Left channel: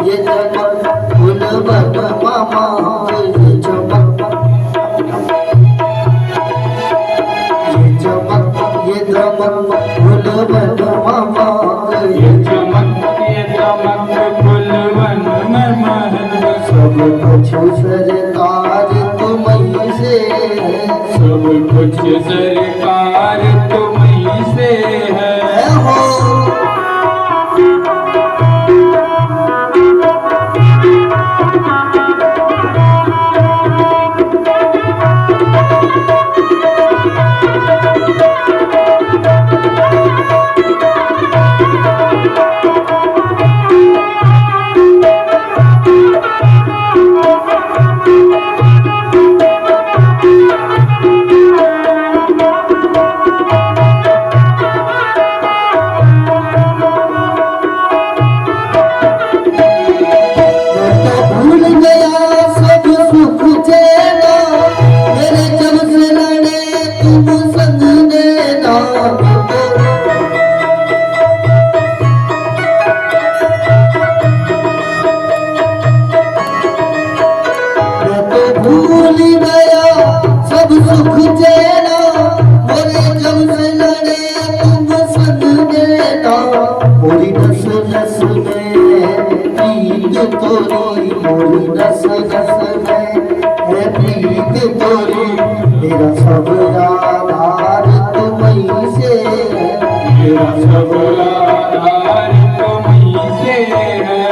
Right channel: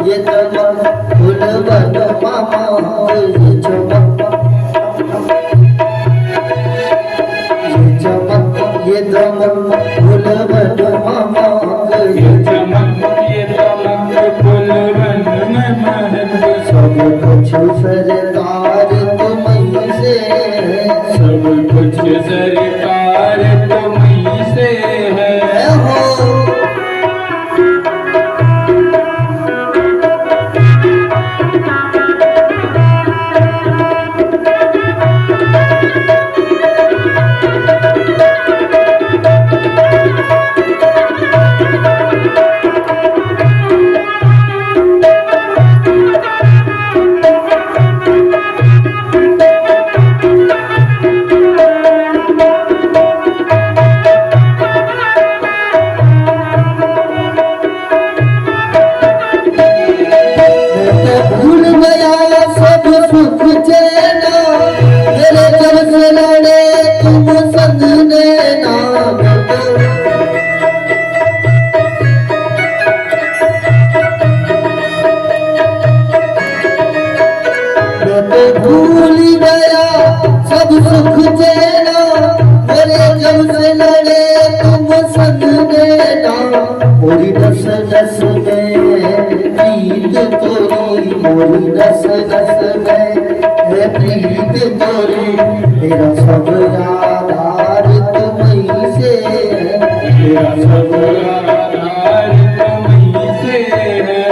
ये दमक फूल बन मामा ये चमक ये दमक फूल बन मामा ये चमक ये दमक फूल बन मामा सब कुछ सरकार तुम्हीं से है सब कुछ सरकार तुम्हीं से है हो भूल गया सब सुख चैना मेरे जब से लड़े तुम संग देना मोरी नस नस में प्रीत तोरी मोरी नस नस में है प्रीत तोरी मेरा सब आधार तुम्हीं से है मेरा सब आधार तुम्हीं से है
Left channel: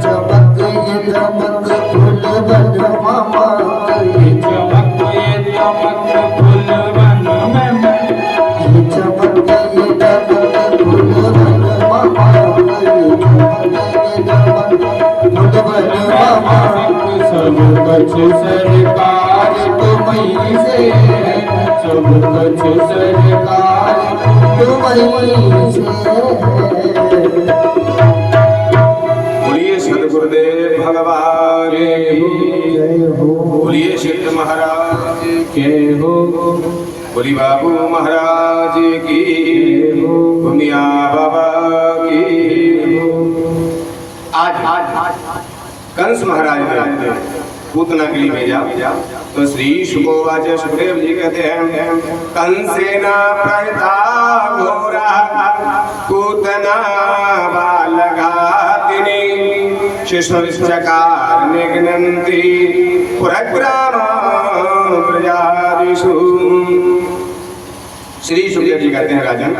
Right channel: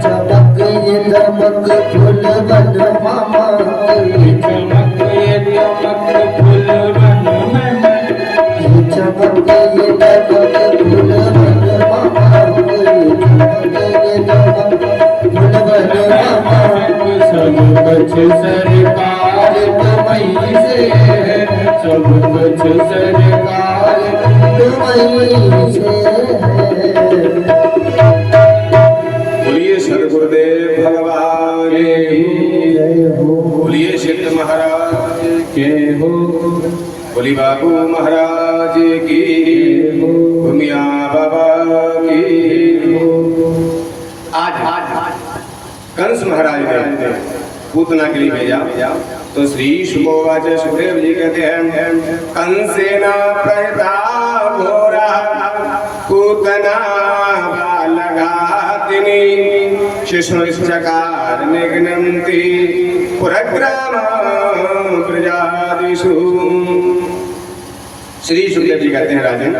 चमक ये दमक फूल बन मामा चमक ये दमक फूल बन मामा ये चमक ये दमक फूल बन मामा ये चमक ये दमक फूल बन मामा सब कुछ सरकार तुम्हीं से है सब कुछ सरकार तुम्हीं से है बोलिए सदगुरुदेव भगवान की जय हो बोलिए सिद्ध महाराज के हो बोली बाबू महाराज की भूमिया बाबा की आज कंस महाराज ने पूतना के लिए भेजा तो श्री शुभोवाच सुखदेव जी कहते हैं कंसेना प्रहिता घोरा पूतना बालघातिनी शिशुश्चकार निघ्नन्ति पुरग्राम प्रजादिषु। श्री सुखदेव जी कहते हैं राजन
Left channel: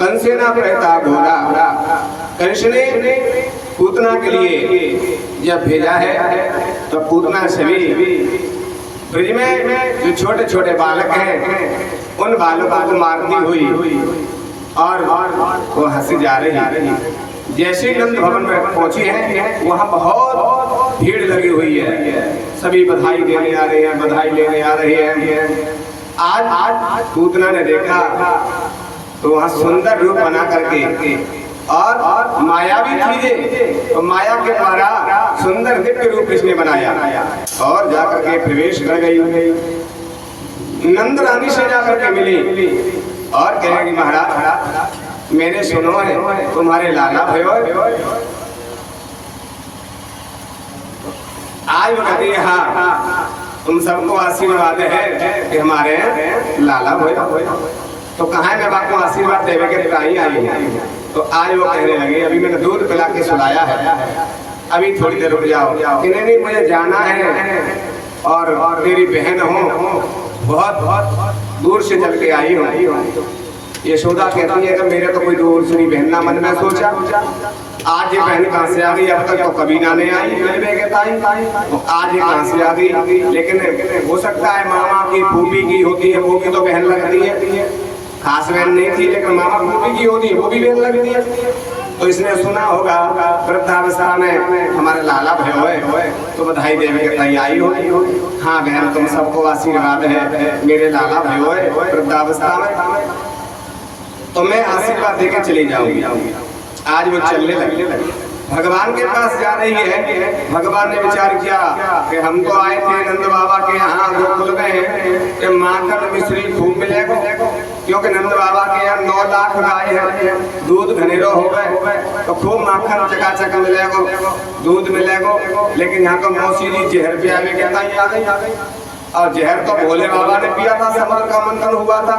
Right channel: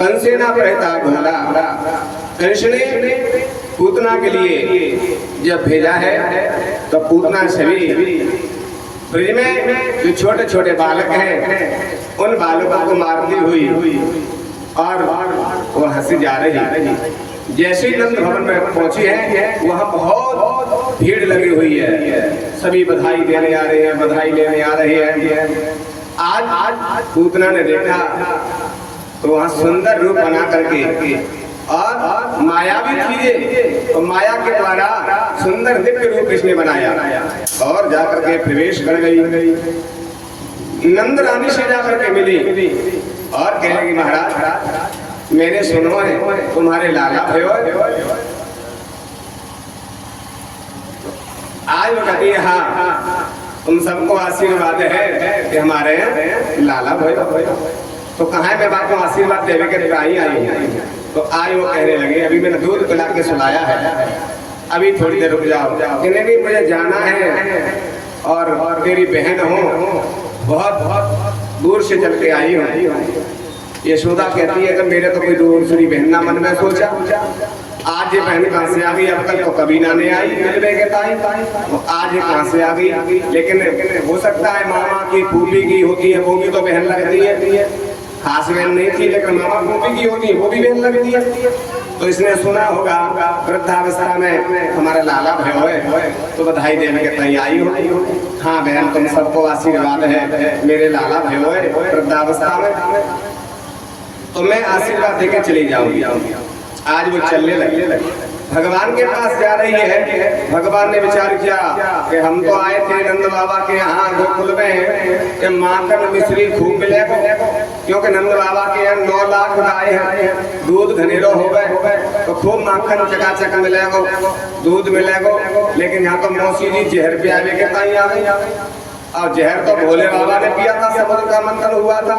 कंसेना प्रहिता घोरा कंस ने पूतना के लिए जब भेजा है तो पूतना सभी ब्रज में जो छोटे छोटे बालक हैं उन बालकों को मारती हुई और वो हंसी जा रही। जैसे ही नंद भवन में पहुंची है वहाँ बहुत भीड़ लगी हुई है, सभी बधाई देने आ रहे हैं, बधाई लेने आ रहे हैं। आज पूतना ने देखा तो वहाँ सुंदर रूप बना करके और मायावी चीजें तो माया के द्वारा सुंदर दिव्य रूप किसने बनाया और जाकर के प्रवेश कर गई। नंद रानी से जाकर के मिली और कहेगी महाराज मैंने सुनो है तुम्हारे लाला भयो आज वो कहती है हाँ तुम सबको आशीर्वाद है कि हमारे लाला भयो तो कहाँ मैं बात को आशीर्वाद देवे के ताई आई है। तो आज वो कहने लगे अभी मैंने दूध पिला के सुलाया है अभी थोड़ी देर रुक जाओ। नहीं मुझे जाना है और तेरी बहन हो बहुत दूर से चल के आई हूँ। यशोदा कहती है कि मेरे तो कोई दूसरी बहन ना मन में सोचा आज ये बहन कहाँ से आ गई, अब तक तो कभी ना नहीं आई मिलने के ताई तो आज ये कहाँ से आ गई। लेकिन हो सकता है मामा की फूफी की होती है वो भी तो बहन लगती है, खास बहन नहीं थी लेकिन मामा फूफी की होती है वो भी बहन लगती है। तो इसने सुना होगा वृद्धावस्था में हमारा लाला भयो है तो बधाई देने के तैयारी हो। हाँ बहन तुम सबको आशीर्वाद है मेरे लाला भयो है वृद्धावस्था में तो मैं आशीर्वाद देकर चली जाऊंगी। आज वो चलने लगे भगवान के पास जा रही है। भगवान ने विचार किया कि हम तो आए थे नंद बाबा के यहाँ गोकुल में कि माखन मिश्री खूब मिलेगा, क्योंकि नंद बाबा के यहाँ 9 लाख गाय है, दूध घनेरो हो गए तो खूब माखन चकाचक मिलेगा, दूध मिलेगा। लेकिन यहाँ तो मौसी जी जहर पियावे के ताई आ गई, और जहर तो भोले बाबा ने पिया था, समुद्र का मंथन हुआ था।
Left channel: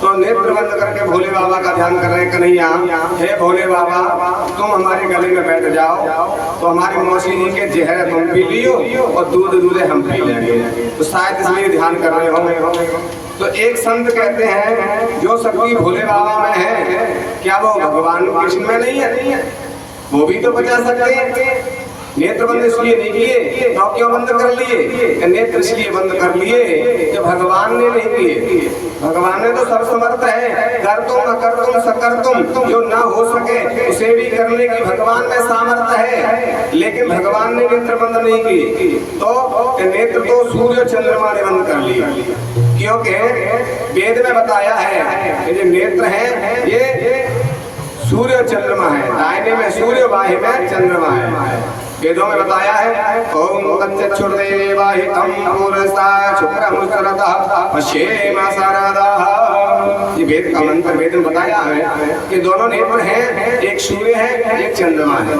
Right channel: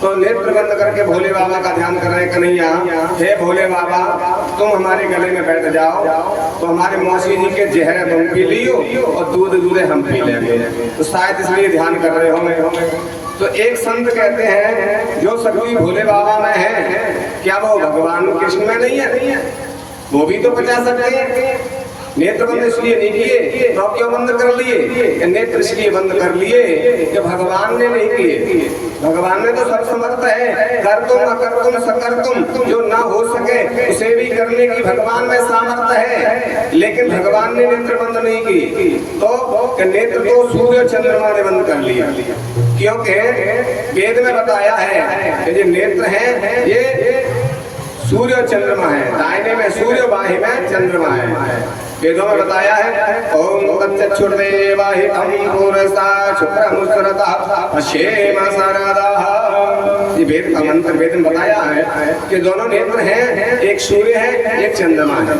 तो नेत्र बंद करके भोले बाबा का ध्यान कर रहे हैं, कन्हैया हे भोले बाबा तुम हमारे गले में बैठ जाओ, तो हमारी मौसी जी के जहर तुम पी लियो और दूध हम पी लेंगे। तो शायद इसलिए ध्यान कर रहे होंगे। तो एक संत कहते हैं जो शक्ति भोले बाबा में है, क्या वो भगवान कृष्ण में नहीं है? वो भी तो बचा सकते हैं। नेत्र बंद इसलिए नहीं किए तो क्यों बंद कर लिए? नेत्र इसलिए बंद कर लिए कि भगवान ने नहीं किए। भगवान ने तो सब समर्थ है, कर तुम अकर तुम सकर तुम, जो ना हो सके उसे भी करने की भगवान में सामर्थ्य है। लेकिन भगवान ने नेत्र बंद नहीं की, तो नेत्र तो सूर्य चंद्रमा ने बंद कर लिया, क्योंकि वेद में बताया है कि जो नेत्र है ये सूर्य और चंद्रमा है, दाहिने में सूर्य बाएं में चंद्रमा है। वेदों में बताया है ओम तच्चक्षुर्देवाहितं पुरसा शुक्रमुसरतः पश्येम सरदः। ये वेद का मंत्र वेद में बताया है कि दोनों नेत्र हैं, एक सूर्य है एक चंद्रमा है।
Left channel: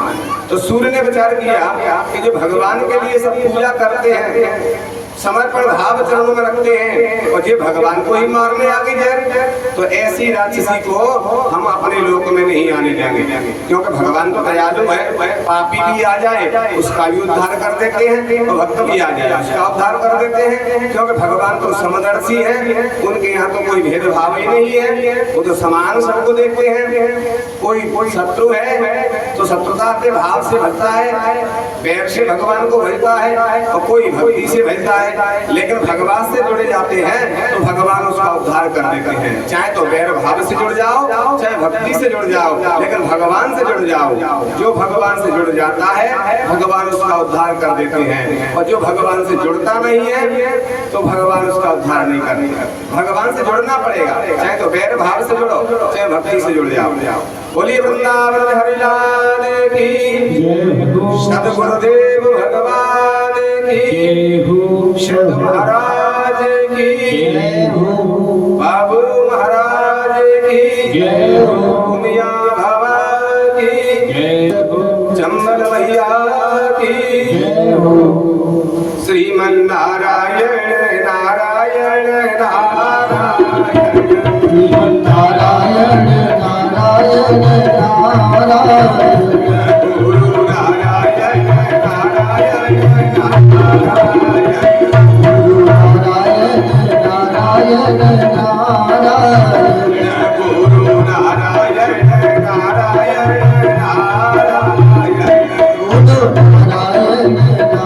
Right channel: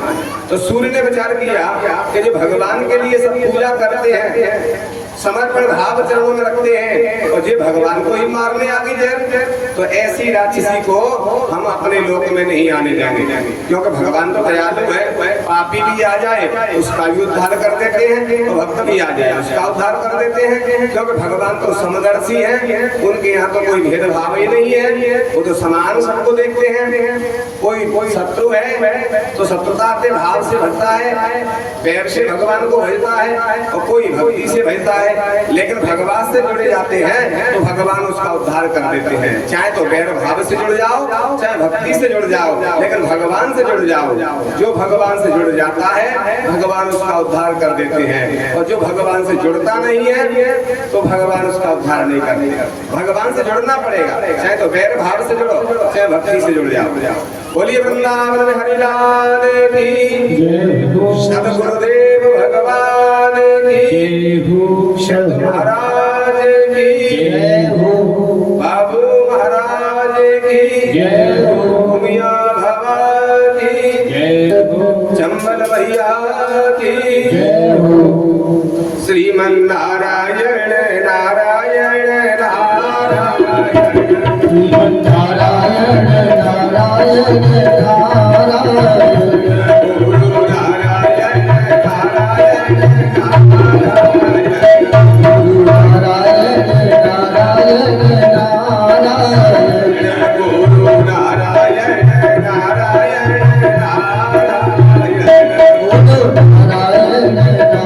तो सूर्य ने विचार किया कि जो भगवान के लिए सब पूजा करते हैं, समर्पण भाव चरणों में रखते हैं, और ये भगवान को ही मारने आगे जाए, तो ऐसी राक्षसी को हम अपने लोक में नहीं आने देंगे। क्योंकि भगवान तो दयालु है, पापी भी आ जाए उसका भी उद्धार कर देते हैं, और भक्त भी आ जाए उसका उद्धार कर देते हैं। क्योंकि भगवान तो समदर्शी है, उनके यहाँ तो कोई भेदभाव ही नहीं है, वो तो समान सबको देखते हैं। कोई शत्रु है तो शत्रुता के भाव से भजता है, पैर से भगवान को भजता है, और कोई भक्ति से भजता है। लेकिन भगवान से जुड़े जाते हैं तो भगवान उसका उद्धार कर देते हैं। चाहे तो वैर भाव से जुड़ जाओ, चाहे भक्ति से जुड़ जाओ, लेकिन भगवान से जुड़ जाओ। जो भगवान से जुड़ जाता है भगवान उसका उद्धार कर देते हैं, और जो भगवान से जुड़ता नहीं है तो भगवान उसका उद्धार नहीं करते। भगवान से जुड़ना पड़ेगा, चाहे तो वैर भाव से जुड़ो, चाहे भक्ति से जुड़ जाओ। बोलिए वृंदावन हरिलाल की सद्गुरुदेव भगवान की, शत महाराज की जय हो, बाबू महाराज की जय हो, मियां बाबा की जय हो, चंबल भैया की जय हो। श्रीमन नारायण नारायण नारायण, श्रीमन नारायण नारायण नारायण, गुरु नारायण नारायण नारायण, गुरु नारायण नारायण नारायण, गुरु नारायण नारायण नारायण, गुरु नारायण नारायण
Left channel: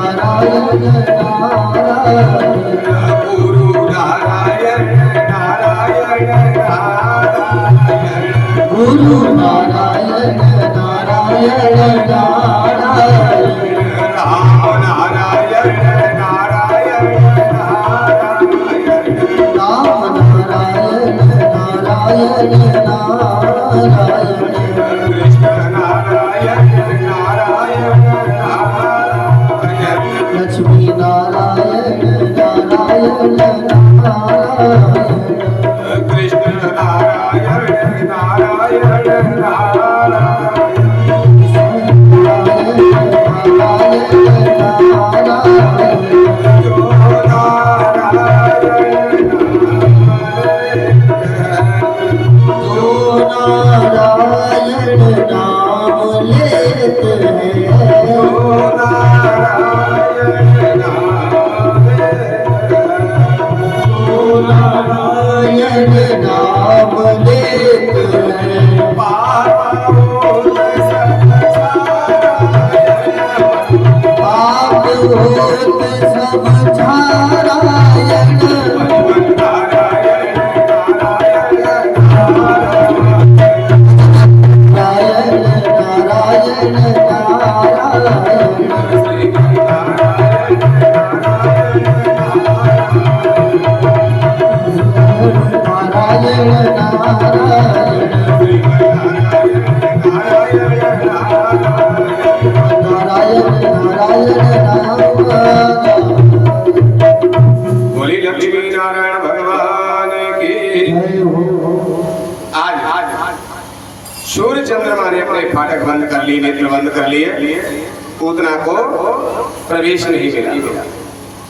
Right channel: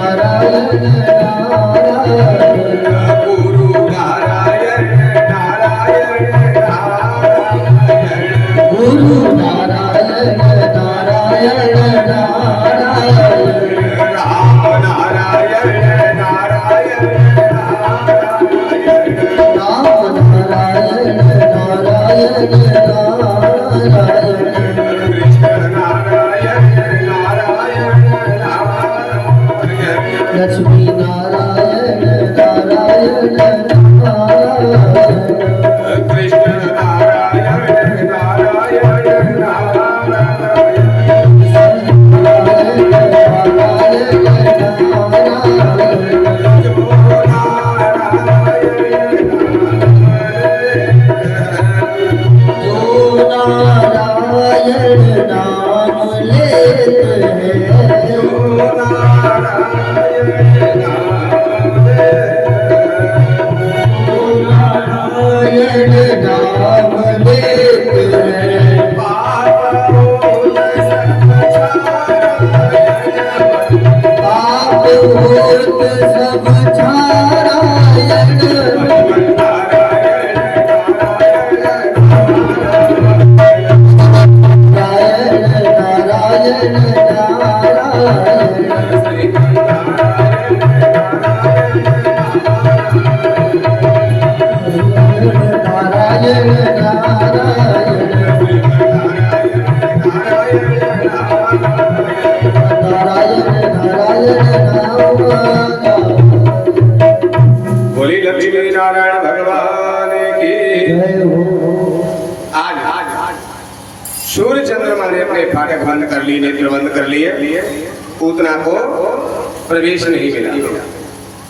नारायण, गुरु नारायण नारायण नारायण, गुरु नारायण नारायण नारायण, राम नारायण नारायण नारायण, राम नारायण नारायण नारायण, कृष्ण नारायण नारायण नारायण, लक्ष्मी नारायण नारायण नारायण, कृष्ण नारायण नारायण नारायण, सब नारायण नारायण नारायण, इतने फाटक बंद कर लिए, नेत्र बंद कर लिए, पूतना को प्रवेश नहीं मिला।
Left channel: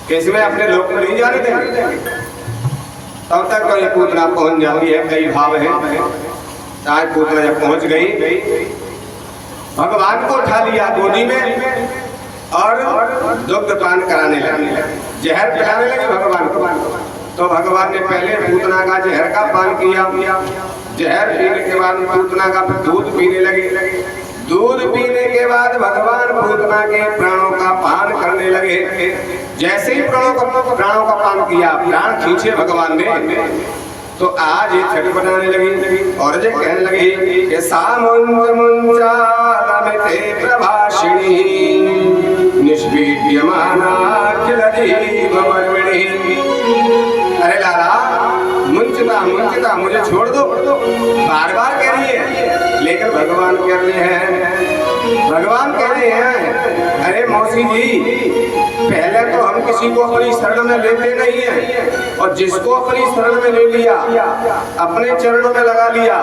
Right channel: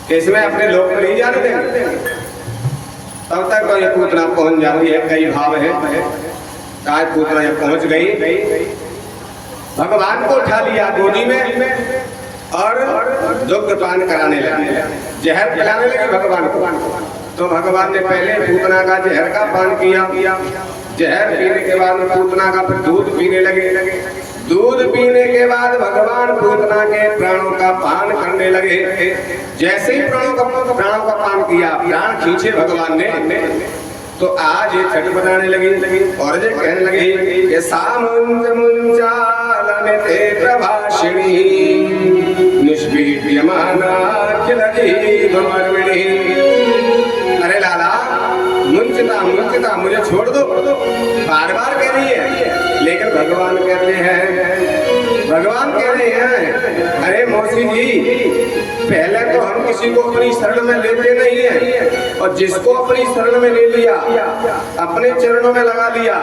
कैसे में अपने लोक में नहीं जाने देंगे, तब तक तो ये पूतना पहुंच जाती है। कई भाव है, आज पूतना जब पहुंच गई, भगवान को उठा लिया गोदी में और दुग्ध पान कराने लगे, जहर पिलाने लगे भगवान को। तो भगवान ने पहले पूतना का जहर का पान किया, जहर पीने के बाद पूतना का दूध पीने लगे, दूध पीने के बाद भगवान पूतना के प्राणों का पान करने लगे। जैसे ही प्राणों का पान किया, प्राण खींचे भगवान ने, तो आज ये छठ बनाने लगी और ये कहने लगी कि सामुंज मुंजालमिते प्रभाषिणी निष्पीड्यमाना अखिल जीवमर्विणी। अरे लाला, मुंचता मुझे छोड़ दो, बार बार कह रही है, लेकिन भगवान कहते हैं अरे मौसी जी, पहले तो हम किसी को अपनी शरण में लेते नहीं है, और जिसको अपनी शरण में ले लिया, अपने चरणों में लगा लिया,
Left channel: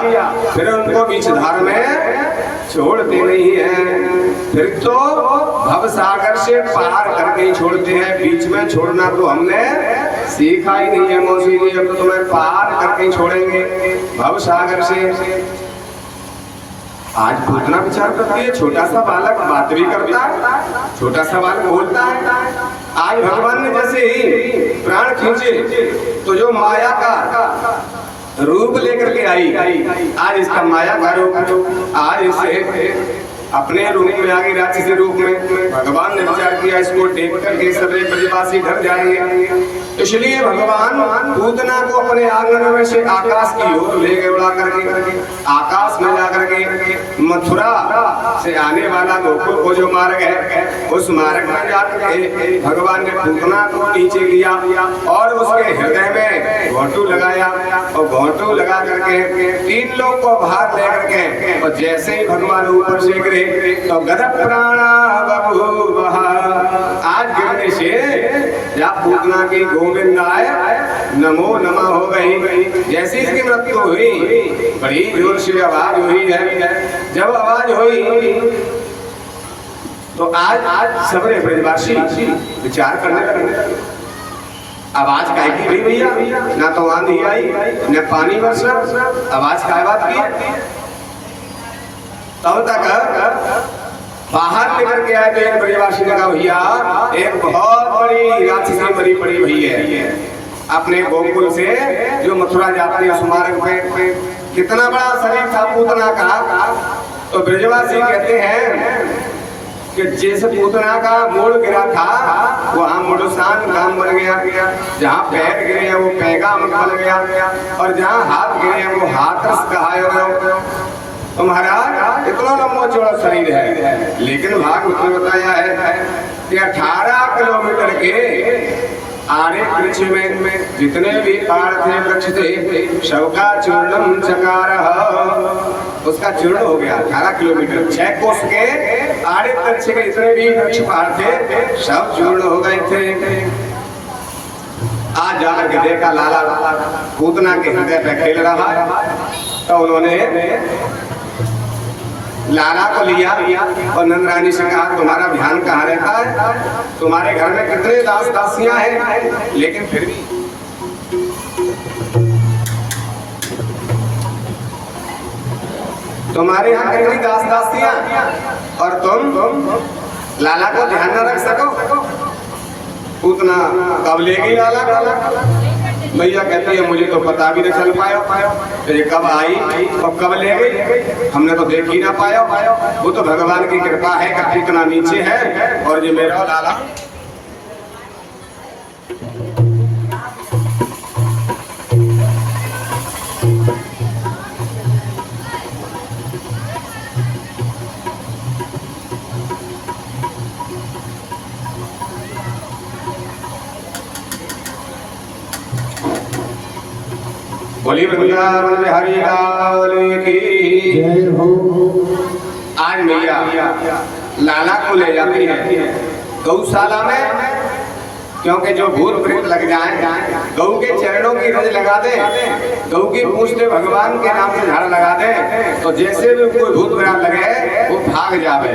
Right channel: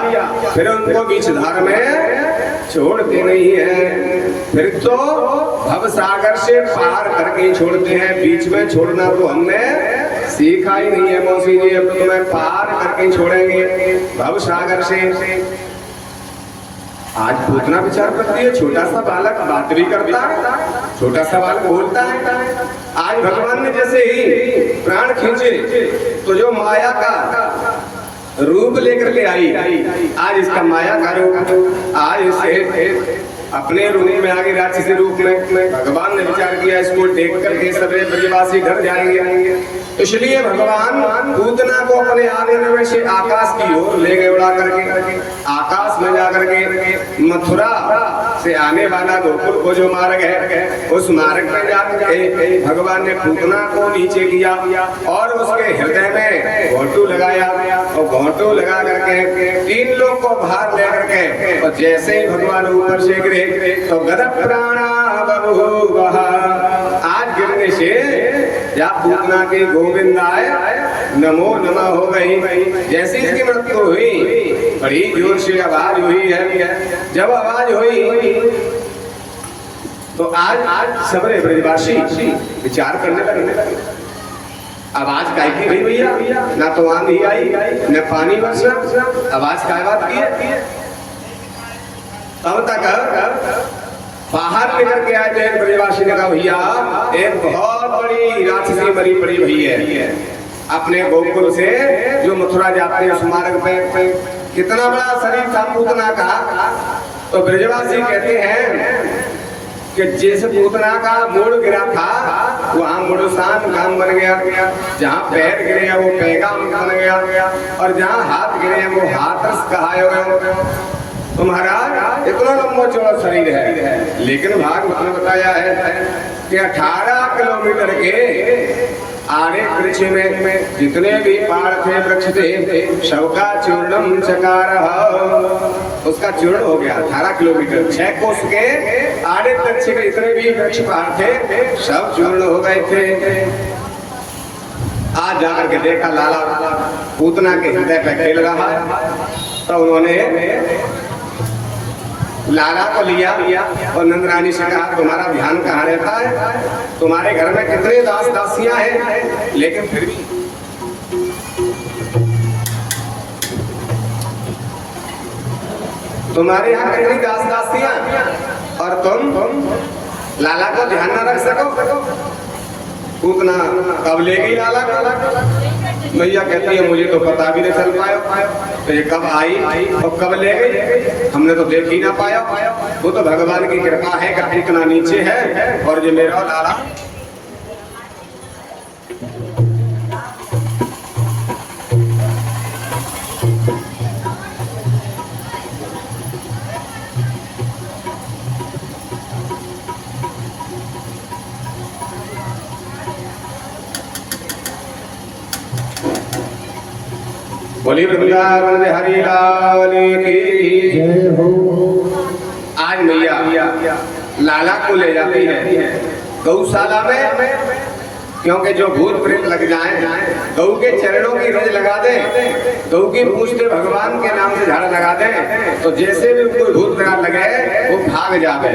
फिर उनको बीच धार में छोड़ते नहीं है। फिर तो भव सागर से पार करके ही छोड़ते हैं, बीच में छोड़ना तो हमने सीखा ही नहीं है मौसी जी। अब तो तुम्हें पार करके ही छोड़ेंगे भव सागर से। आज पूतना विचार करती है, छोटा सा बालक बात भी करता है, छोटा सा बालक बोलता है। आज भगवान ने जैसे ही प्राण खींचे, तो जो माया का रूप लेकर के आई, आज इसका माया का रूप, आज इसे अपने रूप में आगे राक्षसी रूप में भगवान ने विचार किया, इसको देख करके सभी ब्रजवासी डर जाएंगे। इसलिए भगवान पूतना को अपने आंगन में से आकाश की ओर ले गए, उड़ा करके आकाश में जाकर के मथुरा से आने वाला गोकुल को जो मार्ग है, उस मार्ग में जाकर के भगवान ने पूतना को नीचे किया और उसके हृदय में घोंटू लगाया, और घोंटू लगा करके 3 लोग को बाहर लेकर के, और जैसे ही भगवान ऊपर से गिरे तो गदप प्राणा बभूवः। आज गिरने से या पूतना की गोविंदाय नमो नमः हो गई। जैसी इसकी मृत्यु हुई, बड़ी जोर से आवाज हुई है। जब आवाज हुई तो आज सबरे ब्रजवासी विचार करने लगे, आवाज काहे की हुई भैया, ना तो आंधी आई न पानी बरसा, आवाज काय बात की है। तब तक बाहर लेकर के आए थे ब्रजवासी ने कहा, भैया एक बहुत बड़ी राक्षसी मरी पड़ी हुई है अपने गोकुल से जो मथुरा जाते हैं, उस मार्ग पे कितना बड़ा शरीर था पूतना का। तो ब्रजवासी कहते हैं कि जिस पूतना का मूल गिरा था, वहाँ मुड़सान नाम बन गया, जहाँ पैर गिरे वो पैगाम बन गया, और जहाँ हाथ गिरे वो हाथरस कहा। तो महाराज इतना लंबा चौड़ा शरीर है, लेकिन भागवत ने बताया है कि 18 किलोमीटर के आरे वृक्ष में जितने भी पाड़ थे, वृक्ष थे, सबका चूर्णम चकार, उसका चूर्ण हो गया। 18 किलोमीटर 6 कोस के आरे वृक्ष के जितने भी वृक्ष पाड़ थे, सब चूर्ण हो गए थे। आज जाकर के देखा लाला पूतना के हृदय पे खेल रहा है, तो उन्होंने लाला को लिया और नंदरानी से कहा, तुम्हारा ध्यान कहाँ रहता है, तुम्हारे घर में कितने दास दासियां हैं, लेकिन फिर भी तुम्हारे यहाँ कितनी दास दासियां, और तुम लाला को ध्यान न रख सको। पूतना कब ले गई लाला को? मैया कहती है मुझे तो पता भी नहीं चल पाया, ये कब आई और कब ले गई, हमने तो देख ही ना पाया। वो तो भगवान की कृपा है कि कितना नीचे है, और ये मेरा लाला बोली वृंदावन में हरि लाल की जय हो। आज मैया लाला को ले जाती है गौशाला में, क्योंकि जो भूत प्रेत लग जाए गऊ के चरणों की रज लगा दे, गऊ की पूछ पे भगवान के नाम से झाड़ा लगा दे, तो जैसे भी कोई भूत प्रेत लगे वो भाग जावे।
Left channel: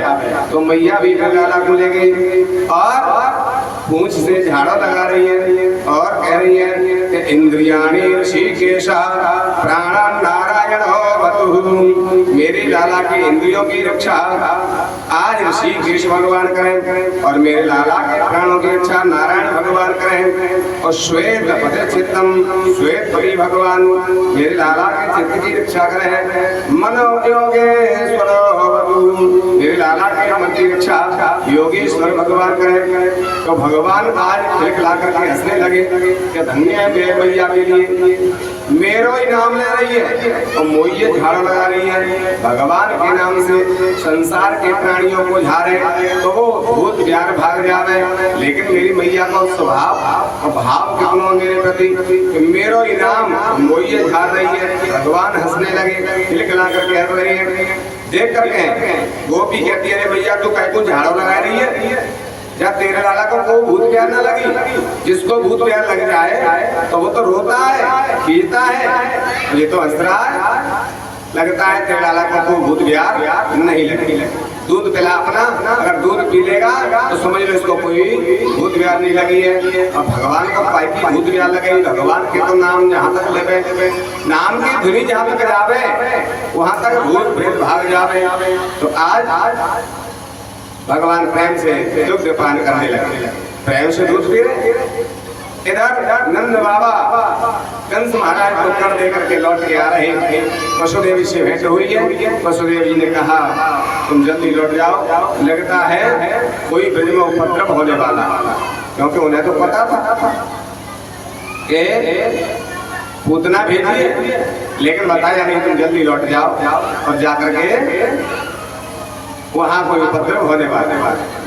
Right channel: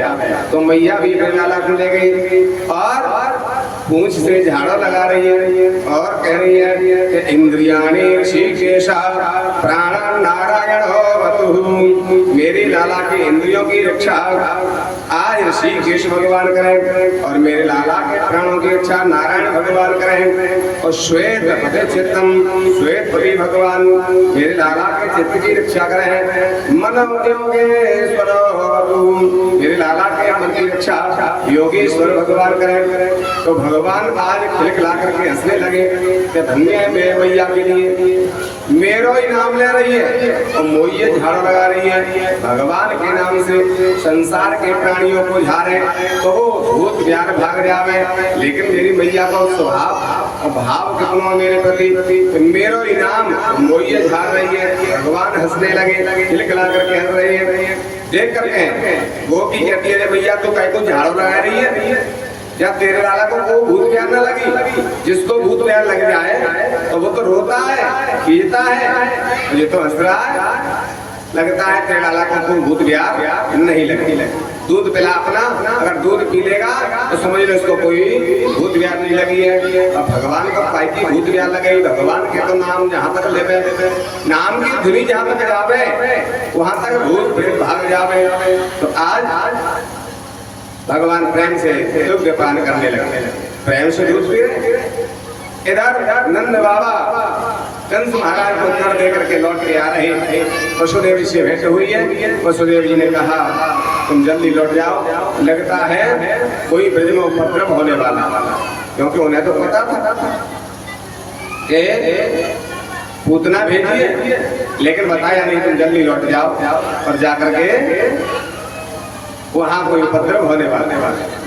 तो मैया भी लाला को ले गई और पूंछ से झाड़ा लगा रही है और कह रही है कि इंद्रियाणि ऋषिकेश प्राण नारायण होवतु। मेरी लाला की इंद्रियों की रक्षा आज ऋषिकेश भगवान करें और मेरे लाला के प्राणों की रक्षा नारायण भगवान करें। और श्वेत पदे चित्तम, श्वेत पदी भगवान मेरे लाला के चित्त की रक्षा करें। मनो योगेश्वर होवतु, मेरे लाला के मन की रक्षा योगेश्वर भगवान करें। तो भगवान आज खिलखिला करके हंसने लगे कि धन्य है मेरे भैया के लिए, मेरो ही नाम ले रही है और मोइये झाड़ लगा रही है। भगवान के नाम से संसार के प्राणियों को झाड़े तो वो भूत प्यार भाग जावे, लेकिन मेरी मैया का स्वभाव और भाव कितना मेरे प्रति, मेरो ही नाम मोइये झाड़ रही है। भगवान हंसने लगे, खिलखिला करके हंस रहे हैं। देख करके गोपी कहती है भैया तू कहीं को झाड़ू लगा रही है, जब तेरे लाला को भूत प्यार न लगी, जिसको भूत प्यार लग जाए तो वो तो रोता है, खींचता है, ये तो हंस रहा है। लगता है तेरे लाला को भूत प्यार नहीं लगी। दूध पिला अपना, अगर दूध पी लेगा तो समझ लो इसको कोई भूत प्यार नहीं लगी है। और भगवान को पाई की भूत प्यार लगे, भगवान के तो नाम जहाँ तक लेवे, नाम की धुनी जहाँ तक जावे वहाँ तक भूत प्रेत भाग जावे। तो आज भगवान प्रेम से दुग्ध पान करने लगे, प्रेम से दूध पी रहे। इधर नंद बाबा कंस महाराज को कर दे करके लौट के आ रहे थे। वसुदेव जी से भेंट हुई है। वसुदेव जी ने कहा तुम जल्दी लौट जाओ, लगता है कोई ब्रज में उपद्रव होने वाला, क्योंकि उन्हें तो पता था कि पूतना भेजी है, लेकिन बताया नहीं तुम जल्दी लौट जाओ और जाकर के वहाँ कोई उपद्रव होने वाले।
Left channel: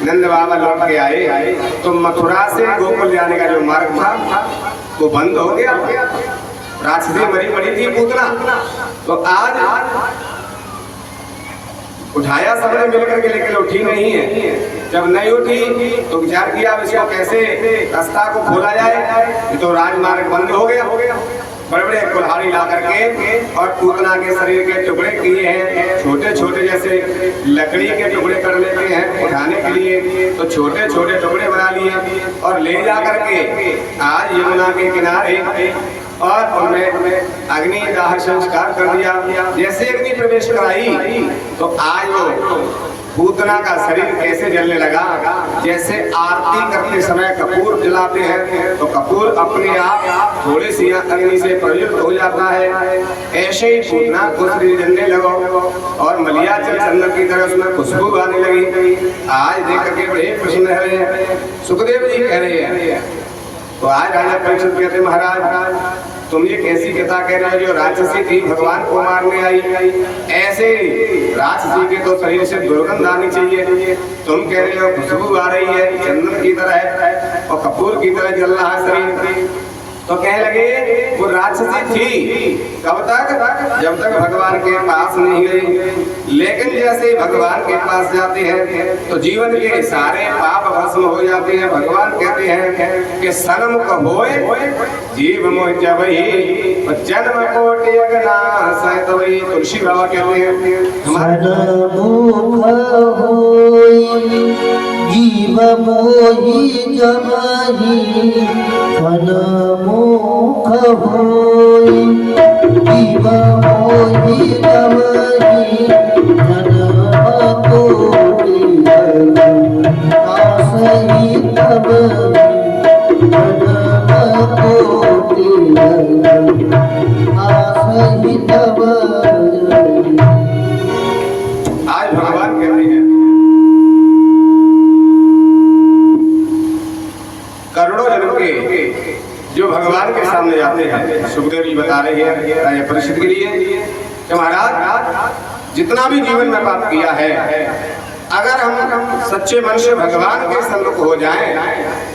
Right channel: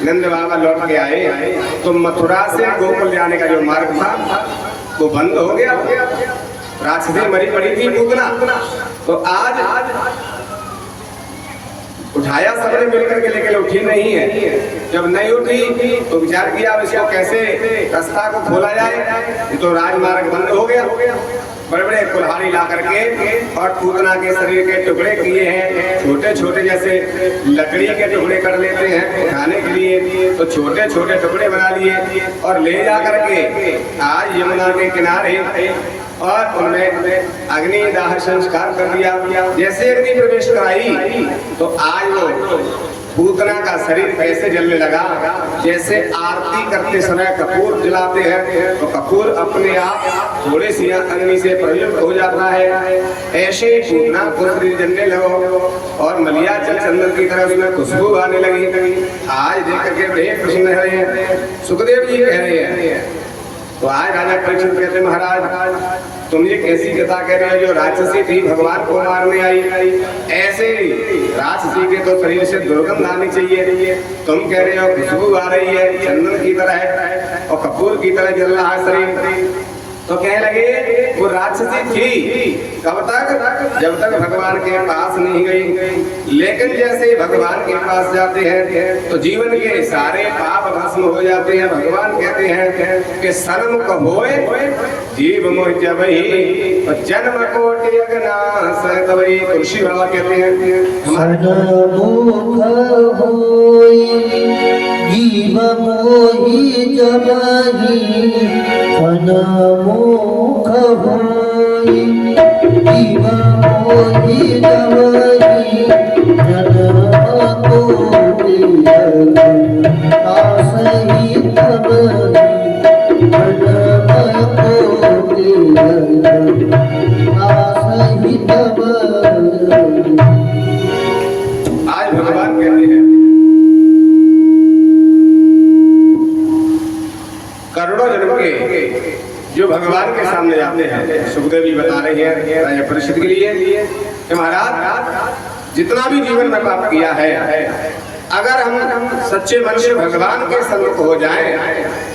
नंद बाबा लौट के आए तो मथुरा से गोकुल जाने का जो मार्ग था वो बंद हो गया। राक्षसी मरी मरी थी पूतना, तो आज उठाया सबने मिलकर के, लेकिन उठी नहीं है। जब नहीं उठी तो विचार किया इसको कैसे रास्ता को खोला जाए, तो राजमार्ग बंद हो गया। बड़े बड़े कुल्हाड़ी ला करके और पूतना के शरीर के टुकड़े किए हैं, छोटे छोटे जैसे लकड़ी के टुकड़े कर लेते हैं उठाने के लिए, तो छोटे छोटे टुकड़े बना लिए और ले जा करके आज यमुना के किनारे और उन्हें अग्नि दाह संस्कार कर दिया। जैसे अग्नि प्रवेश कराई तो आज वो पूतना का शरीर कैसे जलने लगा, जैसे आरती करते समय कपूर जलाते हैं तो कपूर अपने आप थोड़ी सी अग्नि से प्रयुक्त हो जाता है, ऐसे ही पूतना को शरीर जलने लगो और मलिया जल चंदन की तरह उसमें खुशबू आने लगी। आज देख करके बड़े प्रसन्न है रहे हैं। सुखदेव जी कह रहे हैं तो आज राजा परीक्षित कहते महाराज तुम ये कैसी कथा कह रहे हो, जो राक्षसी थी भगवान को मारने आई, ऐसे राक्षसी के तो शरीर से दुर्गंध आनी चाहिए, तुम कह रहे हो खुशबू आ रही है चंदन की तरह है और कपूर की तरह जल रहा है शरीर। तो कहने लगे वो राक्षसी थी कब तक, जब तक भगवान के पास नहीं गई, लेकिन जैसे ही भगवान के पास जाते हैं तो जीवन के सारे पाप भस्म हो जाते हैं। भगवान कहते हैं कि सन्मुख होए जीव मोह जबहि जन्म कोटि अगनाश तवई। तुलसी बाबा कहते हैं सन्मुख होए जीव मोहि जबहि, सन्मुख होए जीव मोहि जबहि, जन्म कोटि अगनाश तवई। आज भगवान कहते हैं करोड़ों जन्म के जो भगवान के सामने जाते हैं, सुखदेव जी बता रहे हैं राजा परीक्षित के लिए कि महाराज जितना भी जीवन में पाप किया है, अगर हम सच्चे मन से भगवान के सन्मुख हो जाएं,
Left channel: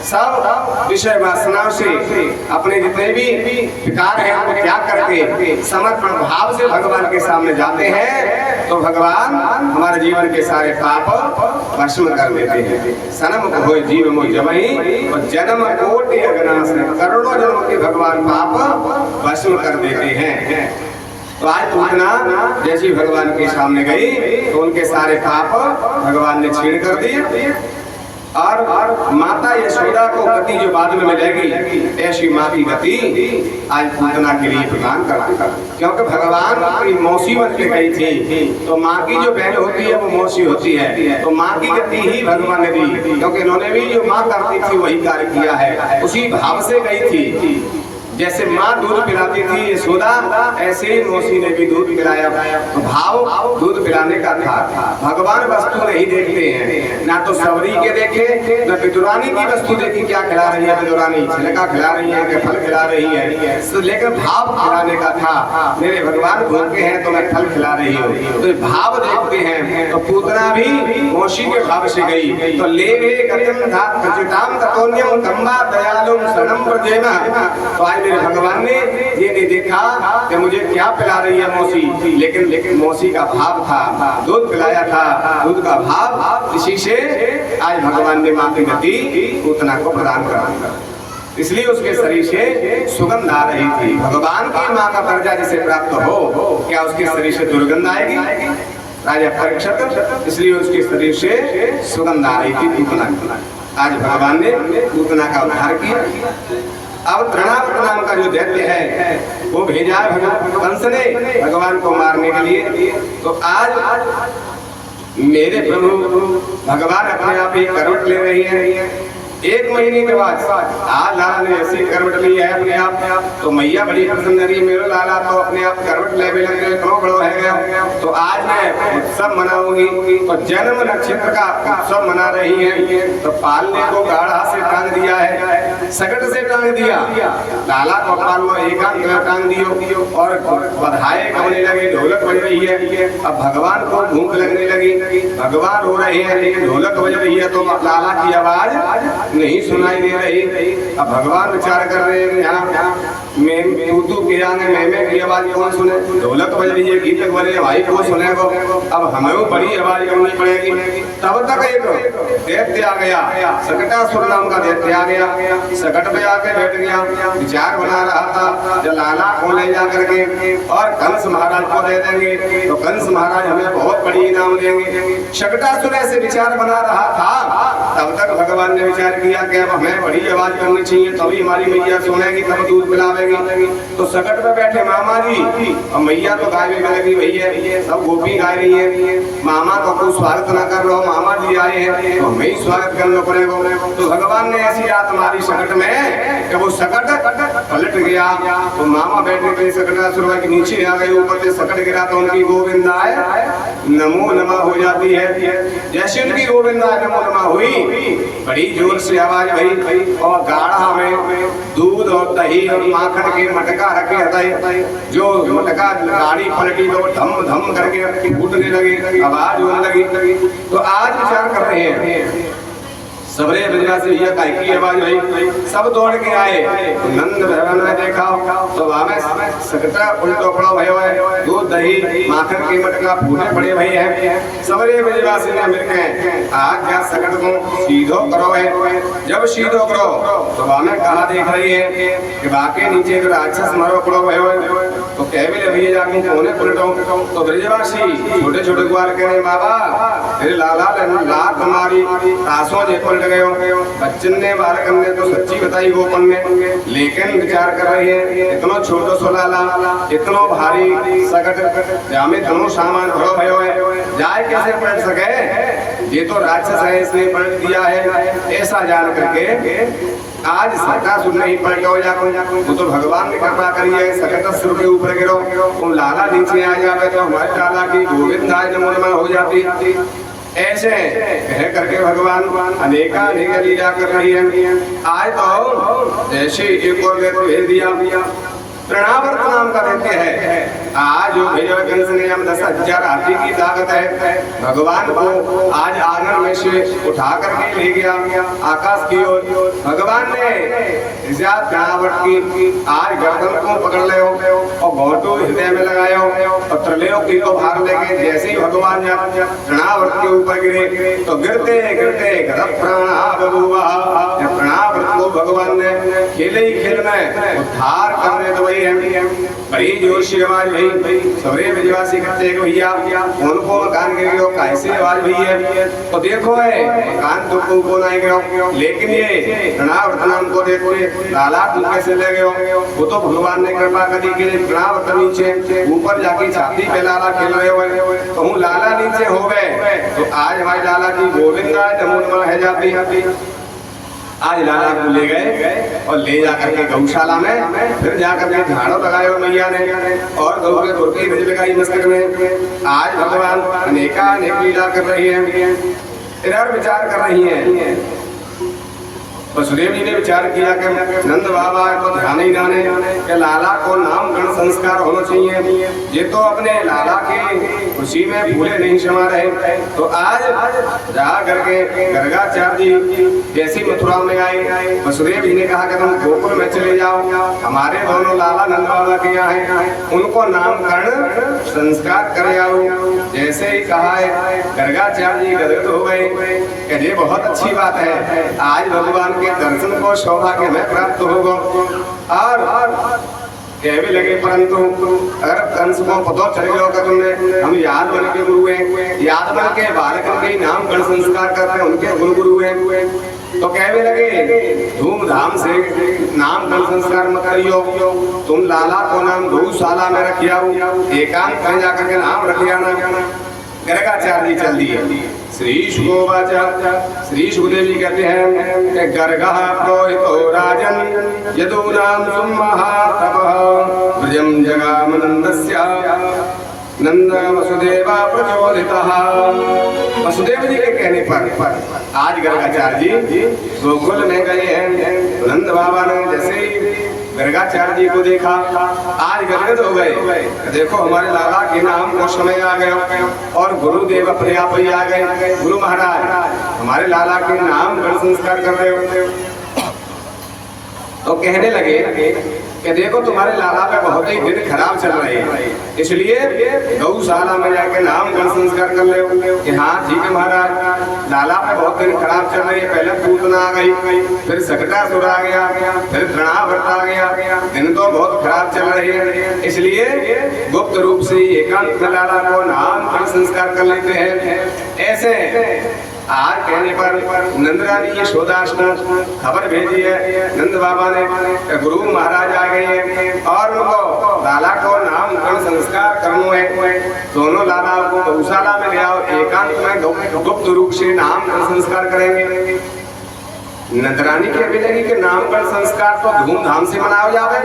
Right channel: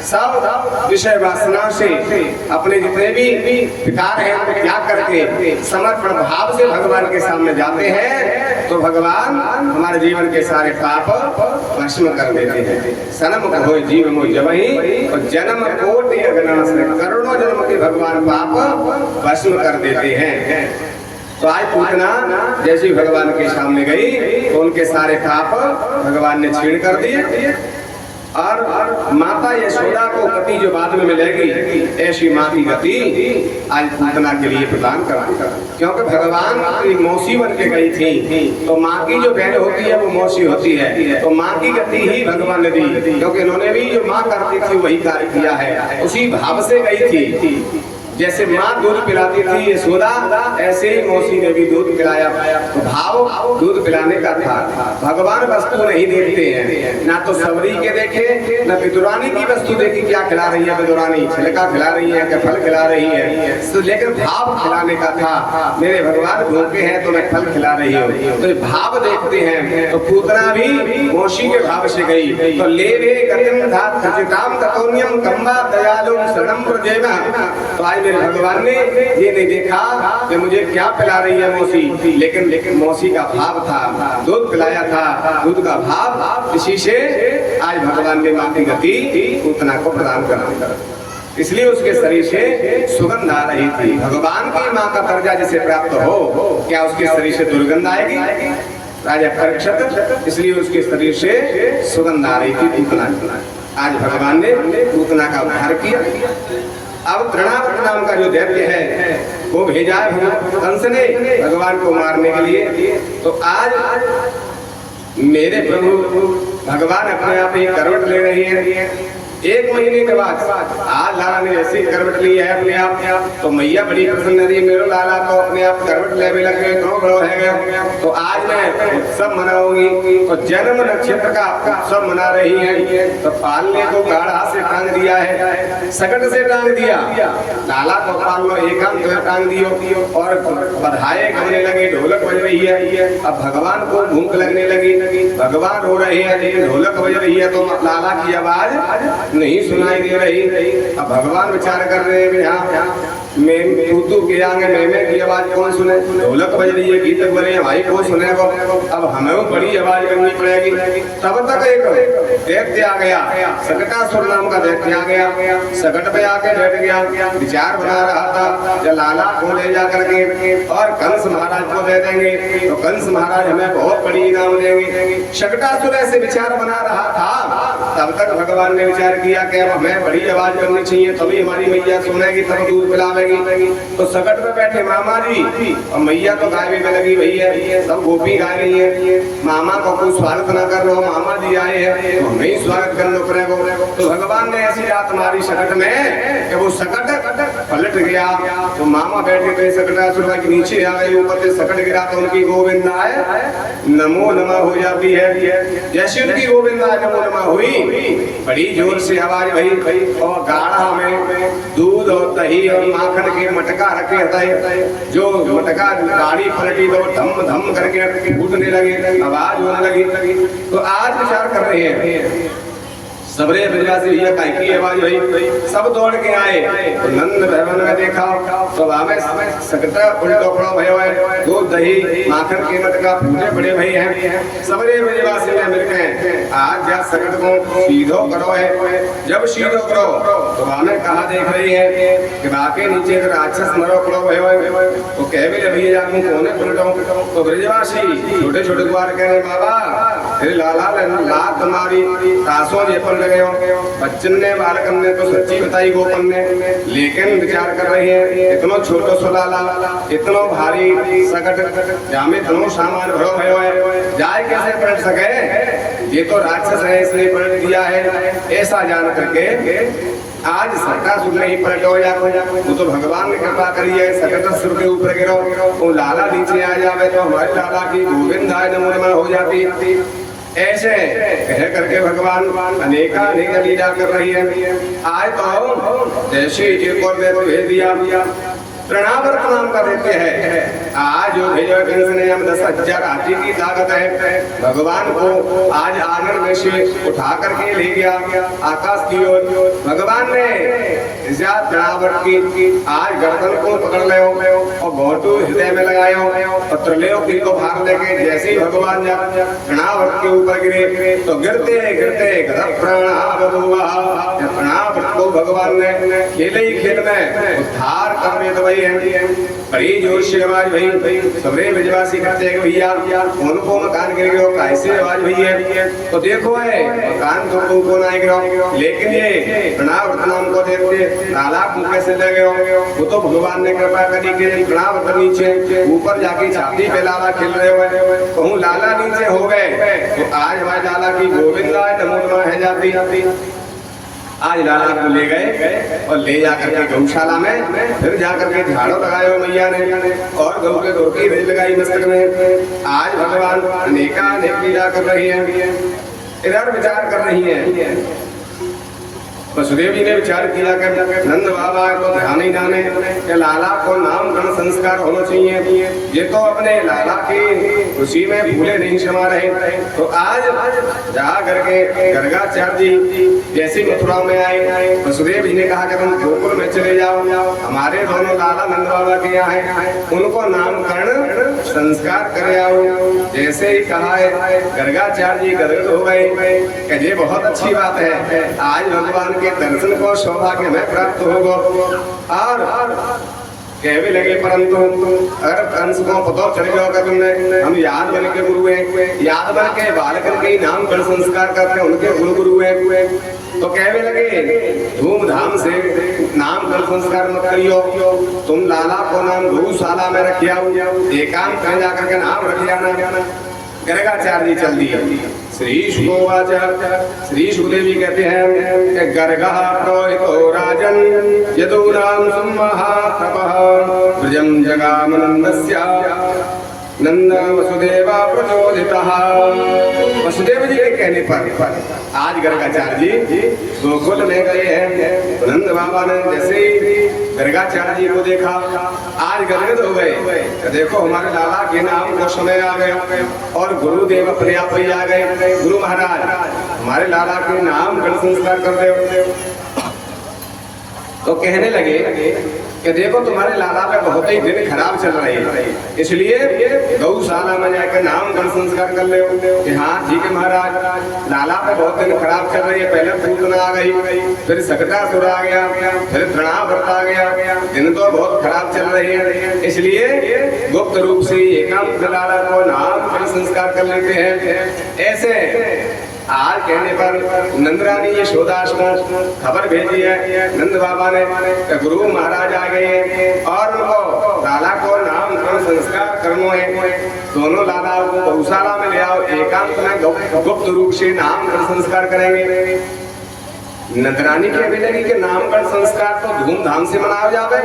सब विषय वासनाओं से अपने जितने भी विकार हैं उनको त्याग करके समर्पण भाव से भगवान के सामने जाते हैं तो भगवान हमारे जीवन के सारे पाप भस्म कर देते हैं। सनम हो जीव मो जबहि और जन्म कोटि अगनाश, करोड़ों जन्म के भगवान पाप भस्म कर देते हैं। तो आज पूतना जैसी भगवान के सामने गई तो उनके सारे पाप भगवान ने छीण कर दिए और माता यशोदा को गति जो बाद में मिलेगी, ऐसी माँ की गति आज पूतना के लिए प्रदान करा। क्योंकि भगवान की मौसी बन के गई थी, तो माँ की जो बहन होती है वो मौसी होती है, तो माँ की गति ही भगवान ने दी। क्योंकि इन्होंने भी जो माँ करती थी वही कार्य किया है, उसी भाव से गई थी। जैसे माँ दूध पिलाती थी यशोदा, ऐसे ही मौसी ने भी दूध पिलाया। तो भाव दूध पिलाने का था। भगवान वस्तु नहीं देखते हैं, ना तो सबरी के देखे ना पितुरानी की वस्तु देखी, क्या खिला रही है पितुरानी, छिलका खिला रही है कि फल खिला रही है, लेकिन भाव खिलाने का था। मेरे भगवान भूखे हैं तो मैं फल खिला रही हूँ, तो भाव देखते हैं। तो पूतना भी मौसी के भाव से गई। तो ले दयालुम शरणम प्रजेना। तो आज मेरे भगवान ने ये नहीं देखा कि मुझे क्या पिला रही है मौसी, लेकिन मौसी का भाव था, दूध पिलाया था, दूध का भाव, इसी से आज भगवान ने माँ की गति पूतना को प्रदान करा। इसलिए उसके शरीर से सुगंध आ रही थी। भगवान की माँ का दर्जा जिसे प्राप्त हो, क्या उसके शरीर से दुर्गंध आएगी? राजा परीक्षित, इसलिए उसके शरीर से सुगंध आ रही थी पूतना। आज भगवान ने पूतना का उद्धार किया। अब तृणावर्त नाम का जो दैत्य है वो भेजा कंस ने भगवान को मारने के लिए। तो आज मेरे प्रभु भगवान अपने आप ही करवट ले रही है। 1 महीने के बाद आज लाला ने ऐसी करवट ली है अपने आप, तो मैया बड़ी प्रसन्न रही। मेरे लाला तो अपने आप करवट लेने लगे, इतना बड़ो है गया। तो आज मैं उत्सव मनाऊंगी, तो जन्म नक्षत्र का उत्सव मना रही है। तो पालने को गाढ़ा से टांग दिया है, सकट से टांग दिया। लाला को पालो एकांत टांग दियो और बधाई गाने लगे, ढोलक बज रही है। अब भगवान को भूख लगने लगी, भगवान रो रहे हैं, लेकिन ढोलक बज रही है तो लाला की आवाज नहीं सुनाई दे रही। अब भगवान विचार कर रहे हैं, यहाँ मैं तू के आगे मैं की आवाज कौन सुने, ढोलक बज रही है, गीतक बजे भाई को सुने को। अब हमें बड़ी आवाज करनी पड़ेगी। तब तक एक दैत्य आ गया, सकटासुर नाम का दैत्य आ गया। सकट पे आके बैठ गया, विचार बना रहा था जो लाला को ले जा करके और कंस महाराज को दे देंगे तो कंस महाराज हमें बहुत बड़ी इनाम देंगे। सकटासुर ऐसे विचार बना रहा था। तब तक भगवान ने विचार किया कि अब हमें बड़ी आवाज करनी चाहिए, तभी हमारी मैया सुनेगी, तब दूध पिलावेगी। तो सकट पे बैठे मामा जी और मैया तो गाय में लगी हुई है, सब गोपी गाय रही है। मामा का कोई स्वागत न कर रहे हो, मामा जी आए हैं तो हमें ही स्वागत करना पड़ेगा। तो भगवान ने ऐसी रात मारी सकट में कि वो सकट पलट गया। तो मामा बैठे थे, सकटासुर के नीचे आ गए, ऊपर से सकट गिरा तो उनकी गोविंदाय नमो नमः हो जाती है। जैसे उनकी गोविंदाय नमो नमः हुई, बड़ी जोर से आवाज भई और गाढ़ा में दूध और दही और माखन के मटका रखे थे। जो मटका गाड़ी पलटी तो धम धम करके उठने लगे, आवाज होने लगी। तो आज विचार कर रहे हैं सबरे ब्रजवासी भैया काय की आवाज हुई, सब दौड़ के आए। तो नंद भवन में देखा तो हमें सकता उल्टो पड़ो भयो है, दूध दही माखन के मटका पूरे बड़े भई हैं। सबरे ब्रजवासी ने मिलके आज जा सकट को सीधो करो है। जब सीधो करो तो हमें कहा देख रही है कि बाके नीचे तो राक्षस मरो पड़ो भयो है। तो कह भी ले भैया जाके कोने पलटो। तो ब्रजवासी छोटे छोटे गुआर कह रहे बाबा तेरे लाला लात तुम्हारी आंसुओं जे पलट गए, बच्चन ने बालक ने तो सच्ची बताई गोपन ने, लेकिन विचार कर रही है इतनो छोटो सो लाला, इतनो भारी सकट जामे दोनों सामान भरो भयो है, जाए कैसे पलट सके? ये तो राक्षस है, इसने पलट दिया है। ऐसा जान करके आज सकटासुर नहीं पलटो जाको, वो तो भगवान ने कृपा करी है, सकटासुर के ऊपर गिरो, वो लाला नीचे आ जावे तो हमारे लाला की गोविंदाय नमो नमः हो जाती। ऐसे कह करके भगवान अनेक लीला कर रही है। आज तो ऐसे एक और दैत्य भेज दिया, तृणावर्त नाम का दैत्य है। आज जो भेजो कंस ने हम 10,000 हाथी की ताकत है, भगवान को आज आंगन में से उठा करके ले गया आकाश की ओर। भगवान ने रावण की आज गर्दन को पकड़ ले और घोटू हृदय में लगाए और त्रिलोकी को भाग लेके जैसे ही भगवान रावण के ऊपर गिरे तो गिरते गिरते प्रणा को भगवान ने खेले ही खेल में उद्धार करने तो वही है। बड़ी जोर से आवाज भई, सबरे ब्रजवासी कहते हैं भैया उनको मकान गिर गयो, कैसे आवाज भई है? तो देखो है मकान तो को नहीं गिरो, लेकिन ये प्रणा को देखते लाला को कैसे ले गयो? वो तो भगवान ने कृपा करी के प्रणा नीचे ऊपर जाके छाती पे लाला खेल रहे हुए तो हूँ लाला नीचे हो गए। तो आज हमारे लाला की गोविंदा नमो है जाती आज लाला को ले गए और ले जाकर के गौशाला में फिर जाकर के झाड़ू लगाए मैया ने और गौ के दूर की रिज लगाई मस्तक में। आज भगवान अनेका अनेक लीला कर रही है, इधर विचार कर रही है। वसुदेव जी ने विचार किया कि नंद बाबा को ध्यान ही जाने कि लाला को नामकरण संस्कार होना चाहिए, ये तो अपने लाला की खुशी में भूले नहीं समा रहे। तो आज जा करके गर्गाचार्य जी जैसे मथुरा में आए, वसुदेव जी ने कहा कि तुम गोकुल में चले जाओ, हमारे दोनों लाला नंद बाबा के यहाँ है, उनको नामकरण संस्कार कर आओ। जैसे ही कहा है गर्गाचार्य जी गदगद हो गए कि ये बहुत अच्छी बात है, आज भगवान के दर्शन को सौभाग्य में प्राप्त होगा। और कहने लगे परंतु अगर कंस को पता चल गया होगा तुमने हम याद बन के गुरु हैं, याद बन के बालक के नाम कर संस्कार करते हैं, उनके गुरु हैं, तो कहने लगे धूमधाम से नाम कर संस्कार मत करियो, तुम लाला को नाम गौशाला में रखियाओ, एकांत में जाकर के नाम रखियाना। गर्गाचार्य जी चल दिए। श्री शुकोवाच, श्री सुखदेव जी कहते हैं गर्गः प्रोहितो राजन यदूनां सुमहातपः ब्रजं जगामनन्दस्य नंद वसुदेव प्रचोदितः। वसुदेव जी के कहने पर आज गर्गाचार्य जी गोकुल में गए हैं। नंद बाबा ने जैसे ही गर्गाचार्य जी को देखा आज गदगद हो गए, देखो हमारे लाला के नाम को समय आ गया और गुरुदेव अपने आप ही आ गए। गुरु महाराज हमारे लाला के नाम गण संस्कार कर रहे हो। तो कहने लगे कि देखो तुम्हारे लाला पे बहुत ही दिन खराब चल रहे हैं, इसलिए गौशाला में जाकर नाम गण संस्कार कर ले कि हाँ ठीक है महाराज, लाला पे बहुत दिन खराब चल रही है। पहले पूतना आ गई, फिर सकटासुर आ गया, फिर तृणावर्त आ गया, दिन तो बहुत खराब चल रही है, इसलिए गुप्त रूप से एकांत में लाला को नाम गण संस्कार कर लेते हैं। ऐसे आज कहने पर नंदरानी यशोदास ने खबर भेजी है नंद बाबा ने, गुरु महाराज आ गए हैं और उनको लाला को नामकरण संस्कार करना है। दोनों लाला को गौशाला में ले आओ, एकांत में गुप्त रूप से नामकरण संस्कार करेंगे। नंदरानी के भी लगी कि नामकरण संस्कार तो धूमधाम से मनाया जावे,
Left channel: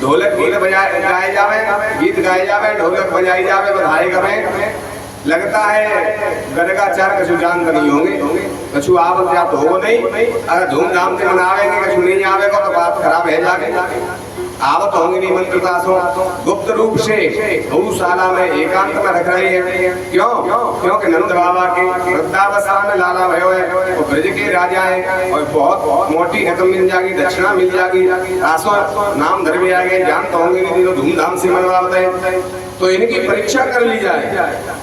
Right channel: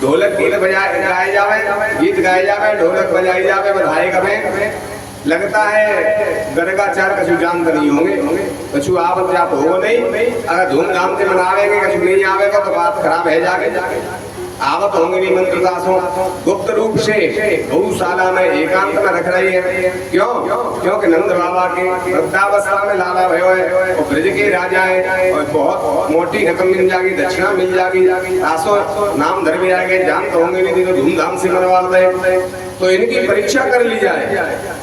ढोलक गीत गाए जावे, गीत गाए जावे, ढोलक बजाई जावे, बधाई करें। लगता है गर्गाचार्य कछु जानते नहीं होंगे, कछु आवत या तो हो नहीं, अगर धूमधाम से मनावेंगे कछु नहीं आवेगा तो बात खराब है जाके आवत होंगे नहीं मंत्रदासों। गुप्त रूप से गौशाला में एकांत में रख रही है। क्यों? क्योंकि नंद बाबा के वृद्धावस्था में लाला भयो है, वो ब्रज के राजा है और बहुत मोटी रकम मिल जाएगी, दक्षिणा मिल जाएगी, आसो नाम धर्मी आ गए, जानते होंगे नहीं तो धूमधाम से मनवाते हैं, तो इनकी परीक्षा कर ली जाए।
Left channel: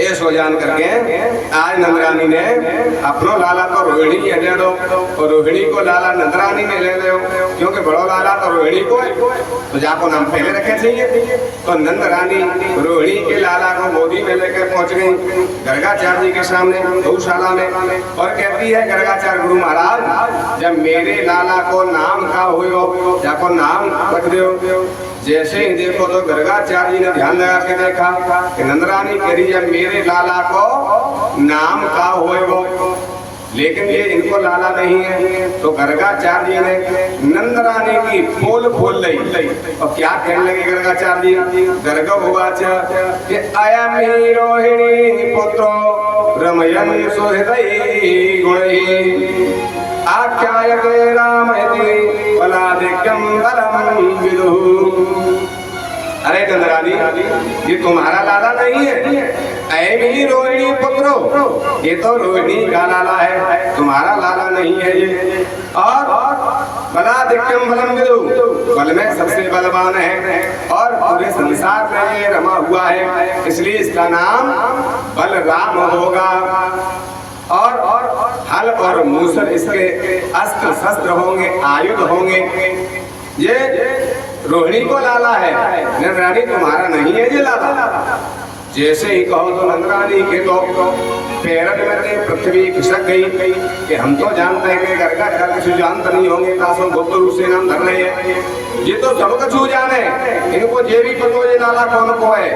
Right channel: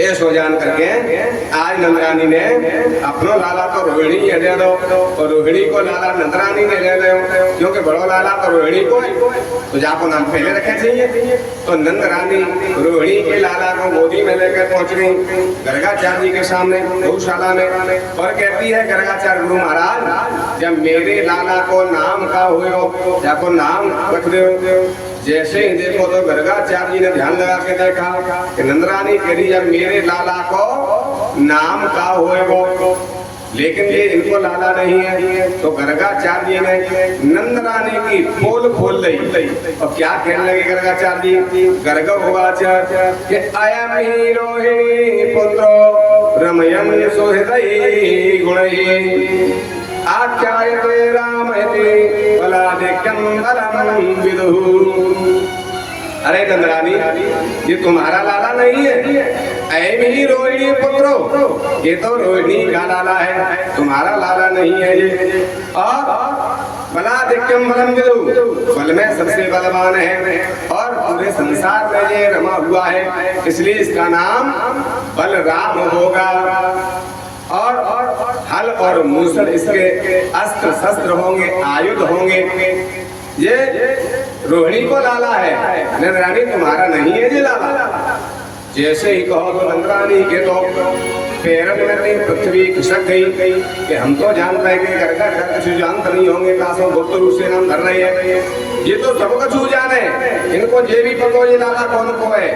ऐसो जान करके आज नंदरानी ने अपनो लाला तो रोहिणी दे दो और रोहिणी को लाला नंदरानी में ले लो, क्योंकि बड़ो लाला तो रोहिणी को है, तो जाको नाम पहले रखे चाहिए। तो नंदरानी रोहिणी के लाला को गोदी में लेकर पहुंच गई गर्गाचार्य जी के सामने गौशाला में और कहती है गर्गाचार्य गुरु महाराज जब मेरे लाला को नाम का हो जाको नाम रख दो। जैसे ही देखो तो गर्गाचार्य जी ने ध्यान लगा के देखा कि नंदरानी कह रही है मेरे लाला को नाम का होएगो, लेकिन ये इनको लाला नहीं है। तो गर्गाचार्य जी ने नंदरानी की पोल खोल ली और क्या कहने लगे गर्गाचार्य जी, गर्ग उवाच कि अयम ही रोहिणी पुत्रो रमयन् सुहृदये गुणैः आख्यायते रामयते बलाधिक्यं बलं विदुः। अरे नंदरानी, ये तुम्हारा लाला नहीं है, ऐम ही रोहिणी पुत्रो, ये तो रोहिणी का लाला है, तुम्हारा लाला नहीं है ये। और बलाधिक्यम बलम विदु, बल में सबसे बलवान है और पूरे संसार में ये रमा हुआ है, इसलिए इसका नाम बलराम होगा। और हल और मूसल इसके अस्त्र शस्त्र होंगे, आयुध होंगे। ये रोहिणी को लाला है, नंदरानी तुम्हारा नहीं है ये लाला। जैसे ही कहो तो नंदरानी के तो पैरन में पृथ्वी खिसक गई कि हम तो जानते हैं कि घर का कुछ जानते नहीं होंगे, कासों गुप्त रूप से नाम धर रहे हैं, ये तो सब कुछ जाने, इनको ये भी पता ये लाला कौन को है।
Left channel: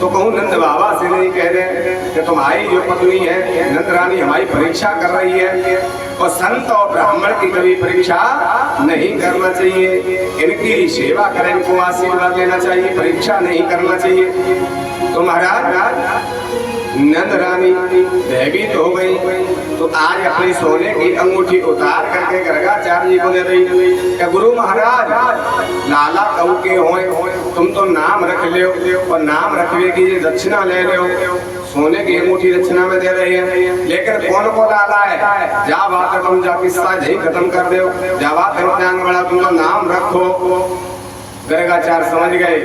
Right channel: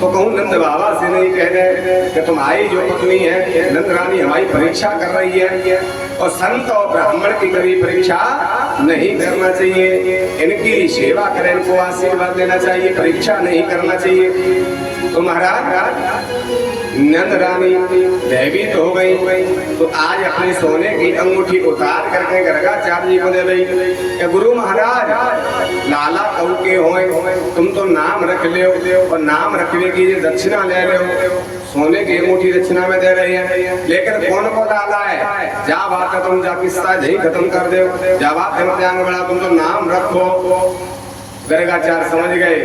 तो कहूँ नंद बाबा से नहीं कह रहे कि तुम्हारी जो पत्नी है नंदरानी हमारी परीक्षा कर रही है, और संत और ब्राह्मण की कभी परीक्षा नहीं करना चाहिए, इनकी सेवा करें, इनको आशीर्वाद लेना चाहिए, परीक्षा नहीं करना चाहिए। तो महाराज नंदरानी भयभीत हो गई, तो आज अपने सोने की अंगूठी उतार करके गर्गाचार्य जी को दे दी। गुरु महाराज लाला कहू के होए, तुम तो नाम रख ले और नाम रखने की दक्षिणा ले रहे हो, सोने की अंगूठी दक्षिणा में दे रही है, लेकिन कौन को लाला है? जा बात है तुम जा किस्सा यही खत्म कर दो, जा बात है बड़ा तुम तो नाम रखो। गर्गाचार्य समझ गए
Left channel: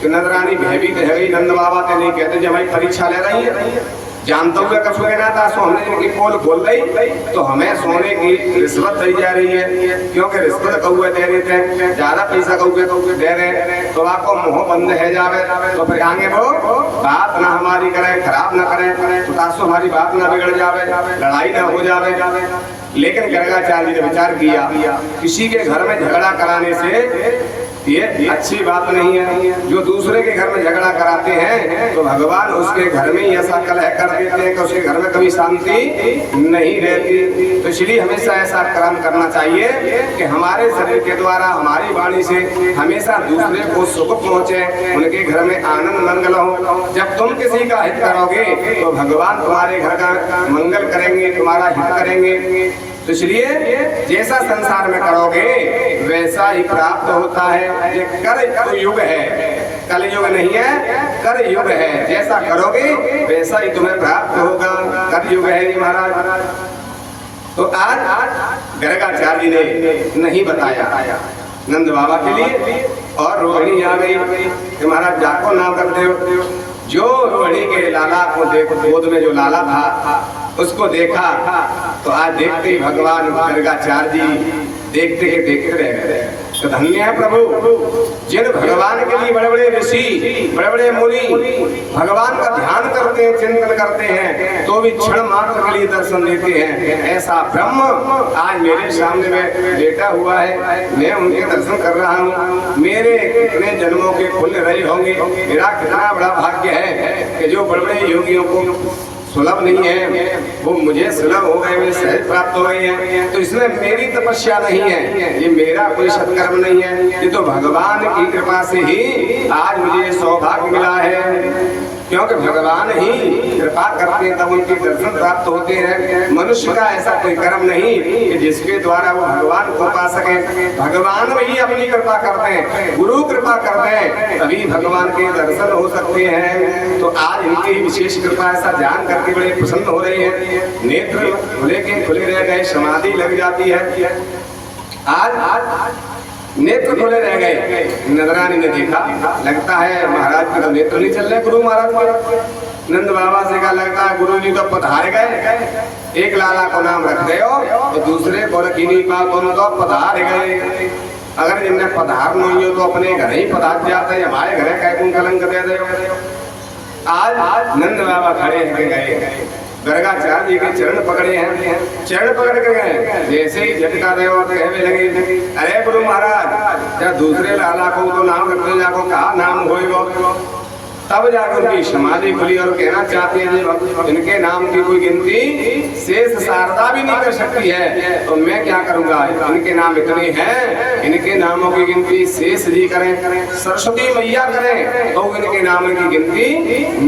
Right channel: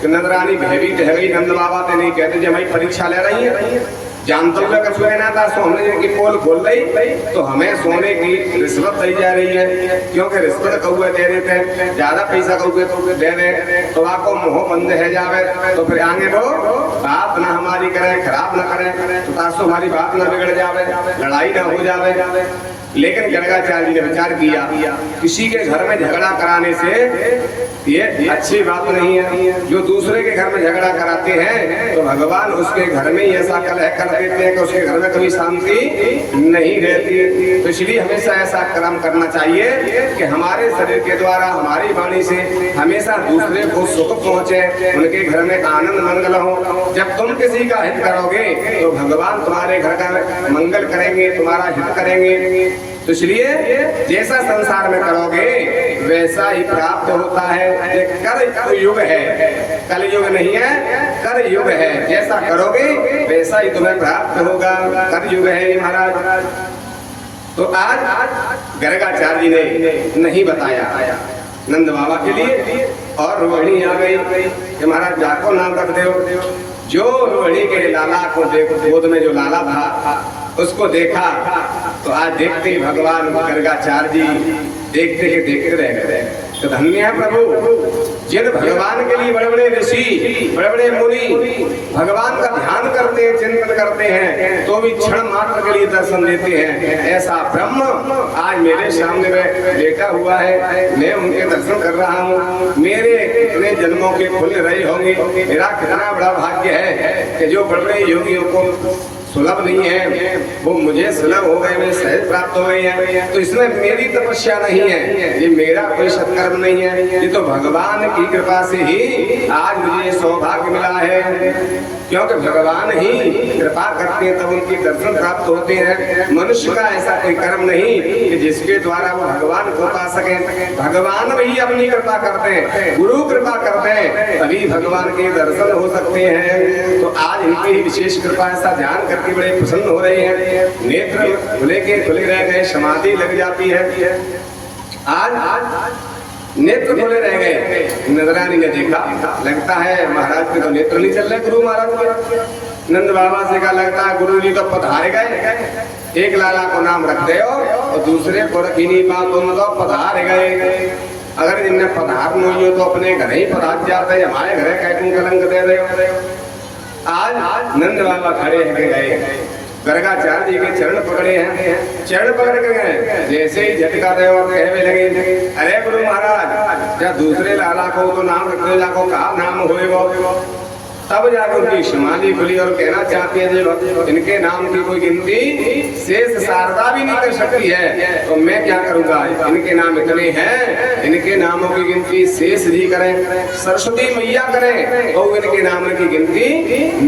कि नंदरानी भयभीत है गई, नंद बाबा ते नहीं कहते जब भाई परीक्षा ले रही है, जानते हुए कछ कहना था सोने की पोल खोल रही तो हमें सोने की रिश्वत दी जा रही है, क्योंकि रिश्वत कौए दे रहे थे, ज्यादा पैसा कौए दे रहे तो आपको मुंह बंद है जावे, तो फिर आगे वो बात ना हमारी करे, खराब ना करे, तो तासो हमारी बात ना बिगड़ जावे, लड़ाई ना हो जावे। लेकिन गर्गाचार्य जी ने विचार किया, किसी के घर में झगड़ा कराने से ये अच्छी बात नहीं है। जो दूसरे के घर में झगड़ा कराते हैं तो भगवान उसके घर में ही ऐसा कलह कर देते हैं कि उसके घर में कभी शांति नहीं रहती। तो इसलिए हमेशा ऐसा कर्म करना चाहिए कि हमारे शरीर के द्वारा, हमारी वाणी से हमेशा दूसरे को सुख पहुँचे, उनके घर में आनंद मंगल हो। जब तुम किसी का हित करोगे तो भगवान तुम्हारे घर का मंगल करेंगे, तुम्हारा हित करेंगे। तो इसलिए जैसा संसार में करोगे वैसा ही प्राप्त होता है। ये कर युग है, कल युग नहीं है, कर युग है, जैसा करोगे वैसा ही तुम्हें प्राप्त होगा, कर युग है ये महाराज। तो आज गर्गाचार्य जी ने नहीं बताया नंद बाबा के लिए, और रोहिणी आ गई कि महाराज जाको नाम रख दो। जो रोहिणी के लाला को देखो, गोद में जो लाला था उसको देखा, तो आज देखते ही भगवान गर्गाचार्य जी देखते के देखते रह गए। तो धन्य है प्रभु जिन भगवान के लिए बड़े बड़े ऋषि, बड़े बड़े मुनि भगवान का ध्यान करते हैं, चिंतन करते हैं, तो भी क्षण मात्र के लिए दर्शन देते हैं। ऐसा ब्रह्म आज मेरे सामने में लेटा हुआ है, मैं उनके दर्शन कर रहा हूँ। मेरे कितने जन्मों के खुल रहे होंगे, मेरा कितना बड़ा भाग्य है कि जो बड़े बड़े योगियों को सुलभ नहीं है वो मुझे सुलभ हो गए, मुझे सहज प्राप्त हो गए हैं। तो इसमें मेरी तपस्या नहीं है, ये मेरा कोई सत्कर्म नहीं है, ये तो भगवान की कृपा से ही आज मुझे सौभाग्य मिला है। क्योंकि भगवान ही कृपा करते हैं तब उनके दर्शन प्राप्त होते हैं। मनुष्य का ऐसा कोई कर्म नहीं कि जिसके द्वारा वो भगवान को पा सके। भगवान भी अपनी कृपा करते हैं, गुरु कृपा करते हैं, तभी भगवान के दर्शन हो सकते हैं। तो आज इनकी विशेष कृपा ऐसा ध्यान करके बड़े प्रसन्न हो रहे हैं। नेत्र खुले के खुले रह गए, समाधि लग जाती है। आज नेत्र खोले रह गए। नंदरानी ने देखा, लगता है महाराज के तो नेत्र नहीं चल रहे गुरु महाराज के। नंद बाबा से कहा, लगता है गुरु जी तो पधार गए, एक लाला को नाम रख दे और दूसरे को रखी नहीं बात, तुम तो पधार गए। अगर जिनने पधार नहीं हो तो अपने घर ही पधार जाते, हमारे घर का तुम कलंक दे दे। आज नंद बाबा खड़े गए, गर्गाचार्य जी के चरण पकड़े हैं, चरण पकड़ के गए, जैसे ही झटका दे और कहने लगे, अरे गुरु महाराज क्या दूसरे लाला को तो नाम रखते जाको, कहा नाम होएगा। तब जाकर उनकी समाधि खुली और कहना चाहते हैं इनके नाम की कोई गिनती शेष शारदा भी नहीं कर सकती है, तो मैं क्या करूंगा, इनके नाम इतने हैं, इनके नामों की गिनती शेष जी करें, सरस्वती मैया करें, तो इनके नाम की गिनती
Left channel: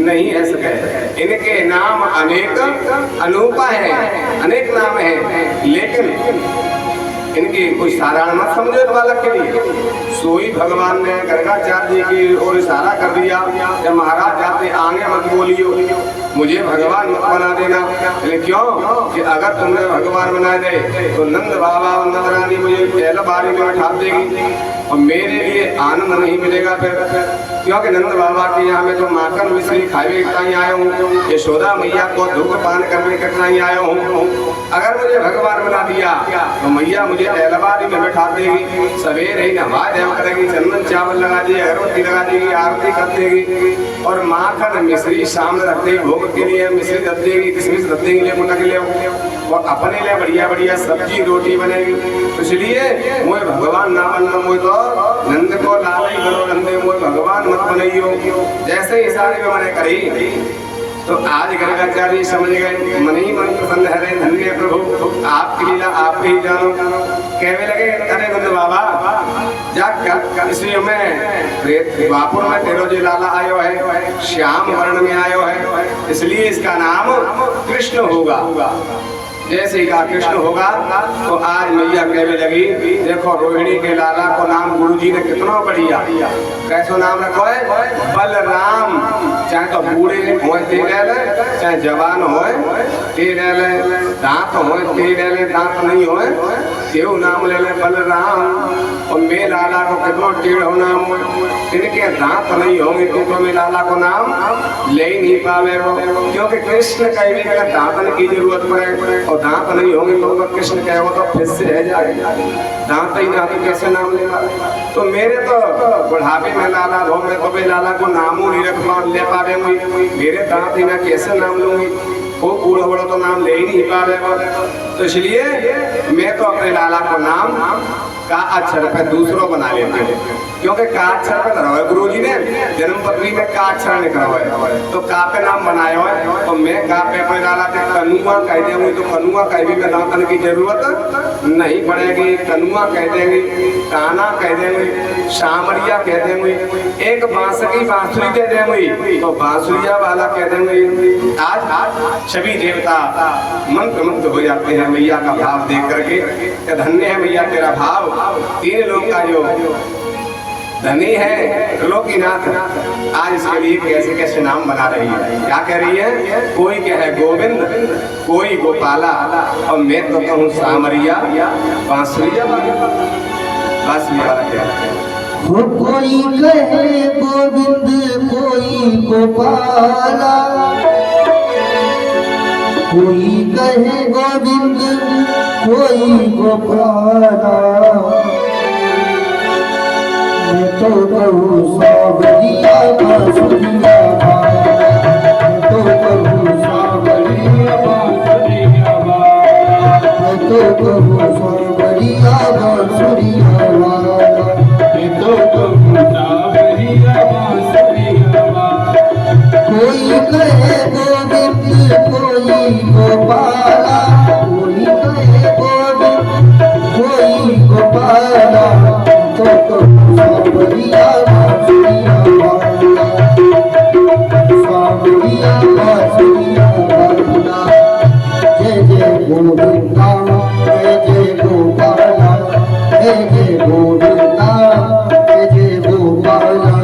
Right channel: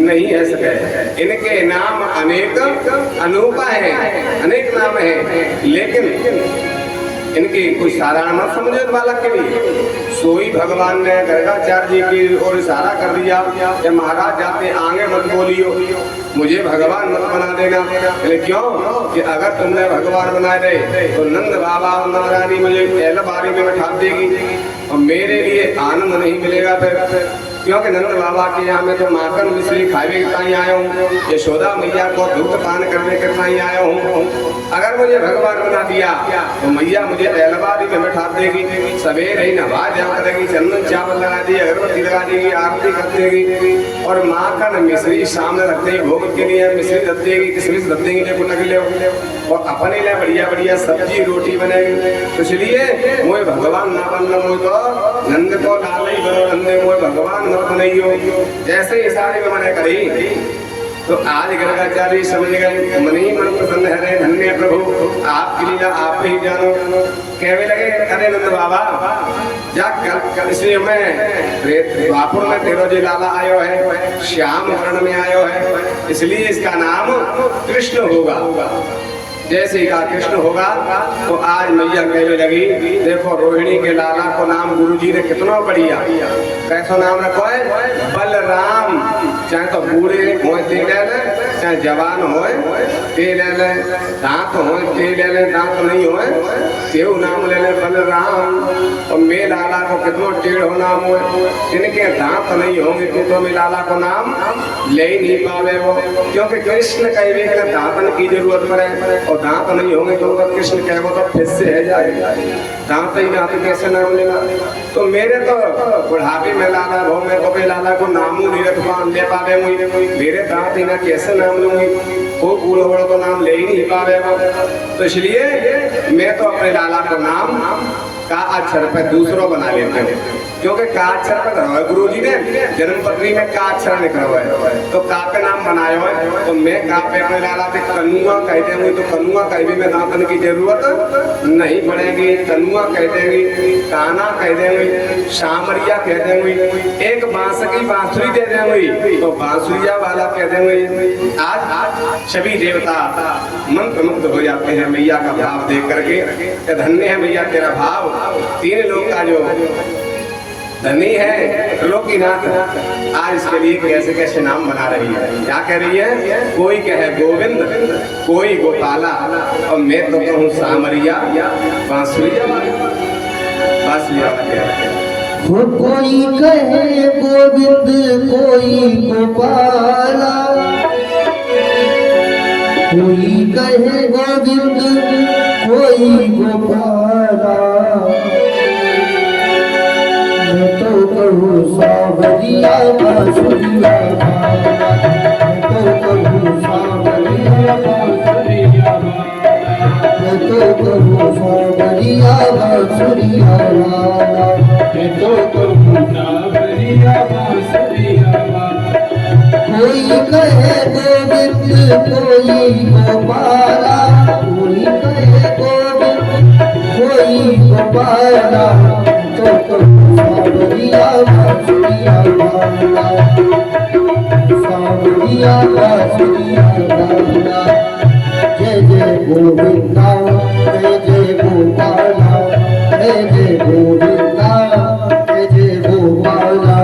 नहीं है सके। इनके नाम अनेक अनूपा है, अनेक नाम है, लेकिन इनकी कोई साधारण मत समझो इस बालक के लिए। सोई भगवान ने गर्गाचार्य जी की ओर इशारा कर दिया कि महाराज जाते आगे मत बोलियो, मुझे भगवान मत बना देना। बोले क्यों? कि अगर तुमने भगवान बना दे तो नंद बाबा और नंद रानी मुझे पहले बारी में बैठा देगी और मेरे लिए आनंद नहीं मिलेगा फिर। क्योंकि नंद बाबा के यहाँ में तो माखन मिश्री खावे कितना ही आया हूँ, यशोदा मैया को धूप पान करने कितना ही आया हूँ। अगर मुझे भगवान बना दिया तो मैया मुझे एलबारी में बैठा देगी, सवेरे ही नहा जम करेगी, चंदन चावल लगा देगी, अगरबत्ती लगा देगी, आरती कर देगी और माखन मिश्री सामने रख देगी, भोग के लिए मिश्री रख देगी, किशमिश रख देगी, ले के ले और अपने लिए बढ़िया बढ़िया सब्जी रोटी बनेगी। तो इसलिए मोए भगवान ना बनना, मोए तो नंद को लालई करो, नंदे मोए भगवान मत बनाइयो। जैसे ही सारी में मैंने करी तो आज गर्गाचार्य समझ गए, मन ही मन प्रसन्न है, धन्य प्रभु आपकी लीला आप ही जानो। कहने लगे अरे नंद बाबा जा कल इसलिए मैं वापुर में तेरो जो लाला आयो है श्याम वर्ण में आयो है, इसलिए इसका नाम कृष्ण होगा। जैसे ही कहा कृष्ण होगा तो आज मैया कहने लगी देखो रोहिणी के लाला को नाम गुरुजी ने कितना बढ़िया कैसा नाम रखो है, बलराम। चाहे तो बूढ़े हो ते ले ले, चाहे जवान हो ते ले ले, दांत हो ते ले ले, दांत नहीं हो तेव नाम ले ले बलराम। और मैं लाला को कितना टेढ़ नाम हो, इनके दांत नहीं होंगे तो मैं लाला को नाम ले ही नहीं पावे वो, क्योंकि कृष्ण कहे दांतन की जरूरत पड़े और दांत नहीं होंगे तो कृष्ण कहे तो फिर से है जाएगा, दांत ही ना तो कैसे नाम लेगा। तो मेरे तो बुढ़ापे में लाला हो, मैं तो लाला को नामू नहीं रख ले पावे, मेरे दांत ही ना कैसे नाम लूंगी, वो बूढ़ा बड़ा तो नाम ले ही नहीं पावेगा। तो इसलिए मैं तो अपने लाला को नाम का अक्षर पे दूसरों बना लेते हैं, क्योंकि का अक्षर पे धरा है गुरु जी ने जन्म पत्री में का अक्षर लिखा हुआ है, तो का पे नाम बनाया हुआ है। तो मैं का पे अपने लाला पे कनुआ कह देंगे तो कनुआ कह भी में दांतन की जरूरत नहीं पड़ेगी, कनुआ कह देंगे, काना कह देंगे, सामरिया कह देंगे, एक बांस की बांसुरी दे देंगे तो बांसुरिया वाला कह देंगे। आज सभी देवता मंत्रमुग्ध हो जाते हैं मैया का भाव देख करके। धन्य है मैया तेरा भाव, तीन लोग का जो धनी है त्रिलोकीनाथ, आज इसके लिए कैसे कैसे नाम बना रही है। क्या कह रही है, कोई कहे गोविंद, कोई गोपाला और मैं तो कहूँ सामरिया बांसुरिया बांसुरिया कोई कहे गोविंद, कोई गोपाला, कोई कहे गोविंद, कोई गोपाला, मैं तो कहूँ सावरिया बांसुरिया वाला, मैं तो कहूँ सावरिया बांसुरिया वाला, मैं तो कहूँ सावरिया बांसुरिया वाला, मैं तो कहूँ सावरिया बांसुरिया वाला। कोई कहे गोविंद, कोई गोपाला, कोई कहे गोविंद, कोई गोपाला, तो सावरिया बांसुरिया वाला, सावरिया बांसुरिया वाला। जय जय गोविंदा, जय जय गोपाला, जय जय गोविंदा, जय जय गोपाला।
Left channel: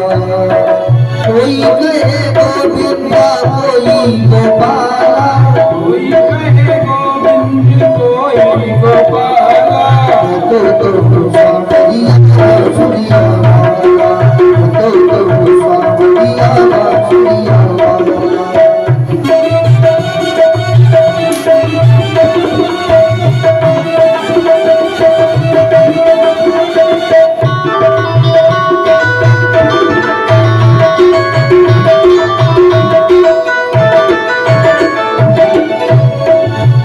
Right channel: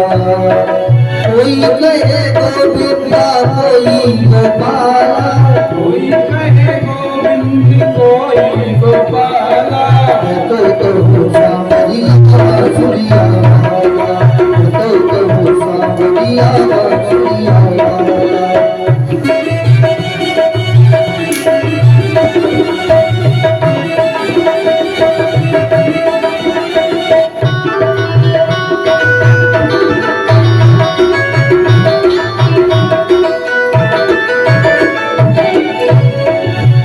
कोई कहे गोविंदा, कोई गोपाला, कोई कहे गोविंद, कोई गोपाला, मैं तो कहूँ सावरिया बांसुरिया वाला, मैं तो कहूँ सावरिया बांसुरिया वाला।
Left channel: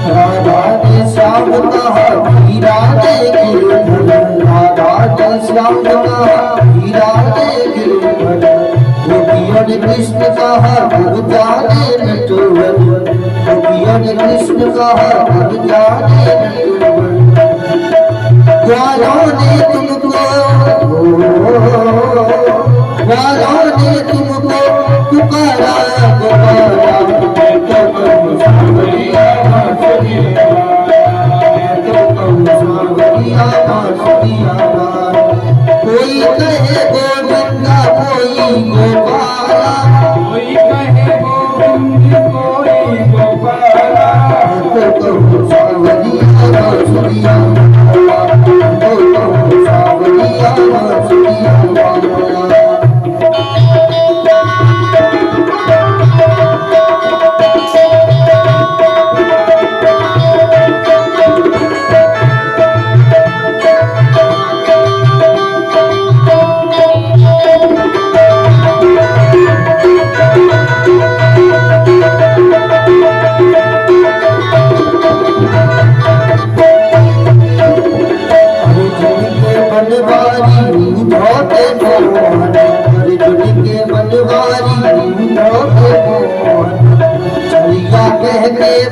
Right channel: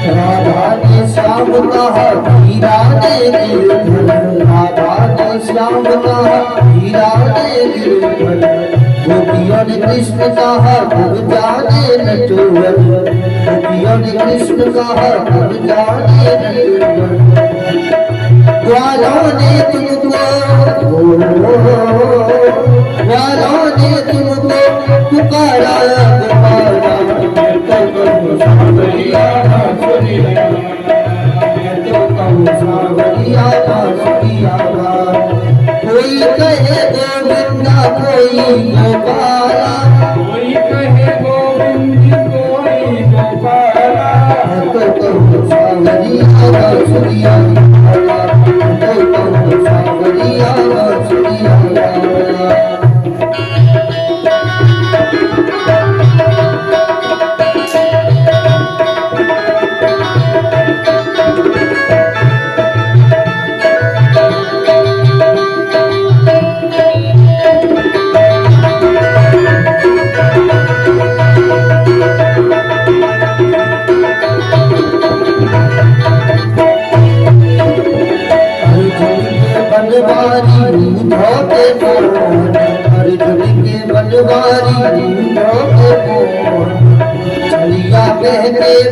राधा ने श्याम कहा हीरा दे गिरधर, राधा ने श्याम कहा हीरा दे गिरधर, गोपियों ने कृष्ण कहा गुरु जाने नटवर, गोपियों ने कृष्ण कहा गुरु जाने नटवर। ग्वालों ने तुमको, ग्वालों ने तुमको पुकारा पुकारा, मैं तो कहूँ सावरिया बांसुरिया वाला, मैं तो कहूँ सावरिया बांसुरिया वाला, तो सावरिया बांसुरिया वाला।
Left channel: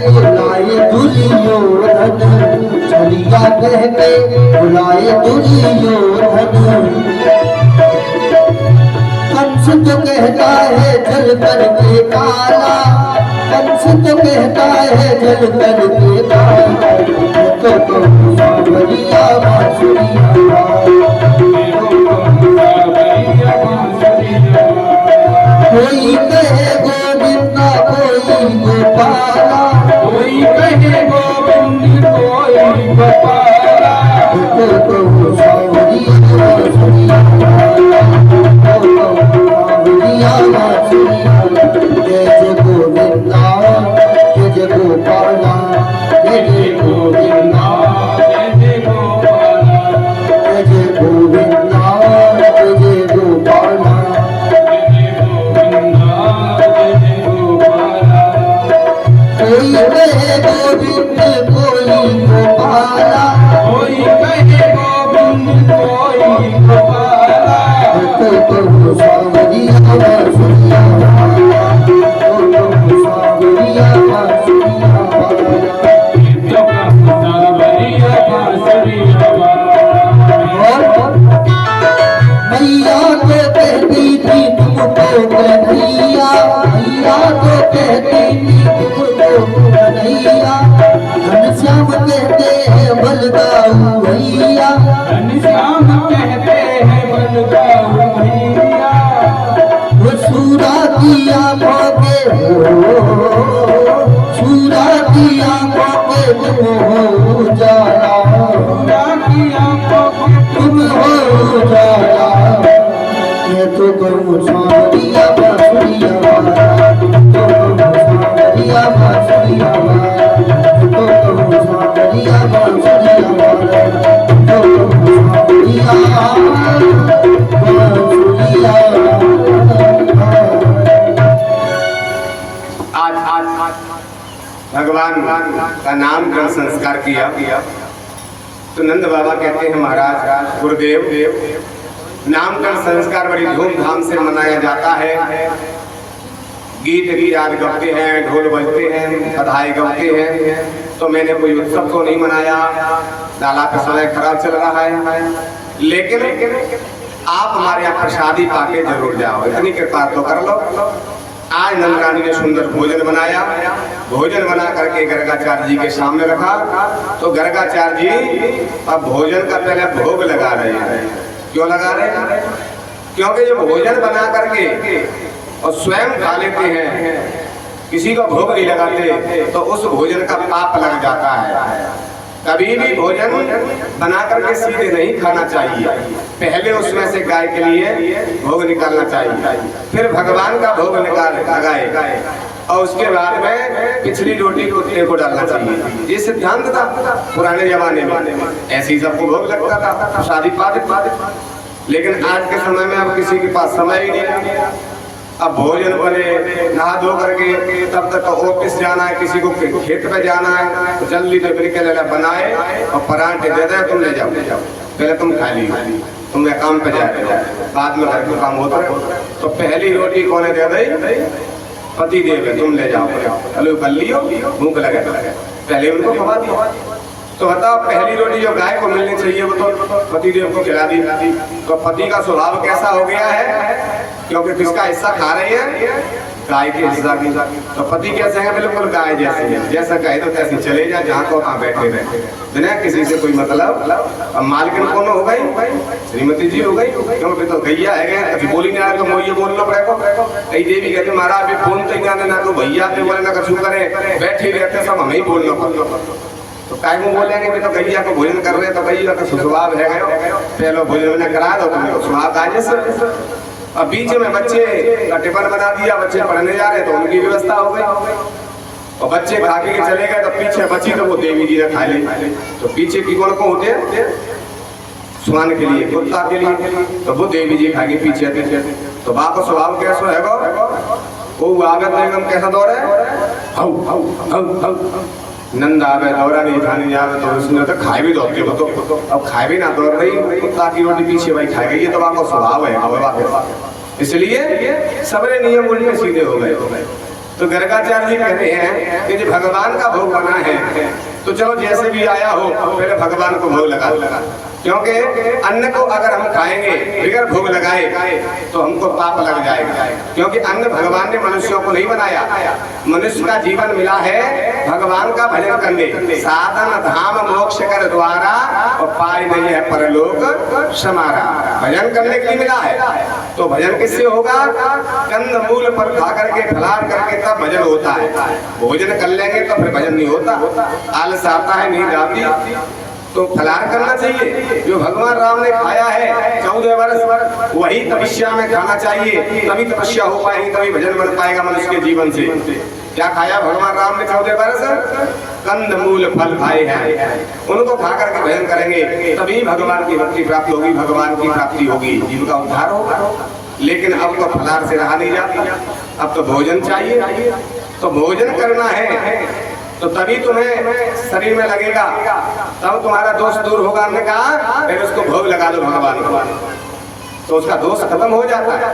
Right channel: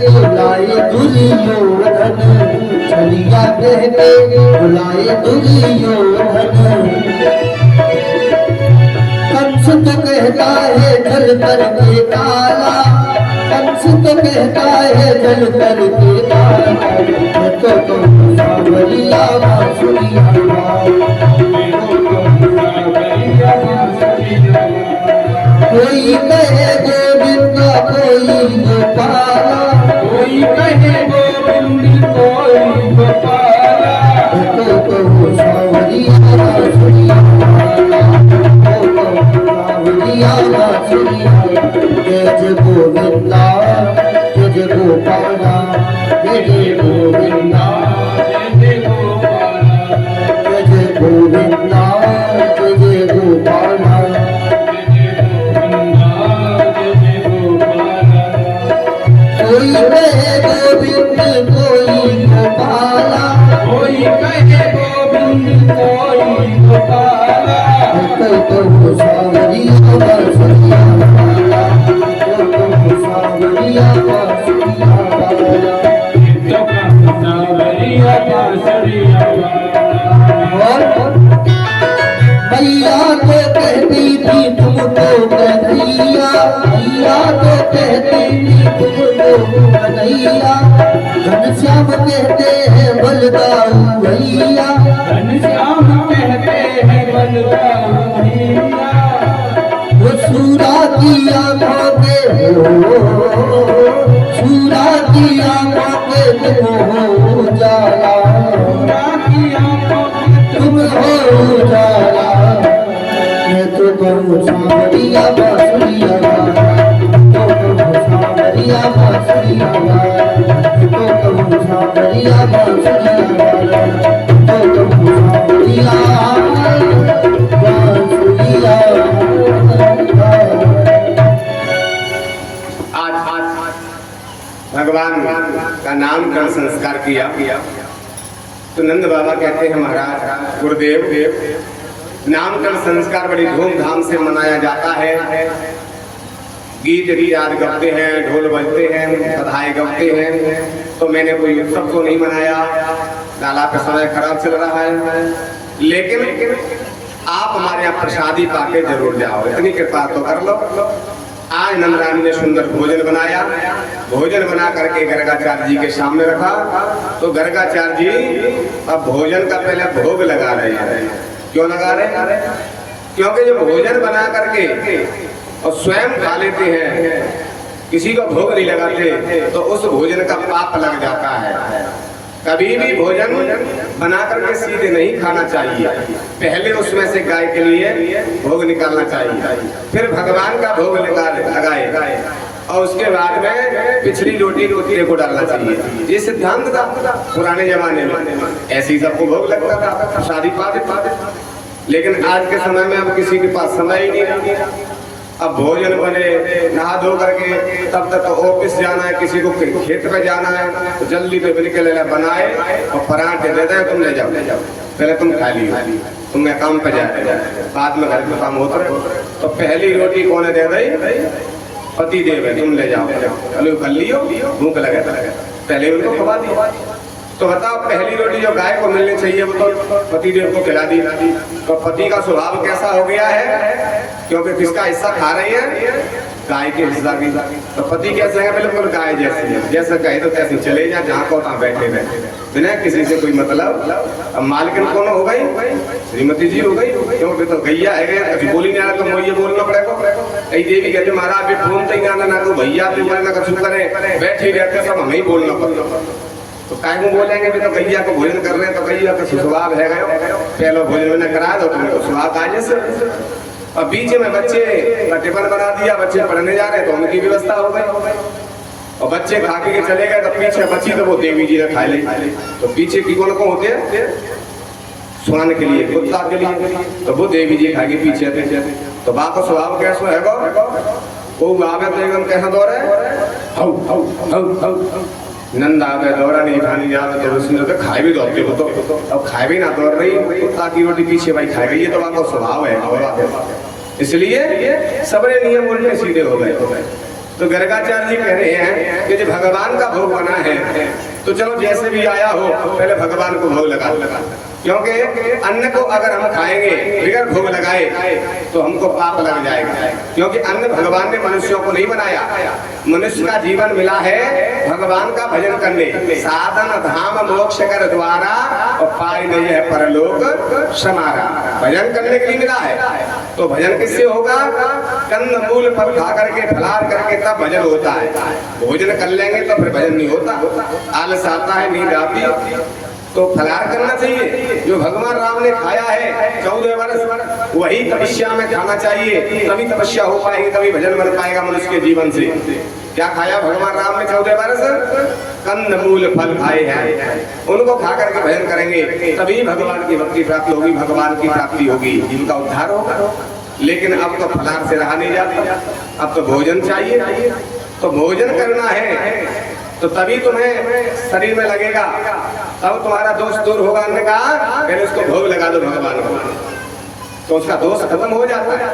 बुलाए दुर्योधन, छलिया कह के बुलाए दुर्योधन। कंस तो कहता है जल कर के काला, कंस तो कहता है जल कर के काला। तो सावरिया बांसुरिया कोई कहे गोविंदा कोई गोपाला, कोई कहे गोविंद कोई गोपाला। तो सावरिया बांसुरिया वाला, सावरिया बांसुरिया। जय जय गोविंदा जय जय गोपाला, जय जय गोविंदा जय जय गोपाला, जय जय गोविंदा जय जय गोपाला। कोई कहे गोविंद कोई गोपाला, कोई कहे गोविंद कोई गोपाला। तो सावरिया बांसुरिया वाला, तो सावरिया बांसुरिया वाला। तो सावरिया बांसुरिया वाला। मैया तो कहती थी तुमको कन्हैया, मैया तो कहती थी तुमको कन्हैया। घनश्याम कहते हैं बलदाऊ भैया, घनश्याम कहते हैं बलदाऊ भैया। वो सूरा की आंखों के सूरा की आंखों के तुम हो जाला, तुम हो जाला। मैं तो कहूँ सावरिया बांसुरिया वाला, तो कहूँ सावरिया बांसुरिया वाला, तो कहूँ सावरिया बांसुरिया वाला, तो कहूँ सावरिया बांसुरिया वाला। आज भगवान का नामकरण संस्कार किया तो नंद बाबा कहते हैं महाराज गुरुदेव नामकरण संस्कार बड़ी धूमधाम से मनाया जाता है। गीत याद गाते हैं, ढोल बजते हैं, बधाई गाते हैं। तो मैंने कोई उत्सव तो नहीं मनाया, लाला का समय खराब चल रहा है, लेकिन आप हमारे यहाँ प्रसादी पाके जरूर जाओ, इतनी कृपा तो कर लो। आज नंदरानी ने सुंदर भोजन बनाया, भोजन बना करके गर्गाचार्य जी के सामने रखा। तो गर्गाचार्य जी अब भोजन का पहले भोग लगा रहे हैं। क्यों लगा रहे हैं? क्योंकि जब भोजन बना करके और स्वयं खा लेते हैं, किसी को भोग नहीं लगाते, तो उस भोजन का पाप लग जाता है। कभी भी भोजन बना करके सीधे नहीं खाना चाहिए, पहले उसमें से गाय के लिए भोग निकालना चाहिए, फिर भगवान का भोग लगाए और उसके बाद में पिछली रोटी कुत्ते को डालना चाहिए। ये सिद्धांत था पुराने जमाने में, ऐसी सबको भोग लगता था शादी पाते। लेकिन आज के समय में अब किसी के पास समय ही नहीं रहा। अब भोजन बने, नहा धो करके तब तक ऑफिस जाना है, किसी को खेत पे जाना है, तो जल्दी तो बिल्कुल बनाए और पराठे दे दे, तुम ले जाओ, पहले तुम खा लियो, तुम काम पे जाए, बाद में घर का काम होता है। तो पहली रोटी कौन दे दी? पति देव है, तुम ले जाओ, चलो कर लियो, भूख लगे पहले उनको खवा दिया। तो बताओ पहली रोटी जो गाय को मिलनी चाहिए वो तो पति देव को खिला दी। तो पति का स्वभाव कैसा हो गया है? क्योंकि किसका हिस्सा खा रही है? गाय के हिस्सा की। तो पति कैसे है? बिल्कुल गाय जैसे है, जैसा कहे तो तैसे चले जा, जहाँ को वहाँ बैठे रहे, बिना किसी से कोई मतलब। अब मालकिन कौन हो गई? श्रीमती जी हो गई, क्योंकि तो गैया है, अभी बोली नहीं आ, तो मोइये बोलना पड़ेगा। कई देवी कहते महाराज अभी फोन तक आने ना, तो भैया बोले ना कछु करे, बैठे रहते सब हमें ही बोलना पड़ता। तो काय को बोलेंगे भी तो गैया को भोजन कर रहे हैं, तो गैया का स्वभाव है गयो पहले भोजन मैंने करा दो तुमको स्वभाव काजे से। अब बीच में बच्चे का टिफिन बना दिया, बच्चे पढ़ने जा रहे तो उनकी व्यवस्था हो गई, और बच्चे खा के चले गए तो पीछे बची तो वो देवी जी ने खा ली। तो पीछे की कौन को होते हैं स्वान के लिए, कुत्ता के लिए, तो वो देवी जी खा के पीछे पीछे। तो बाप का स्वभाव कैसा है वो आवे तो एकदम कैसा दौड़े how how how how Nanda आवे दौड़ा नहीं खानी जावे तो उसने तो खाए भी दौड़ते हो तो अब खाए भी ना दौड़ रही कुत्ता की रोटी पीछे भाई खा गई, ये तो बाप का स्वभाव है। इसलिए सबरे नियम उल्टे सीधे हो गए। तो गर्गाचार्य जी कह रहे हैं कि जो भगवान का भोग बना है तो चलो जैसे भी आया हो पहले भगवान को भोग लगा, क्योंकि अन्न को अगर हम खाएंगे बगैर भोग लगाए तो हमको पाप लग जाएगा, क्योंकि अन्न भगवान ने मनुष्यों को नहीं बनाया। मनुष्य का जीवन मिला है भगवान का भजन करने, साधन धाम मोक्ष कर द्वारा और पाए नहीं है परलोक समारा। भजन करने के लिए मिला है, तो भजन किससे होगा? कंद मूल फल खा करके फलार करके तब भजन होता है। भोजन कर लेंगे तो फिर भजन नहीं होता, आलस आता है, नींद आती। तो फलार करना चाहिए, जो भगवान राम ने खाया है 14 वर्ष वही तपस्या में खाना चाहिए, तभी तपस्या हो पाएगी, तभी भजन बन पाएगा मनुष्य के जीवन से। क्या खाया भगवान राम ने 14 वर्ष? कंद मूल फल खाए हैं, उनको खा करके भजन करेंगे तभी भगवान की भक्ति प्राप्ति होगी, भगवान की प्राप्ति होगी, जीवन का उद्धार होगा। लेकिन अब तो फलार से रहा नहीं जाता, अब तो भोजन चाहिए। तो भोजन करना है तो तभी तुम्हें शरीर में लगेगा, तब तुम्हारा दोष दूर होगा। हमने कहा पहले उसको भोग लगा दो भगवान को, तो उसका दोष खत्म हो जाता है।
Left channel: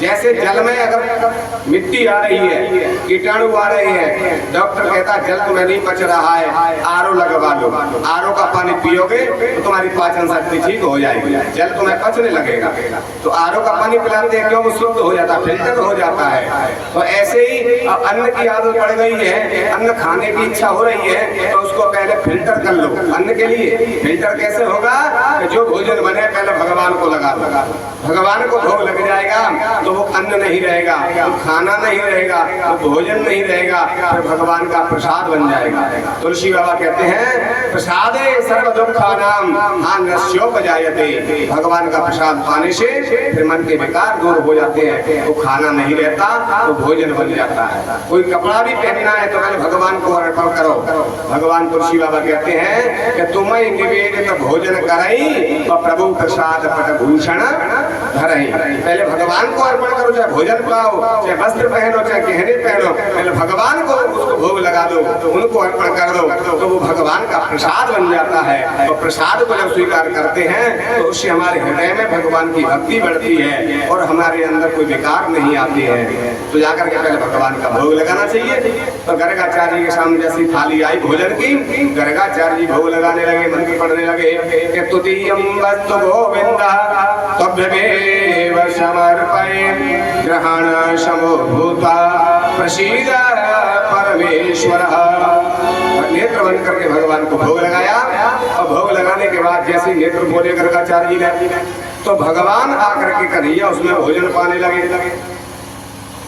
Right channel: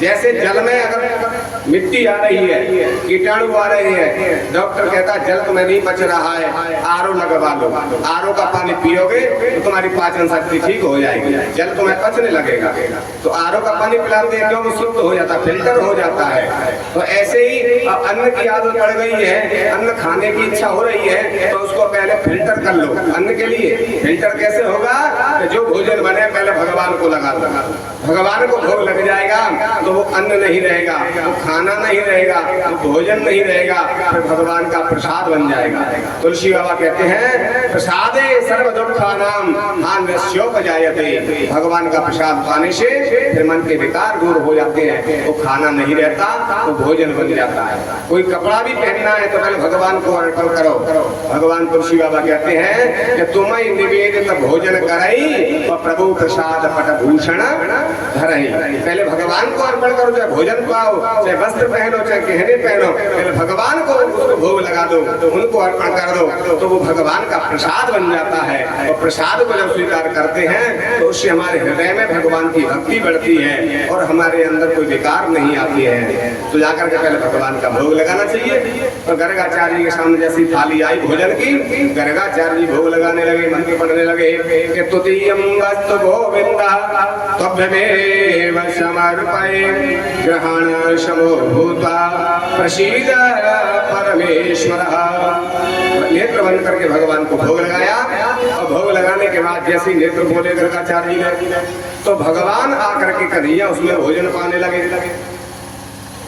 जैसे जल में अगर मिट्टी आ रही है, कीटाणु आ रहे हैं, डॉक्टर कहता है जल तुम्हें नहीं बच रहा है, आरओ लगवा लो। आरओ का पानी पियोगे तो तुम्हारी पाचन शक्ति ठीक हो जाएगी, जल तुम्हें पचने लगेगा। तो आरओ का पानी पिलाते हैं क्यों? वो शुद्ध हो जाता है, फिल्टर हो जाता है। तो ऐसे ही अब अन्न की आदत पड़ गई है, अन्न खाने की इच्छा हो रही है तो उसको पहले फिल्टर कर लो। अन्न के लिए फिल्टर कैसे होगा? जो भोजन बने पहले भगवान को लगा दो, भगवान को भोग लग जाएगा तो वो अन्न नहीं रहेगा, वो खाना नहीं रहेगा, वो भोजन नहीं रहेगा, फिर भगवान का प्रसाद बन जाएगा। तुलसी बाबा कहते हैं प्रसादे सर्व दुखानाम हान्यस्योपजायते। भगवान का प्रसाद पाने से फिर मन के विकार दूर हो जाते हैं, वो खाना नहीं रहता, वो भोजन बन जाता है। कोई कपड़ा भी पहनना है तो पहले भगवान को अर्पण करो। भगवान तुलसी बाबा कहते हैं कि तुम्हें निवेदित भोजन करई और प्रभु प्रसाद पटभूषण धरई। पहले भगवान को अर्पण करो, चाहे भोजन पाओ, चाहे वस्त्र पहनो, चाहे गहने पहनो, पहले भगवान को उसको भोग लगा दो, उनको अर्पण कर दो, तो वो भगवान का प्रसाद बन जाता है। और प्रसाद को जब स्वीकार करते हैं तो उससे हमारे हृदय में भगवान की भक्ति बढ़ती है और हमारे अंदर कोई विकार नहीं आती है। तो जाकर के पहले भगवान का भोग लगाना चाहिए। तो गर्गाचार्य के सामने जैसी थाली आई भोजन की, गर्गाचार्य जी भोग लगाने लगे, मंत्र पढ़ने लगे कि तुतीयम वस्तु गोविंद तभ्यमेव समर्पये ग्रहण समोभूता प्रसीद परमेश्वर। नेत्र बंद करके भगवान को भोग लगाया, और भोग लगाने के बाद जैसे नेत्र बोले गर्गाचार्य जी ने तो भगवान आकर के कन्हैया उसमें भोजन पाने लगे।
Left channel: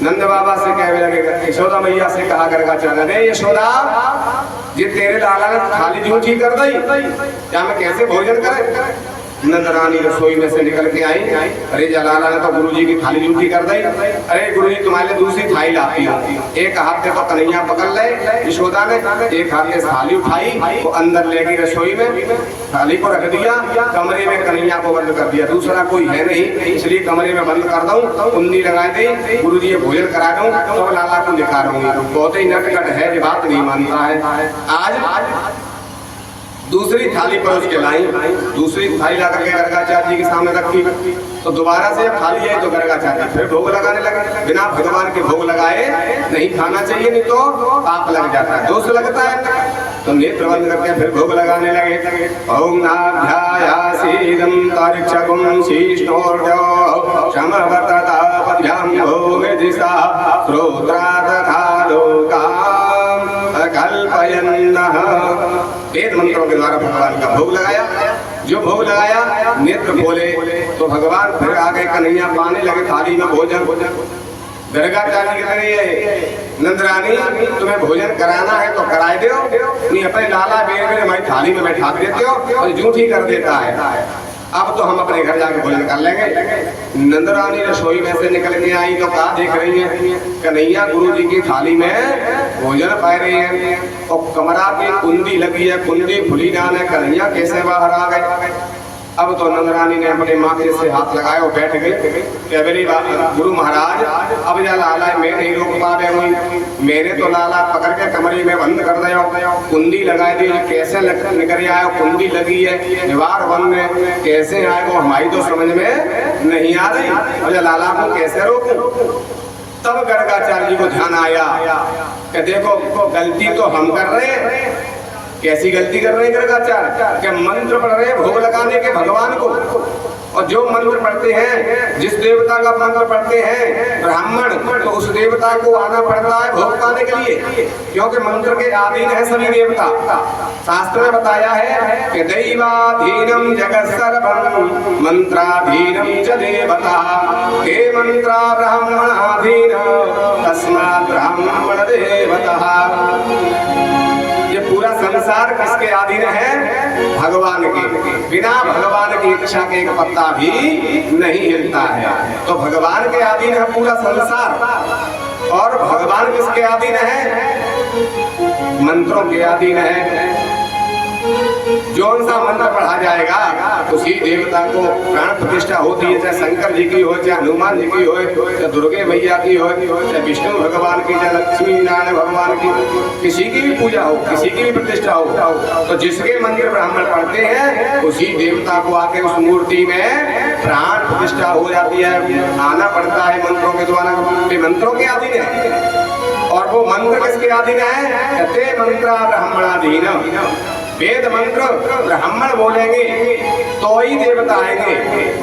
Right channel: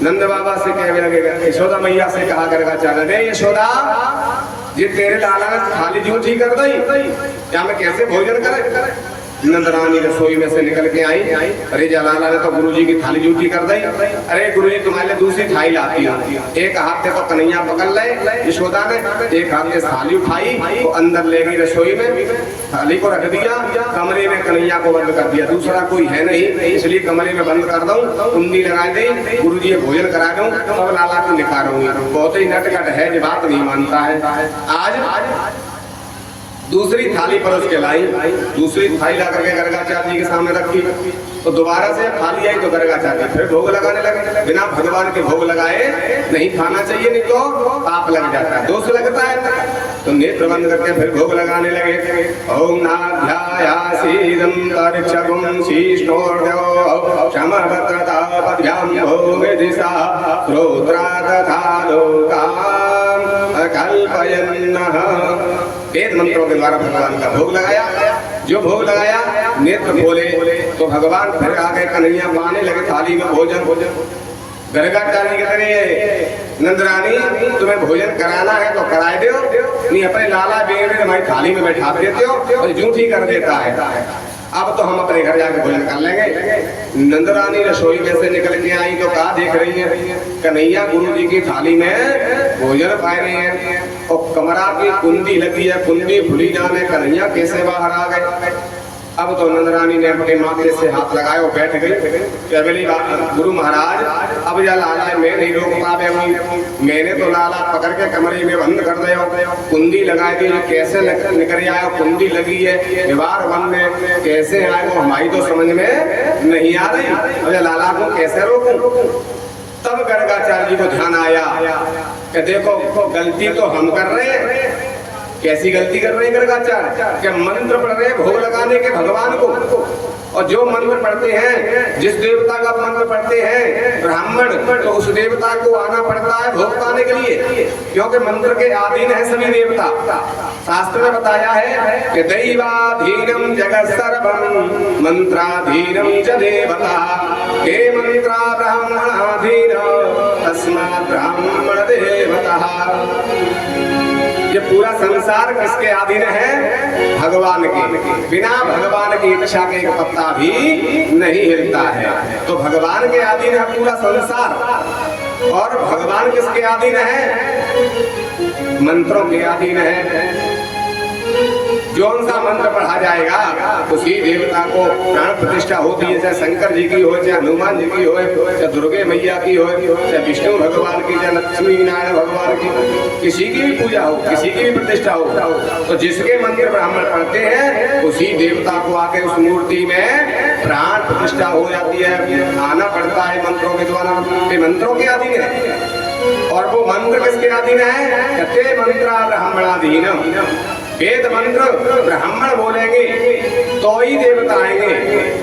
नंद बाबा से कहने लगेगा, यशोदा मैया से कहा गर्गाचार्य ने, यशोदा ये तेरे लाला ने थाली झूठी कर दी, क्या मैं कैसे भोजन करे? नंद रानी रसोई में से निकल के आई, अरे जलाला ने तो गुरुजी की थाली झूठी कर दी। अरे गुरुजी तुम्हारे लिए दूसरी थाली लाती हूँ। एक हाथ से तो कन्हैया पकड़ ले यशोदा ने, एक हाथ से थाली उठाई, वो अंदर ले गई रसोई में, थाली को रख दिया, कमरे में कन्हैया को बंद कर दिया। दूसरा कोई है नहीं, इसलिए कमरे में बंद कर दूं, कुंडी लगा दी, गुरुजी भोजन करा दूं, तब लाला को दिखा दूंगी। बहुत ही नटखट है, जो बात नहीं मानता है। आज दूसरी थाली पर उसके लाई, दूसरी थाली ला करके गर्गाचार्य जी के सामने रखी, तो दोबारा से थाली आई तो गर्गाचार्य फिर भोग लगाने लगे। बिना भगवान के भोग लगाए नहीं खाना चाहिए, नहीं तो पाप लग जाता है, दोष लगता है। तो नेत्र बंद करके फिर भोग लगाने लगे। ओम नाभ्यायासीदं तरिक्षकुं शीष्णोर्ध्यो क्षमवतता पद्भ्यां भोग दिशा श्रोत्रा तथा लोकाम अकल्पयन्नः। वेद मंत्रों के द्वारा भगवान का भोग लगाया। जो भोग लगाया नेत्र बोले तो भगवान फिर आ गए, कन्हैया पाने लगे थाली में भोजन। गर्गाचार्य कह रही है नंदरानी तुम्हें भोजन कराना है तो कराए दो, नहीं अपने लाला बेर में हमारी थाली में बैठा देते हो और जूठी कर देता है। अब तो हम अपने घर जाकर भोजन कर लेंगे। नंदरानी रसोई में से निकल के आई तो कहा देख रही है कन्हैया गुरु जी की थाली में भोजन पाए रहे हैं और कमरा की कुंडी लगी है, कुंडी खुली जाने कन्हैया कैसे बाहर आ गए। अब तो नंदरानी ने अपने माथे से हाथ लगाए और बैठ गई। बोली गुरु महाराज अब या लाला मैं नहीं रोक पा रहे हुई, मैंने तो लाला पकड़ के कमरे में बंद कर दिया, कुंडी लगा दी, कैसे निकल आए, कुंडी लगी है, दीवार बंद है, कैसे आए वो हमारी तो समझ में नहीं आ रही। अब या लाला को कैसे रोकूं। तब गर्गाचार्य जी को ध्यान आया कि देखो गलती तो हम कर रहे हैं। कैसी गलती कर रहे हैं गर्गाचार्य? क्या मंत्र पढ़ रहे हैं भोग लगाने के भगवान को, और जो मंत्र पढ़ते हैं जिस देवता का मंत्र पढ़ते हैं ब्राह्मण तो उस देवता को आना पड़ता है भोग पाने के लिए, क्योंकि मंत्र के अधीन है सभी देवता। शास्त्र में बताया है कि दैवाधीनम जगत सर्वम मंत्राधीनम च देवता के मंत्रा ब्राह्मणाधीन तस्मात् ब्राह्मण देवता। ये पूरा संसार किसके अधीन है? भगवान के। बिना भगवान की इच्छा के एक पत्ता भी नहीं हिलता है। तो भगवान के अधीन है पूरा संसार। और भगवान किसके अधीन है? मंत्रों के अधीन है। जौन सा मंत्र पढ़ा जाएगा उसी देवता को प्राण प्रतिष्ठा होती है, चाहे शंकर जी की हो, चाहे हनुमान जी की हो, चाहे दुर्गे मैया की हो, चाहे विष्णु भगवान की, चाहे लक्ष्मी नारायण भगवान की, किसी की भी पूजा हो, किसी की भी प्रतिष्ठा हो, तो जिसके मंत्र ब्राह्मण पढ़ते हैं उसी देवता को आके उस मूर्ति में प्राण प्रतिष्ठा हो जाती है, आना पड़ता है मंत्रों के द्वारा। मंत्रों के अधीन है। और वो मंत्र किसके अधीन है? ते मंत्रा ब्राह्मणाधीन। वेद मंत्र ब्राह्मण बोलेंगे तो ही देवता आएंगे।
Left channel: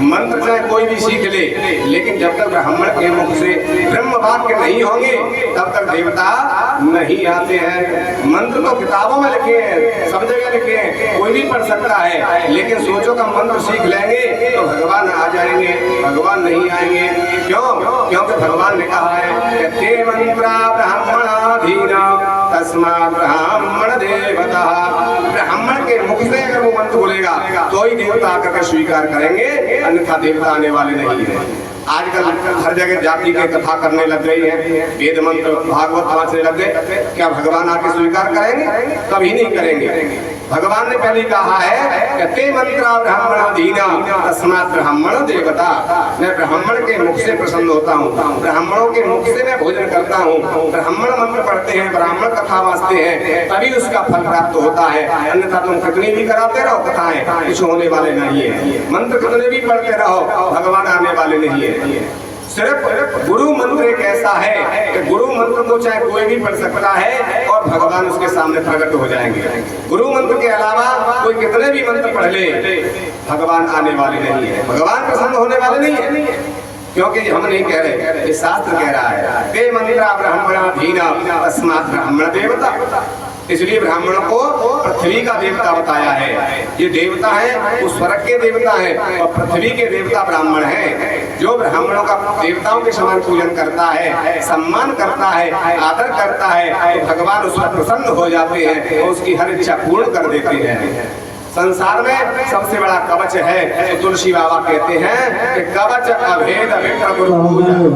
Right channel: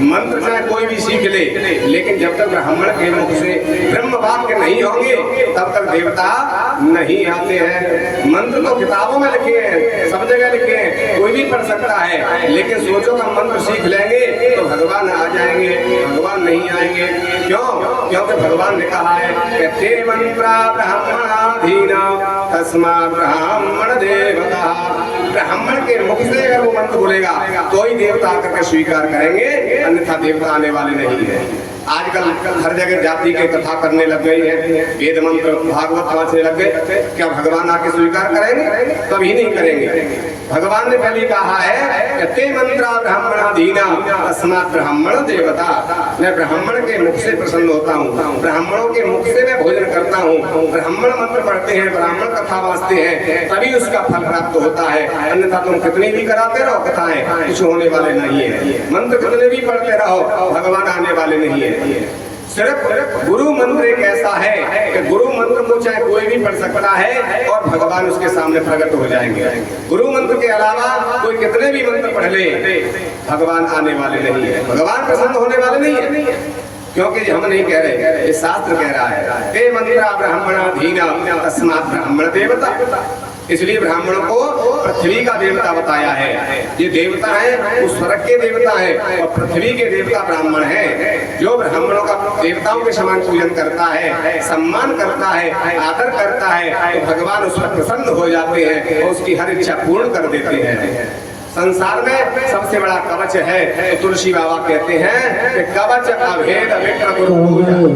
मंत्र चाहे कोई भी सीख ले, लेकिन जब तक ब्राह्मण के मुख से ब्रह्म वाक्य नहीं होंगे तब तक देवता नहीं आते हैं। मंत्र तो किताबों में लिखे हैं, सब जगह लिखे हैं, कोई भी पढ़ सकता है, लेकिन सोचो का मंत्र सीख लेंगे तो भगवान आ जाएंगे, भगवान नहीं आएंगे। क्यों? क्योंकि भगवान ने कहा है ते मंत्रा ब्राह्मणाधीन तस्मात् ब्राह्मण देवता। ब्राह्मण के मुख से अगर वो मंत्र बोलेगा तो ही देवता आकर स्वीकार करेंगे, अन्यथा देवता आने वाले नहीं है। आजकल हर जगह जाति के कथा करने लग गई है, वेद मंत्र भागवत पढ़ने लग गए। क्या भगवान आके स्वीकार करेंगे? कभी नहीं करेंगे। भगवान ने पहले कहा है ते मंत्रा ब्राह्मणाधीन तस्मात् ब्राह्मण देवता। मैं ब्राह्मण के मुख से प्रसन्न होता हूँ, ब्राह्मणों के मुख से मैं भोजन करता हूँ। ब्राह्मण मंत्र पढ़ते हैं, ब्राह्मण कथा वाचते हैं, तभी उसका फल प्राप्त होता है। अन्यथा तुम कितनी भी कराते रहो कथाएं, कुछ होने वाले नहीं है। मंत्र कितने भी पढ़ते रहो, भगवान आने वाले नहीं है। सिर्फ गुरु मंत्र एक ऐसा है कि गुरु मंत्र को चाहे कोई भी पढ़ सकता है और भगवान उसके सामने प्रकट हो जाएंगे। गुरु मंत्र के अलावा कोई कितने भी मंत्र पढ़ ले, भगवान आने वाले नहीं है, भगवान प्रसन्न होने वाले नहीं है। क्योंकि हम नहीं कह रहे, ये शास्त्र कह रहा है ते मंत्रा ब्राह्मणाधीन तस्मात् ब्राह्मण देवता। इसलिए ब्राह्मणों को पृथ्वी का देवता बताया है। ये देवता है वो स्वर्ग के देवता है और पृथ्वी के देवता ब्राह्मण है। जो ब्राह्मणों का देवताओं के समान पूजन करता है, सम्मान करता है, आदर करता है, तो भगवान उस पर प्रसन्न हो जाते हैं और उसकी हर इच्छा पूर्ण कर देते हैं। संसार में सबसे बड़ा कवच है तो तुलसी बाबा कहते हैं कि कवच अभेद विप्र पूजा।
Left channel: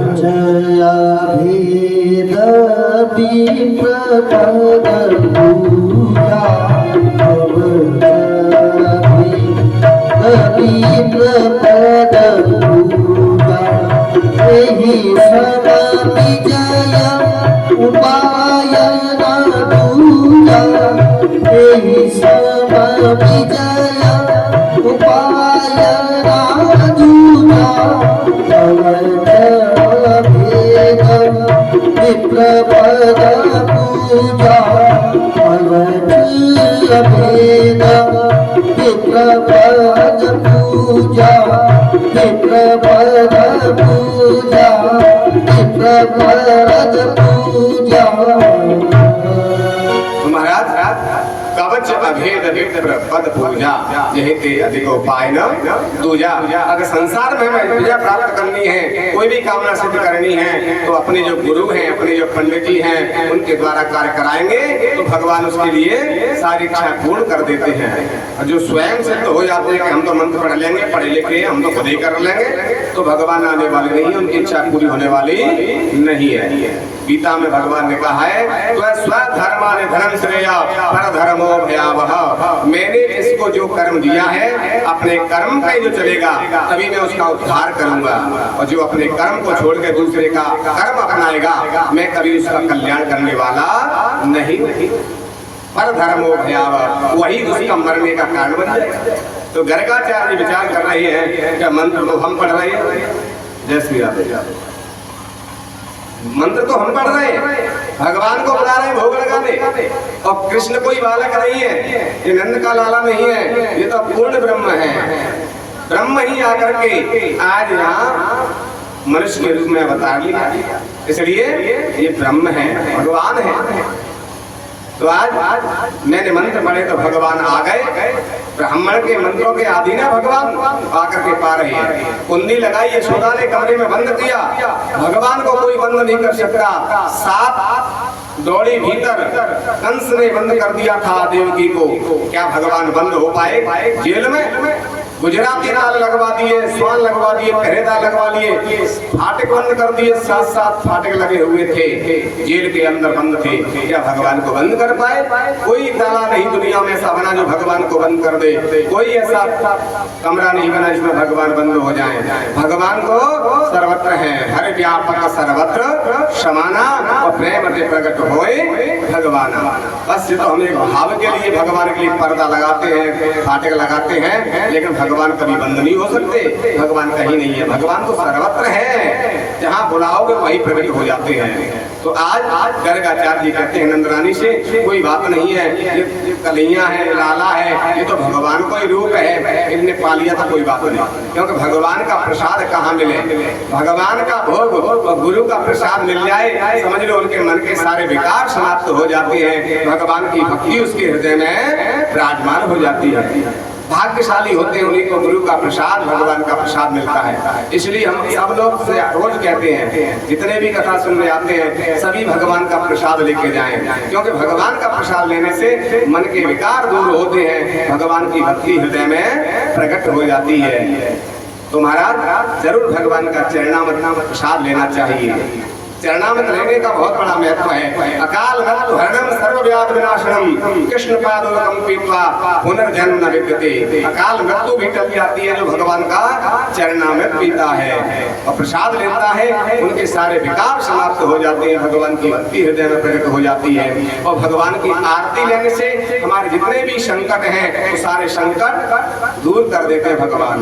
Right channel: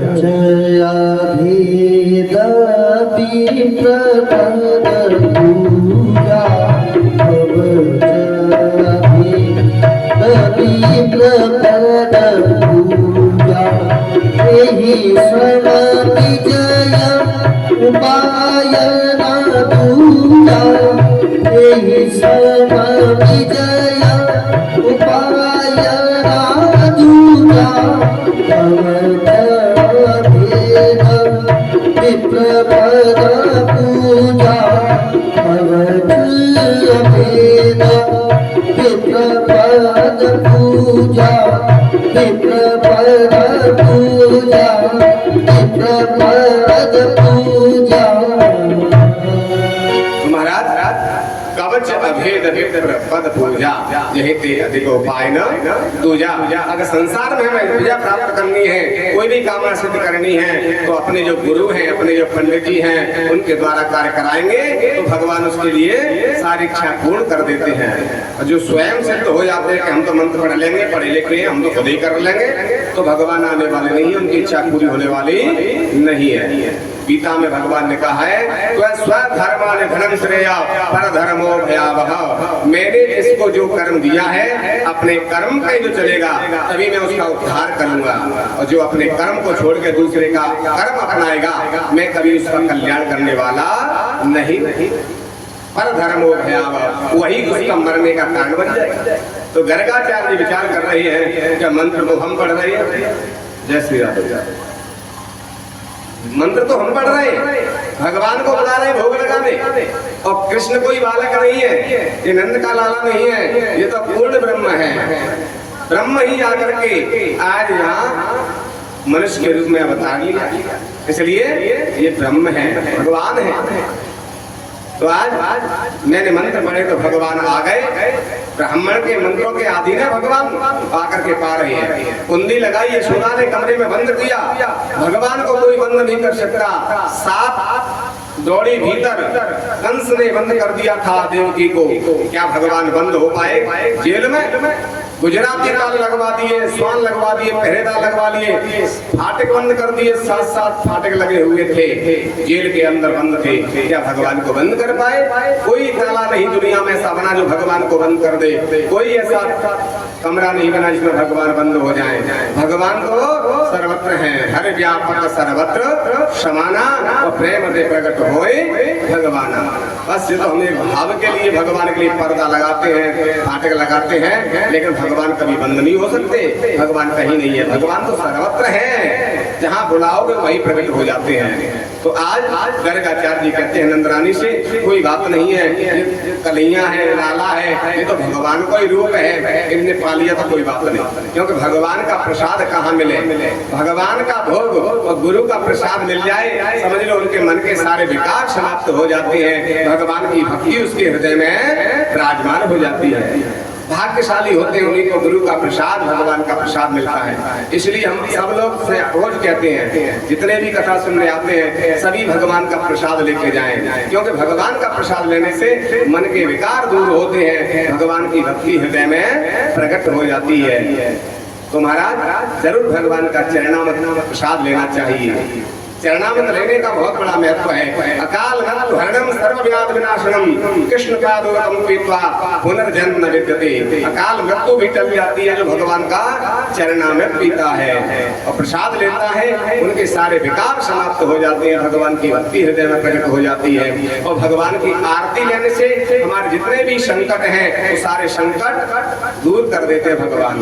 विप्र पद पूजा यही ते अधिक उपाय न दूजा। अगर संसार में हमें विजय प्राप्त करनी है, कोई भी कामना सिद्ध करनी है, तो अपने जो गुरु हैं, अपने जो पंडित जी हैं, उनके द्वारा कार्य कराएंगे तो भगवान उसके लिए सारी इच्छा पूर्ण कर देते हैं। और जो स्वयं सिद्ध हो जाते हैं कि हम तो मंत्र पढ़ लेंगे, पढ़े लिखे हम तो खुद ही कर लेंगे, तो भगवान आने वाले नहीं है, उनकी इच्छा पूरी होने वाली नहीं है। गीता में भगवान ने कहा है स्वधर्माने धर्म श्रेय पर धर्मो भयावह। मैंने इसको जो कर्म दिया है, अपने कर्म पे जो चलेगा तभी मैं उसका उद्धार करूंगा, और जो अपने कर्म को छोड़ के दूसरे का कर्म अपनाएगा मैं कभी उसका कल्याण करने वाला नहीं। पर धर्मो भयावह, वही उसका मरने का कारण बन जाएगा। तो गर्गाचार्य विचार कर रहे हैं कि मंत्र तो हम पढ़ रहे हैं, जय श्री राम, मंत्र तो हम पढ़ रहे हैं, भगवान को बुला रहे हैं भोग लगाने, और कृष्ण कोई बालक नहीं है, ये नंद का लाला नहीं है, ये तो पूर्ण ब्रह्म है। ब्रह्म ही आकर के आज यहाँ मनुष्य के रूप में अवतार लिया, इसलिए ये ब्रह्म है, भगवान है। तो आज मैंने मंत्र पढ़े तो भगवान आ गए, ब्राह्मण के मंत्रों के अधीन है भगवान आकर के पा रहे हैं। कुंडी लगाई, यशोदा ने कमरे में बंद किया, भगवान को कोई बंद नहीं कर सकता। साप दौड़ी भीतर, कंस ने बंद कर दिया था देवकी को, क्या भगवान बंद हो पाए जेल में? गुजराती ताल लगवा दिए, स्वान लगवा दिए, पहरेदार लगवा लिए, फाटक बंद कर दिए, 7-7 फाटक लगे हुए थे, जेल के अंदर बंद थे, क्या भगवान को बंद कर पाए? कोई ताला नहीं दुनिया में ऐसा बना जो भगवान को बंद कर दे, कोई ऐसा कमरा नहीं बना जिसमें भगवान बंद हो जाए। भगवान को सर्वत्र है, हर व्यापक सर्वत्र समाना, और प्रेम से प्रकट होए भगवान। बस ये तो हम एक भाव के लिए भगवान के लिए पर्दा लगाते हैं, फाटक लगाते हैं, लेकिन भगवान कभी बंद नहीं हो सकते। भगवान कहीं नहीं है, भगवान तो सर्वत्र है, जहाँ बुलाओगे वहीं प्रकट हो जाते हैं। तो आज गर्गाचार्य जी कहते हैं नंदरानी से कोई बात नहीं है, ये कन्हैया है, लाला है, ये तो भगवान को ही रूप है, इनने पा लिया था कोई बात नहीं, क्योंकि भगवान का प्रसाद कहाँ मिले? भगवान का भोग और गुरु का प्रसाद मिल जाए, समझ लो उनके मन के सारे विकार समाप्त हो जाते हैं, भगवान की भक्ति उसके हृदय में विराजमान हो जाती है। भाग्यशाली होते हैं उन्हीं को गुरु का प्रसाद, भगवान का प्रसाद मिलता है। इसलिए हम सब लोग से रोज कहते हैं, जितने भी कथा सुनने आते हैं सभी भगवान का प्रसाद लेके जाएं, क्योंकि भगवान का प्रसाद लेने से मन के विकार दूर होते हैं, भगवान की भक्ति हृदय में प्रकट हो जाती है। तो महाराज जरूर भगवान का चरणामृत प्रसाद लेना चाहिए। चरणामृत लेने का बहुत बड़ा महत्व है। अकाल मृत्यु हरणम सर्वव्याध विनाशनम कृष्ण पादोदकम पीत्वा पुनर्जन्म न विद्यते। अकाल मृत्यु भी टल जाती है जो भगवान का चरणामृत पीता है और प्रसाद लेता है, उनके सारे विकार समाप्त हो जाते हैं, भगवान की भक्ति हृदय में प्रकट हो जाती है। और भगवान की आरती लेने से हमारे जितने भी संकट हैं वो सारे संकट दूर कर देते हैं भगवान।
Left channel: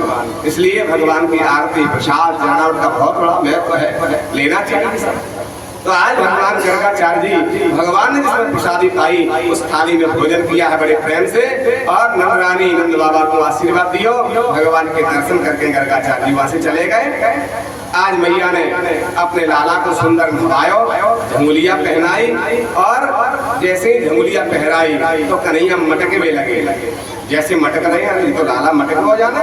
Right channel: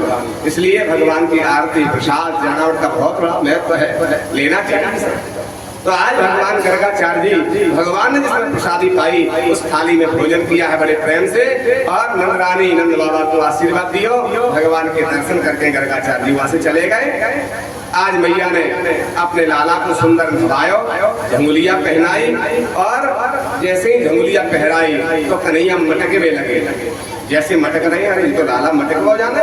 इसलिए भगवान की आरती प्रसाद चरणामृत का बहुत बड़ा महत्व है, लेना चाहिए। तो आज भगवान गर्गाचार्य जी, भगवान ने जिसमें प्रसादी पाई उस थाली में भोजन किया है बड़े प्रेम से, और नंदरानी नंद बाबा को आशीर्वाद दियो, भगवान के दर्शन करके गर्गाचार्य जी वहां से चले गए। आज मैया ने अपने लाला को सुंदर नवायो, झंगुलिया पहनाई, और जैसे ही झंगुलिया पहराई तो कन्हैया मटके में लगे, जैसे मटक रहे हैं तो लाला मटक हो जाने,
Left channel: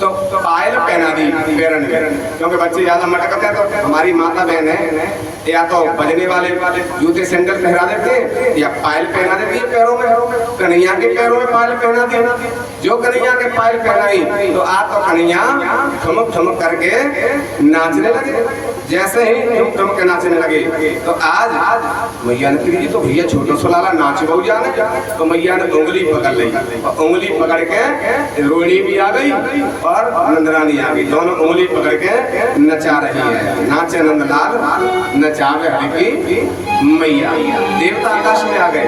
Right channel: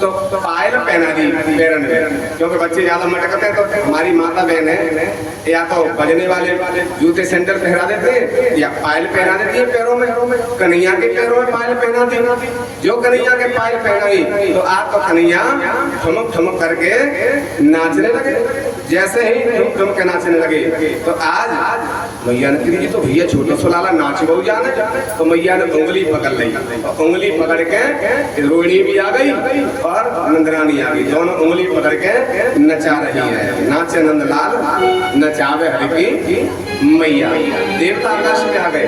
तो पायल पहना दी पैरन में, क्योंकि बच्चे ज्यादा मटकते हैं तो हमारी माता बहन है या तो बजने वाले जूते सैंडल पहना देते हैं या पायल पहना देती है पैरों में। कन्हैया के पैरों में पायल पहना दी, जो कन्हैया के पायल पहनाई तो आज तो कन्हैया ठुमक ठुमक करके नाचने लगे, जैसे ही ठुमक ठुमक के नाचने लगे तो आज मैया ने कही तो भैया छोटा सा लाला नाच बहु जाने, तो मैया ने उंगली पकड़ ली और उंगली पकड़ के रोहिणी भी आ गई और नंदरानी आ गई, दोनों उंगली पकड़ के नचा रही है। नाचे नंदलाल नचावे हरि की मैया। देवता आकाश में आ गए,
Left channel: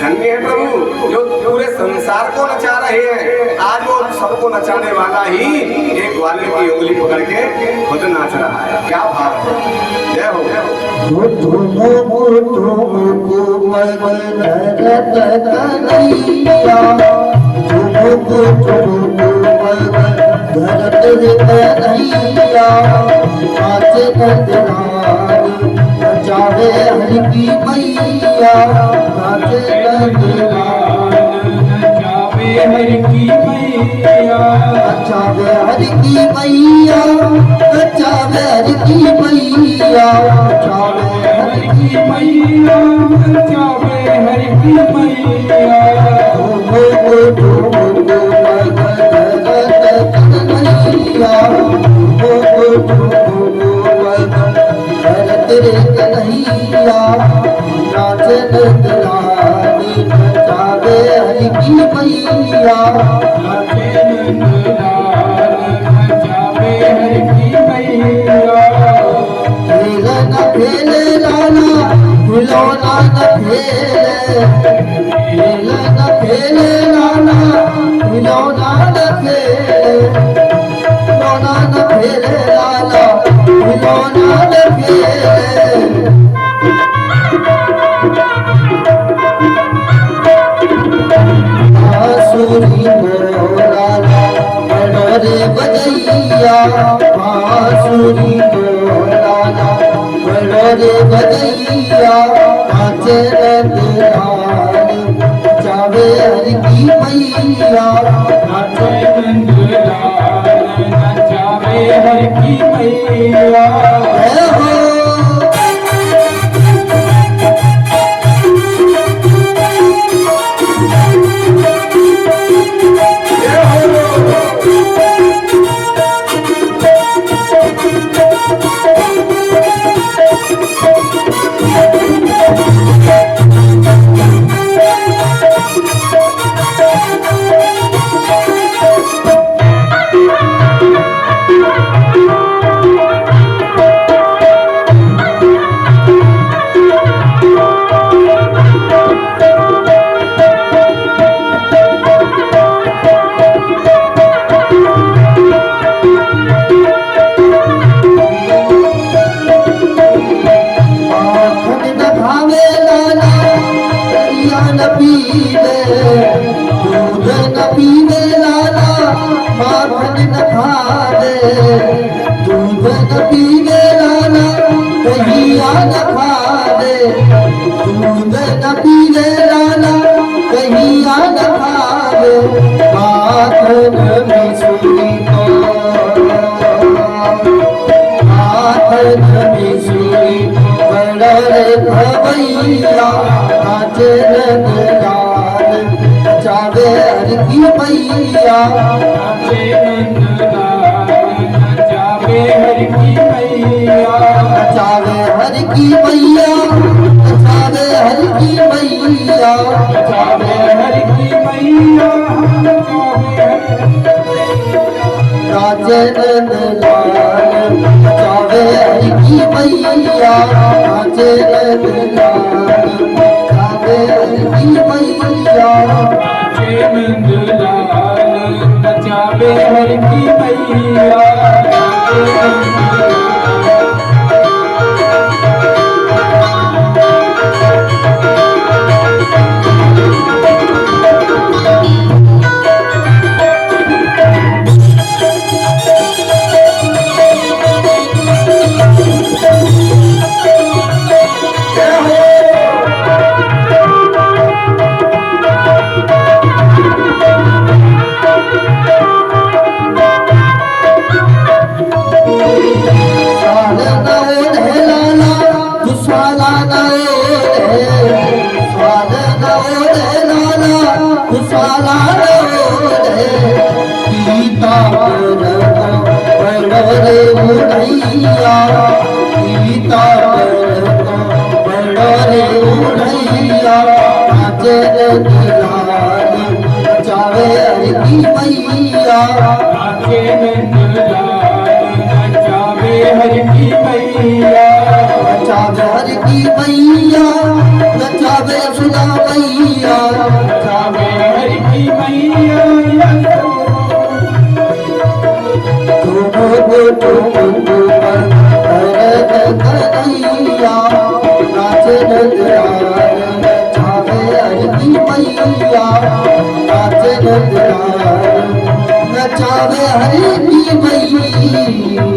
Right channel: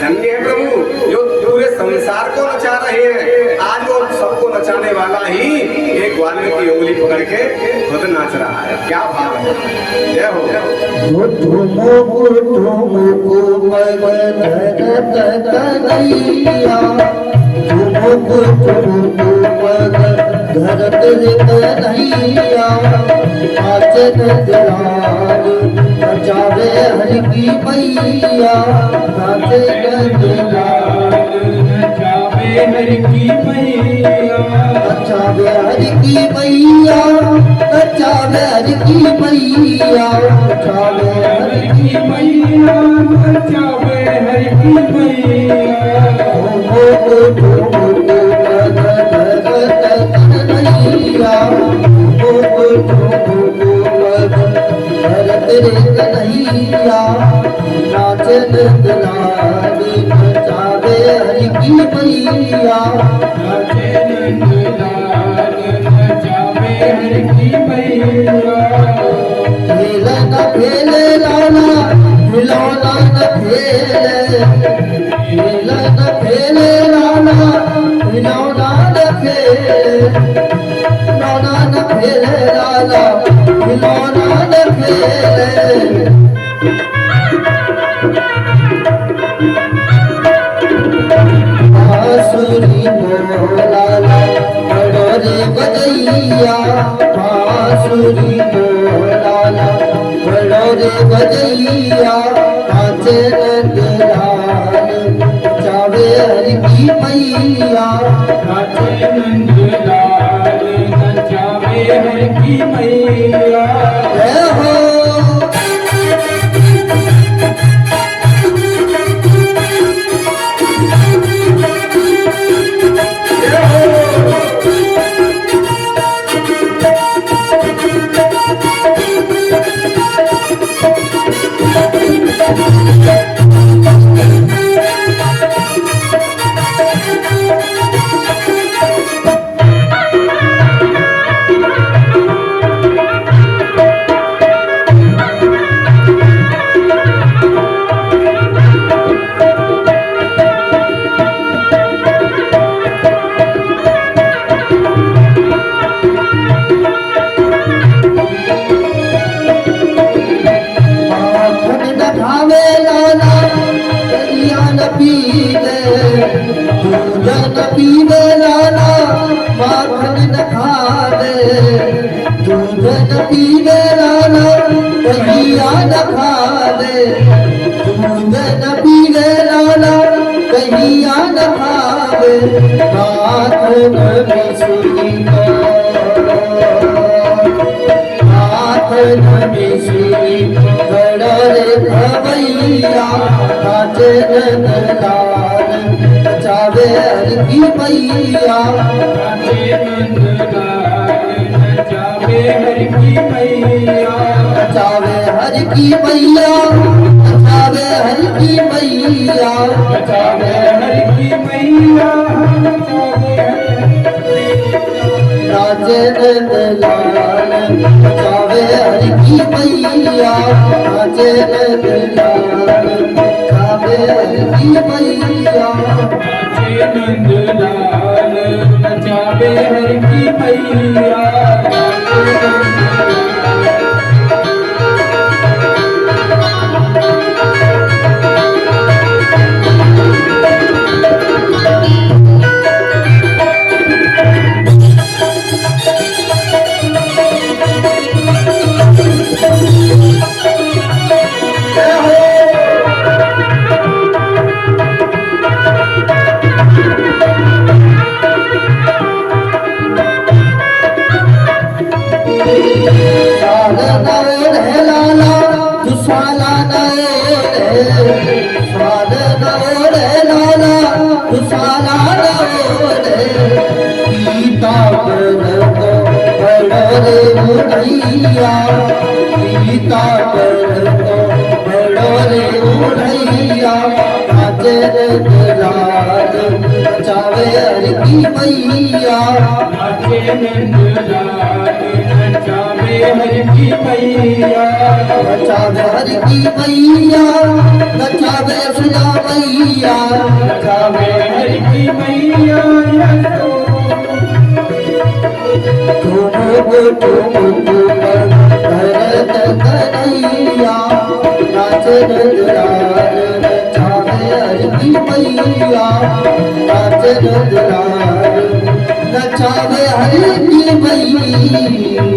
धन्य है प्रभु जो पूरे संसार को नचा रहे हैं। आज वो सबको नचाने वाला ही एक ग्वालियर की उंगली पकड़ के खुद नाच रहा है, क्या भाव है। जय हो। धरत कन्हैया नाचे नंदलाल नचावे हरि की मैया, नाचे नंदलाल नचावे हरि की मैया नचावे हरि की मैया नचावे हरि की मैया नचावे हरि की मैया नचावे हरि की मैया हो कन्हैया हो तेरे कन्हैया नाचे नंदलाली नचावे हरि की मैया नाचे नंदलाल नचावे हरि की मैया खेल न खेले लाला खिलौना न खेले खेल न खेले लाला खिलौना न खेले खिलौना न खेले लाला खिलौना न खेले बांसुरी मोलाला बड़ोरे बजैया बांसुरी मोलाला बड़ोरे बजैया नाचे नंदलाल चावे हरि की मैया नाचे नंदलाल नचावे हरि की मैया जय हो माखन न खावे लाला दरिया न पीवे दूध न पीवे लाला माखन न खावे दूध न पीवे लाला दरिया न खावे दूध न पीवे लाला दरिया न खावे माखन मिश्री को माखन मिश्री बड़ोरे भवैया नाचे नंदलाल नचावे हरि की मैया नाचे नंदलाल नचावे हरि की मैया नचावे हरि की मैया नचावे हरि की मैया नचावे हरि की मैया नचावे नाचे नंदलाल नचावे हरि की मैया नाचे नंदलाल नचावे हरि की मैया नाचे नंदलाल नचावे हरि की मैया नाचे नंदलाल उड़ैया गीता पर तो बड़ो रे उड़ैया नाचे नंदलाल नचावे हरि की मैया नाचे नंदलाल नचावे हरि की मैया नचावे हरि की मैया नचावे सुधा मैया नचावे हरि की मैया तुमको पर भरत कन्हैया नाचे नंदलाल नचावे हरि की मैया नाचे नंदलाल नचावे हरि की मैया।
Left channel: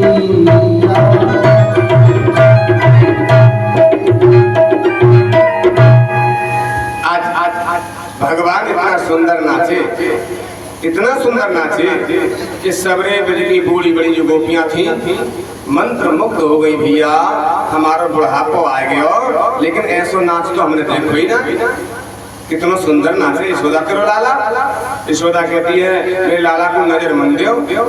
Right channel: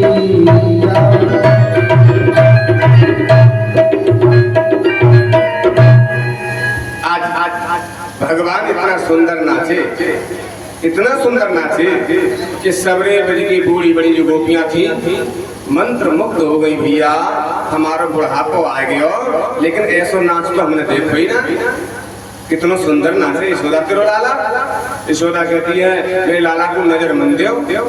आज भगवान इतना सुंदर नाचे इतना सुंदर नाचे कि सबरे ब्रज की बूढ़ी बड़ी जो गोपियां थी मंत्र मुग्ध हो गई भैया, हमारा बुढ़ापो आ गयो, लेकिन ऐसो नाच तो हमने देखो ही ना। कितना सुंदर नाचे यशोदा तेरो लाला। यशोदा कहती है मेरे लाला को नजर मन दो,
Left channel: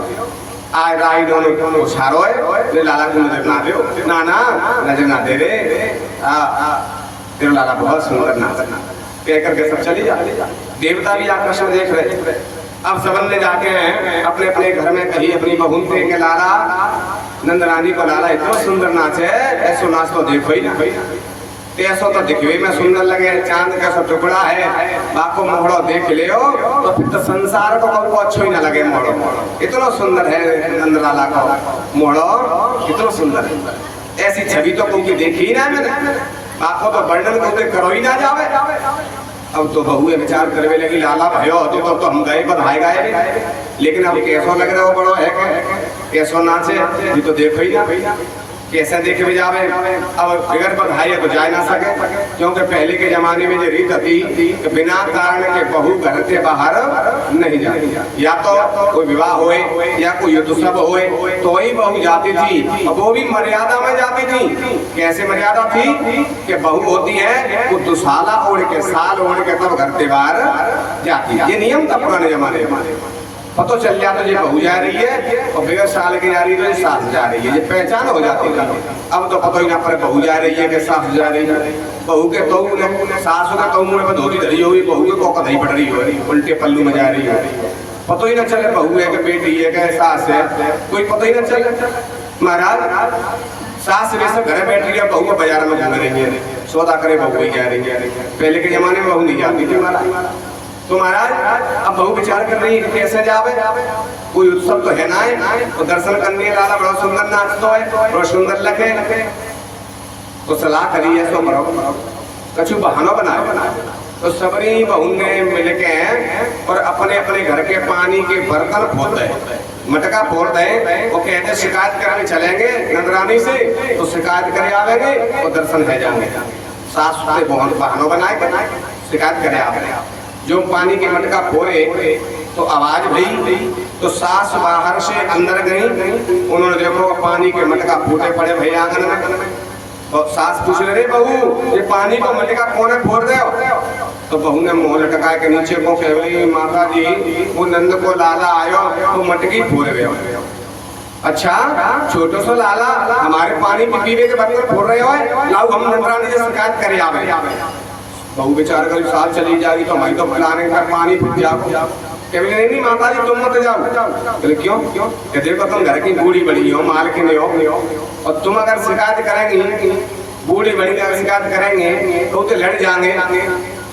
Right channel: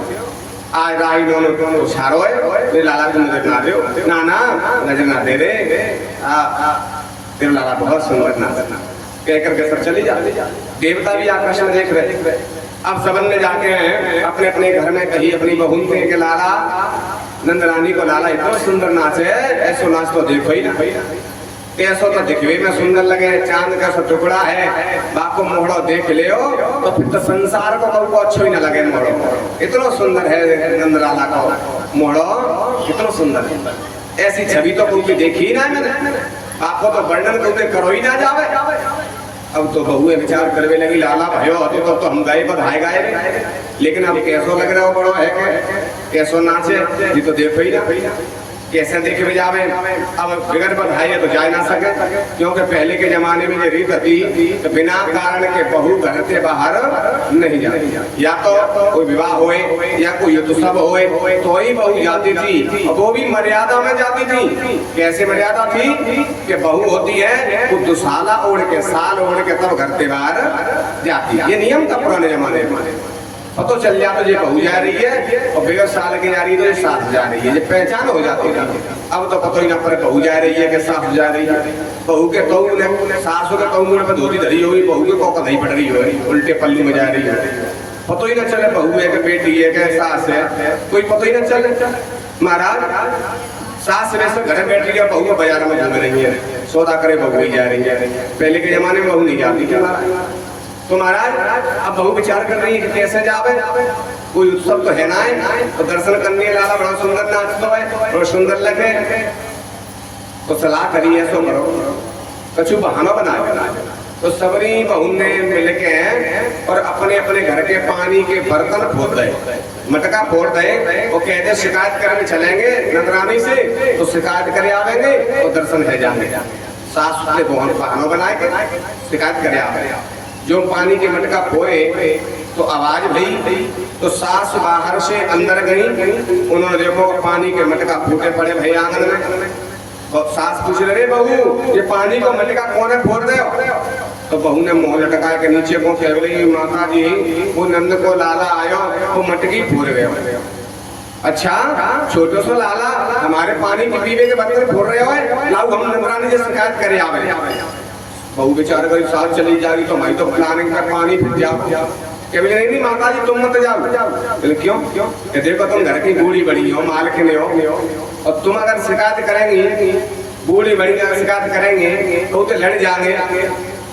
आज राई दोनों छारो है, मेरे लाला को नजर ना दो, ना ना नजर ना दे रे, तेरा लाला बहुत सुंदर नाचना। कह करके सब चली जाती, देवता भी आकाश में देख रहे। अब सबन ने जाके अपने अपने घर में कही अपनी बहू से के लाला नंद रानी को लाला इतना सुंदर नाच है, ऐसो नाच तो देखो ही ना भाई, ऐसो तो दिखवे में सुंदर लगे, चांद का सो टुकड़ा है, बाको मोहड़ो देख ले तो फिर तो संसार को कभी अच्छो ही ना लगे मोहड़ो। इतना सुंदर है नंद लाला को मोहड़ो, इतना सुंदर है, ऐसी छवि तो कोई देखी ही ना मैंने, बाको तो वर्णन कोई करो ही ना जावे। अब तो बहुए विचार करवे लगी लाला भयो होते तो हम गए बधाई गाए, लेकिन अब कैसो लग रहा हो बड़ो है कैसो नाचे ये तो देखो ही ना, कैसे देखे भी जावे। अब बिगड़ बधाई है तो जा ना सके, क्योंकि पहले के जमाने में जो रीत थी तो बिना कारण के बहू घर से बाहर नहीं जाती, या तो कोई विवाह होए या कोई उत्सव होए तो ही बहू जाती थी, और वो भी मर्यादा में जाती थी। कैसे मर्यादा थी कि बहू होती है वो दुसाला ओढ़ के साल ओढ़ के तब घर से बाहर जाती, ये नियम था पुराने जमाने में। पता चल जाता ये बहू जा रही है और बगैर साल की जा रही है तो ये सास जा रही है, ये पहचान हो जाती है। अब तो पता ही ना पड़े बहू जा रही है कि सास जा रही है। बहू के तो सास का तो मुंह पर धोती धरी हुई, बहू के कोका नहीं पड़ रही हो, उल्टे पल्लू में जा रही है, पता ही ना चले बहू है कि बेटी है कि सास है, कोई पता ही ना चले। महाराज सास वैसे घर बैठी है, बहू बाजार में घूम रही है, सौदा करे बहू ही जा रही है। पहले के जमाने में बहू नहीं जाती थी महाराज। तो महाराज अब बहू विचार कर रही है कि कैसे जावे, कोई उत्सव तो है ना है, तो दर्शन करने वाला बड़ा सुंदर नाच तो है, बड़ा सुंदर लगे, तो सलाह करी है सो करो कछु बहाना बनाए। तो सबरी बहू ने मिल के और अपने अपने घर के पानी के बर्तन फोड़ दे, मटका फोड़ दे, वो कहते शिकायत करने चलेंगे नंदरानी से, तो शिकायत करे आवेंगे तो दर्शन है जाएंगे। सास ने बहुत बहाना बनाए शिकायत करे आवेंगे। जो पानी के मटका फोड़े तो आवाज भई, तो सास बाहर से अंदर गई, उन्होंने देखो पानी के मटका फूटे पड़े भई आंगन में। तो सास पूछ रहे बहू ये पानी को मटका कौन है फोड़ रहे हो? तो बहू ने मुंह लटका के नीचे को कह रही माता जी वो नंद को लाला आयो तो मटकी फोड़ गए। अच्छा छोटो सो लाला हमारे पानी की पीवे के बर्तन फोड़ रहे हो, लाओ हम नंदरानी से शिकायत करे आवे। बहू बेचार कर साथ चली जाएगी तो मैं तो प्लानिंग कर पानी फिर जाओ। कभी नहीं माता जी तुम मत जाओ। क्यों? कि देखो तुम घर की बूढ़ी बड़ी हो, मालकिन हो, और तुम अगर शिकायत करेंगी बूढ़ी बड़ी अगर शिकायत करेंगे तो लड़ जाएंगे,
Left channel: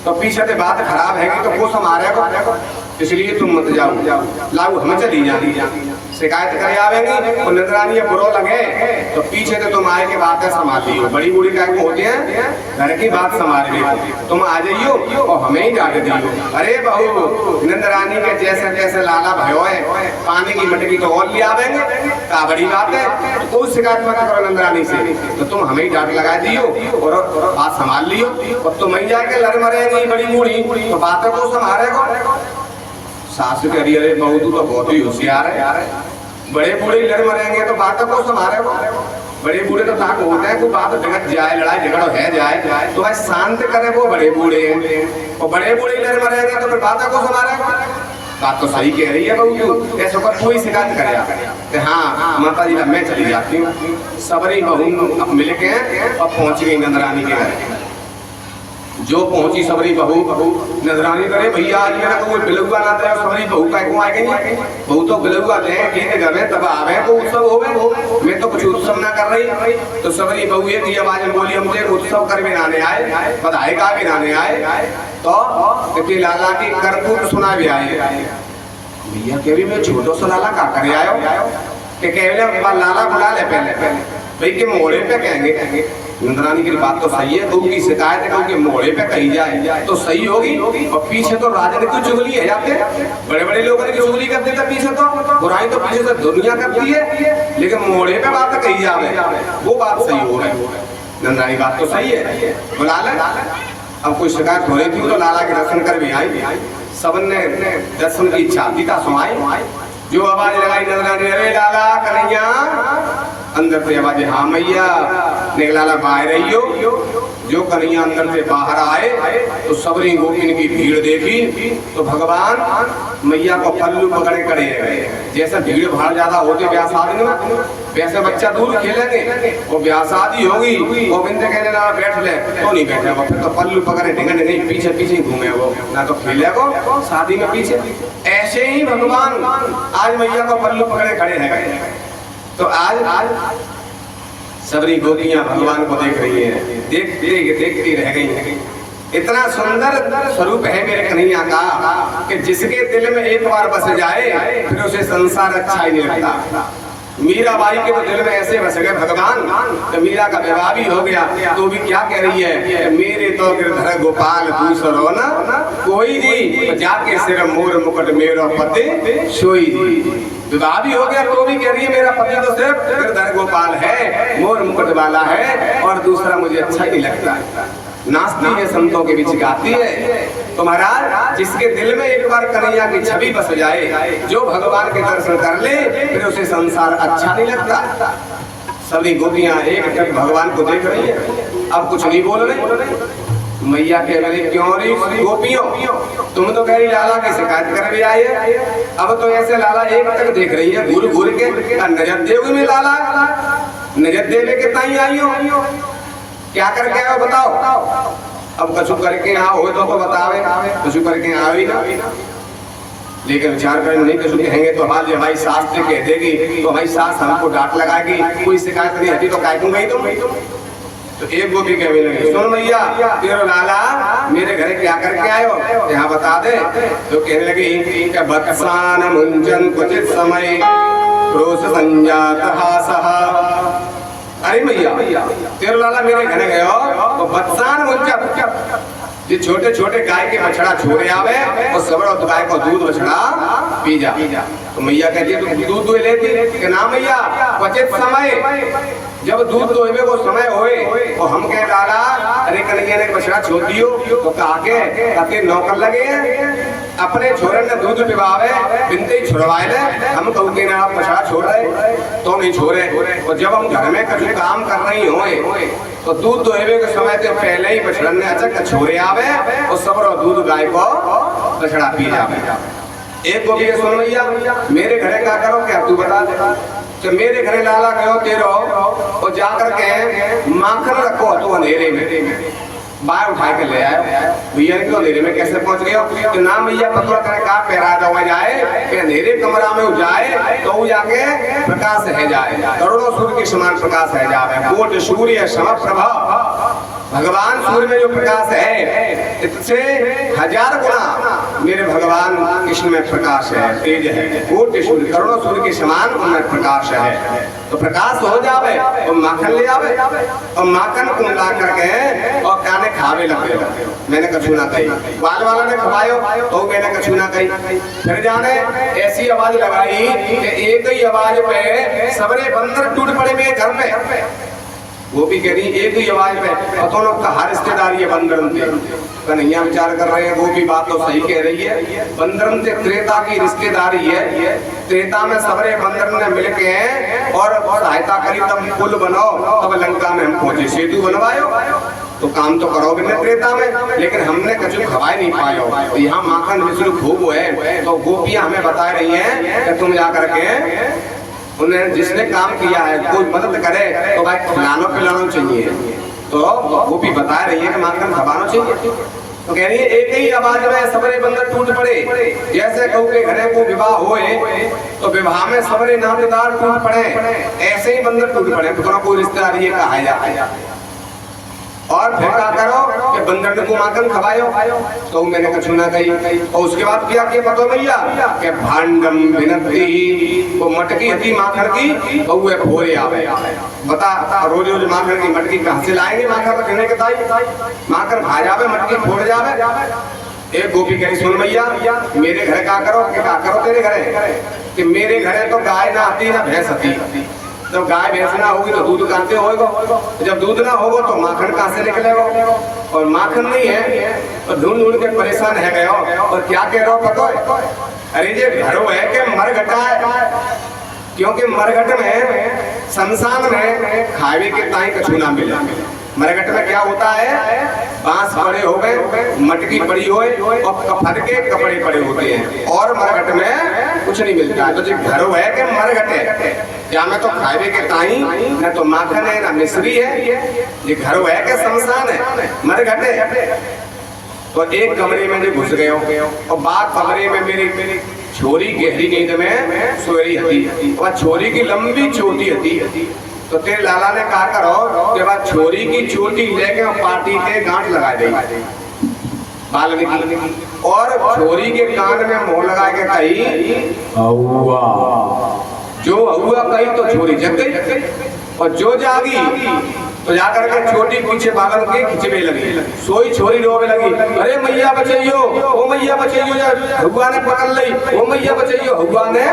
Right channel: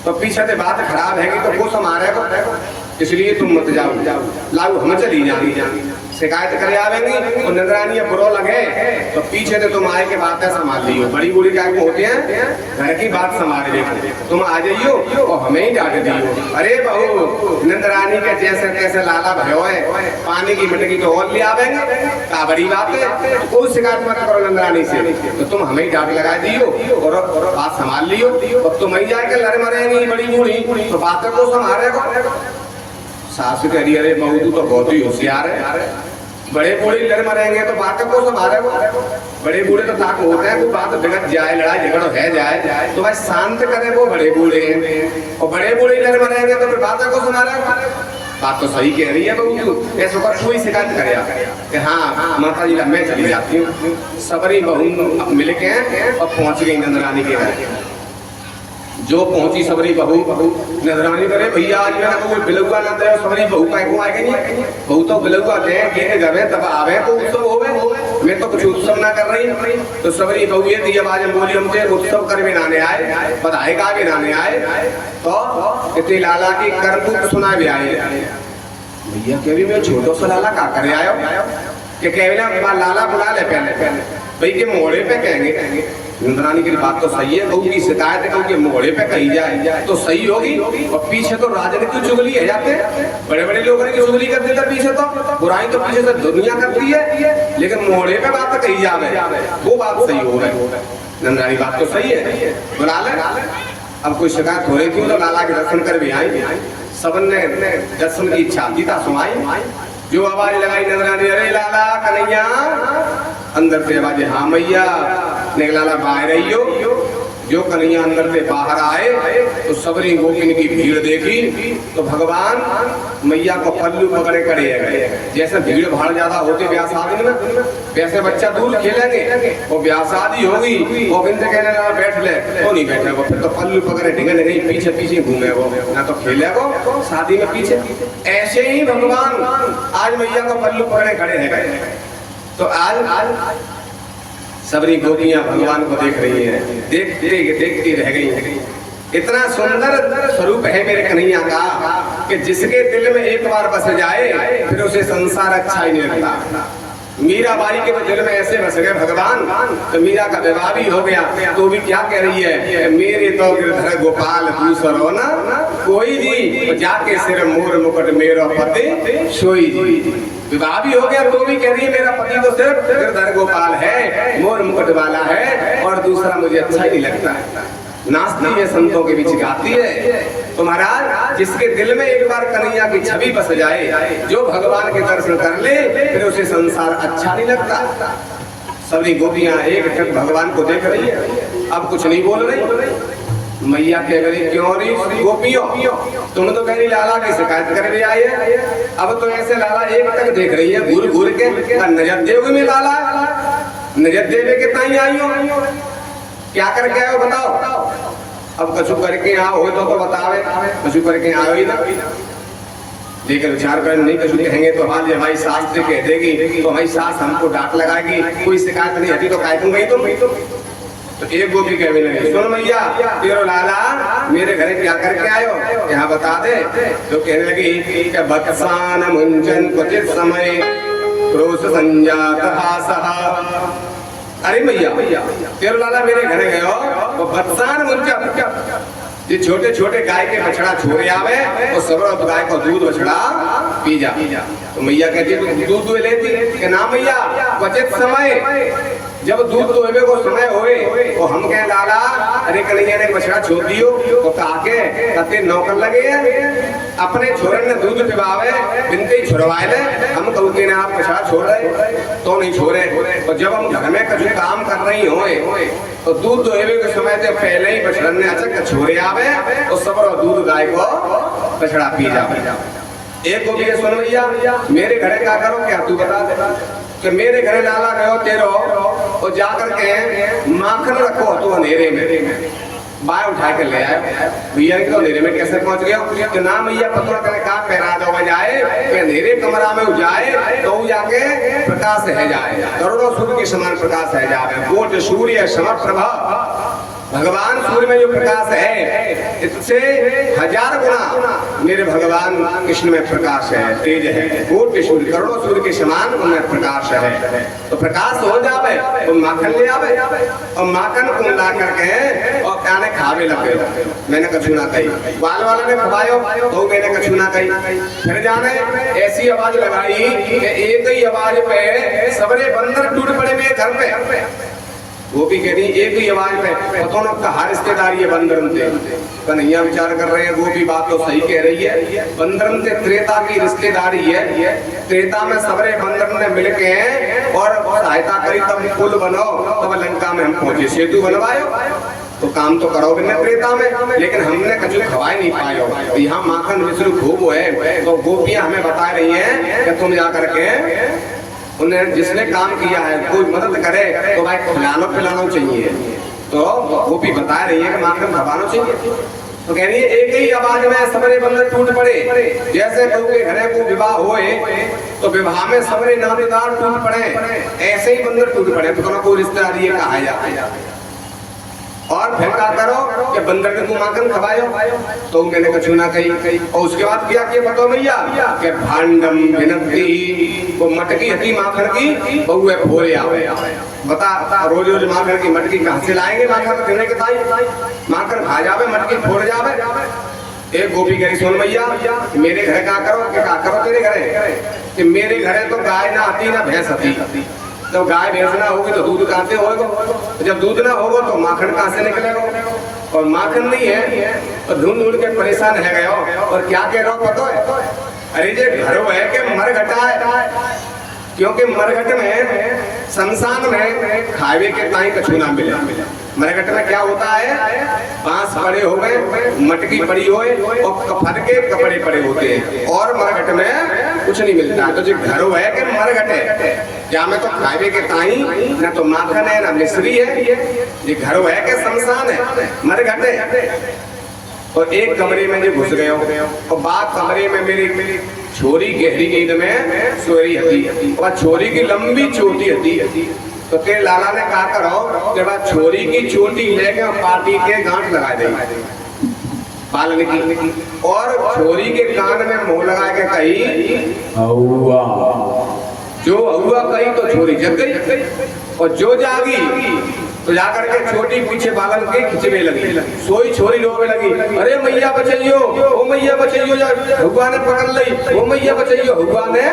तो पीछे से बात खराब है तो वो हमारे को, इसलिए तुम मत जाओ, लाओ हम चली जाएंगी। शिकायत करे आवेंगी और नंदरानी बुरो लगे तो पीछे से तुम आए के बातें संभाल लियो। बड़ी बूढ़ी क्या होती है घर की बात संभाल ली, तुम आ जाइयो और हमें ही डांट दियो। अरे बहू नंदरानी के जैसे कैसे लाला भयो है, पानी की मटकी तो और ले आवेंगे, क्या बड़ी बात है, तो कोई शिकायत मत करो नंदरानी से, तो तुम हमें ही डांट लगा दियो और बात संभाल लियो। और तुम ही जाके लड़ मरेंगी बड़ी बूढ़ी तो बातें को संभालेगा। सास कह रही अरे बहू तू तो बहुत ही होशियार है, बड़े बूढ़े लड़ मरेंगे तो बातों को संभालेगा। बड़े बूढ़े तो ताक होते हैं कोई बात बिगड़ जाए, लड़ाई झगड़ा है जाए तो भाई शांत करे वो बड़े बूढ़े, और बड़े बूढ़े लड़ मरेंगे तो फिर बातों को संभालेगा। बात तो सही कह रही है बहू तू, ऐसा पर कोई शिकायत करे कि हाँ माता जी मैं चली जाती हूँ। सबरी बहू मिल के और पहुंच गई नंदरानी के घर। जो पहुंची सबरी बहू नजरानी करे भैया आज मेरा कोई बिलुआ ना दे, सबरी बहू का को आएगी बहू तो बिलुआ दे के घर में तब आवे को उत्सव होवे, मैं तो कुछ उत्सव ना कर रही। तो सबरी बहू ये थी आवाज बोली हमसे उत्सव कर भी नाने आए, बधाई का भी नाने आए, तो इतनी लाला की करतूत सुना भी आए। भैया के भी मैं छोटो सा लाला का करे आयो कि केवल लाला बुला ले पहले भाई के मोड़े पे कहेंगे। नंदरानी की बात तो सही है, बहू की शिकायत है क्योंकि मोड़े पे कही जाए तो सही होगी, और पीछे तो राजन की चुगली है जाते बड़े बड़े लोगों की चुगली कर देते, पीछे तो बुराई तो पीछे से दुनिया करती है, लेकिन मोड़े पे बात कही जावे वो बात सही हो रही। नंदरानी बात तो सही है, बुला ले। अब कोई शिकायत हो रही थी तो लाला के दर्शन कर भी आई। सबने दर्शन की इच्छा गीता सुनाई। जो आवाज लगाई नजरानी, अरे लाला कन्हैया, अंदर से आवाज, हाँ मैया। लाला बाहर रहियो। जो कन्हैया अंदर से बाहर आए तो सबरी गोपिन की भीड़ देखी तो भगवान मैया को पल्लू पकड़े खड़े गए। जैसे भीड़ भाड़ ज्यादा होते ब्याह शादी में, वैसे बच्चा दूर खेलेंगे और ब्याह शादी होगी, गोविंद कहने लगा बैठ ले, तो नहीं बैठे वो, फिर तो पल्लू पकड़े ढिंगने नहीं, पीछे पीछे घूमे वो, ना तो खेले वो शादी में पीछे। ऐसे ही भगवान आज मैया को पल्लू पकड़े खड़े हैं। तो आज सबरी गोपियां भगवान को देख रही है, देखती रह गई। इतना सुंदर स्वरूप है मेरे कन्हैया का कि जिसके दिल में एक बार बस जाए फिर उसे संसार अच्छा ही नहीं लगता। मीराबाई के तो दिल में ऐसे बस गए भगवान, तो मीरा का विवाह भी हो गया, तो भी क्या कह रही है, मेरे तो गिरधर गोपाल दूसरो ना कोई जी, जाके सिर मोर मुकुट मेरो पति सोई जी। विवाह भी हो गया तो भी कह रही है मेरा पति तो सिर्फ गिरधर गोपाल है, मोर मुकुट वाला है, और दूसरा मुझे अच्छा ही नहीं लगता। नाचती है, संतों के बीच गाती है। तो महाराज जिसके दिल में एक बार कन्हैया की छवि बस जाए, जो भगवान के दर्शन कर ले, फिर उसे संसार अच्छा नहीं लगता। सभी गोपियां एक टक भगवान को देख रही है, अब कुछ नहीं बोल रही। मैया कह रही, क्यों रही गोपियों, तुम तो कह रही लाला की शिकायत कर भी आई है, अब तो ऐसे लाला एक टक देख रही है घूर घूर के, नजर देव में लाला नजर देवे के ताई आई हो, क्या करके आओ बताओ। अब कछु करके आओ हो तो बतावे, कछु करके आओ ही ना। लेकिन विचार करें नहीं कछु कहेंगे तो हाल जब हमारी सास से कह देगी तो हमारी सास हमको डांट लगाएगी, कोई शिकायत नहीं हटी तो काय दूंगा ही तुम। तो एक गोपी कह लगी, सुन मैया तेरो लाला मेरे घरे क्या करके आयो, यहाँ बता दे। तो कहने लगी बत्सान मुंजन क्वचित समय क्रोध संजात हासः। अरे मैया तेरो लाला मेरे घर गयो तो बत्सान मुंजा, ये छोटे छोटे गाय के बछड़ा छोड़े आवे और सब गाय को दूध बछड़ा पी जा। तो मैया कहती है दूध दूध लेती कि ना मैया क्वचित समय, जब दूध दोहबे को समय होए तो हम कह लाला अरे कन्हैया ने बछड़ा छोड़ दियो तो काके कते नौकर लगे हैं, अपने छोरे ने दूध पिवावे बिनते ही छुड़वाए ले, हम कहू के ना आप बछड़ा छोड़ रहे तो नहीं छोड़े। और जब हम घर में कुछ काम कर रही होए तो दूध दोहबे के समय से पहले ही बछड़ा ने अचक छोड़े आवे और सब दूध गाय को बछड़ा पी जावे। एक गोपी सुन मैया मेरे घरे का करो क्या तू बता दे। तो मेरे घरे लाला गयो तेरो और जाकर के माखन रखो तो अंधेरे में बाहर उठा के ले आए। भैया तो अंधेरे में कैसे पहुंच गए, तो ना मैया पतला करे का पैरा जावा जाए कि अंधेरे कमरा में जाए तो वो जाके प्रकाश है जाए, करोड़ों सूर्य के समान प्रकाश है जाए। कोट सूर्य समप्रभा, भगवान सूर्य में जो प्रकाश है इससे 1000 गुना मेरे भगवान कृष्ण में प्रकाश है, तेज है। कोटि सूर्य करोड़ों सूर्य के समान उनमें प्रकाश है। तो प्रकाश हो जावे और माखन ले आवे और माखन को ला करके और काने खावे लगे। मैंने कछु ना कही, बाल वाला ने खवायो तो मैंने कछु ना कही। फिर जाने ऐसी आवाज लगाई कि एक ही आवाज पे सबरे बंदर टूट पड़े मेरे घर पे। गोपी कह रही एक ही आवाज पे पतों का हर रिश्तेदारी है बंदरम से। कन्हैया विचार कर रहे हैं गोपी बात तो सही कह रही है, बंदरम से त्रेता की रिश्तेदारी है। त्रेता में सबरे बंदर ने मिलके और सहायता करी तब पुल बनो, तब लंका में हम पहुंचे, सेतु बनवायो। तो काम तो करोगे न त्रेता में, लेकिन हमने कछु खवाई नहीं पायो। तो यहाँ माखन विष्णु खूब है तो गोपियां हमें बता रही है कि तुम जाकर के उन्हें जिसने काम किया है कोई मदद करे तो भाई खिलाना पिलाना चाहिए। तो गोपी बता रही है कि माखन खवाना चाहिए। तो कह रही है एक ही आवाज में सबरे बंदर टूट पड़े। जैसे कहूँ के घरे को विवाह होए तो विवाह में सबरे नातेदार टूट पड़े, ऐसे ही बंदर टूट पड़े। तो कोई रिश्तेदारी कहा है और फिर क्या करो कि बंदर ने माखन खवायो तो मैंने कछु ना कही। और उसके बाद क्या पतो भैया कि भांडम विनती, वो मटकी हती माखन की बहुए फोरे आवे। बता रोज रोज माखन की मटकी कहाँ से लाएंगे, माखन तो देने के ताई माखन खा जावे मटकी फोड़ जावे। एक गोपी कही सुन भैया मेरे घर क्या करो कि क्या करो तेरे घरे, कि मेरे घरे तो गाय ना आती ना भैंस आती। तो गाय भैंस ना होगी तो दूध कहाँ से होगा, जब दूध ना होगा तो माखन कहाँ से निकलेगा, और माखन नहीं है तो ढूंढ ढूंढ के परेशान है गयो और क्या कह रहा पता है? अरे ये घर है कि मरघटा है, क्योंकि मरघट में शमशान में खावे के ताई कछु ना मिले। मरघट में क्या होता है, बांस पड़े हो गए, मटकी पड़ी हो और कफन के कपड़े पड़े होते हैं और मरघट में कुछ नहीं मिलता है। तो जो घर है कि मरघट है, क्या में तो खावे के ताई ना तो माखन है ना मिश्री है, ये घर है कि शमशान है, मरघट है। तो एक कमरे में जो घुस गए और बात कमरे में मेरी छोरी गहरी नींद में सोई हती और छोरी की लंबी चोटी हती। तो तेरे लाला ने कहा करो जब छोरी की चोटी लेके पार्टी के गांठ लगा दे वाल्मीकि, और छोरी के कान में मुंह लगा के कही हुआ, जो हुआ कही तो छोरी जग गई और जो जागी तो जाकर के छोटी पीछे बालन के खिंचने लगी, सोई छोरी रोवे लगी, अरे मैया बचाइयो, ओ मैया बचाइयो, हुआ ने पकड़ लई, ओ मैया बचाइयो, हुआ ने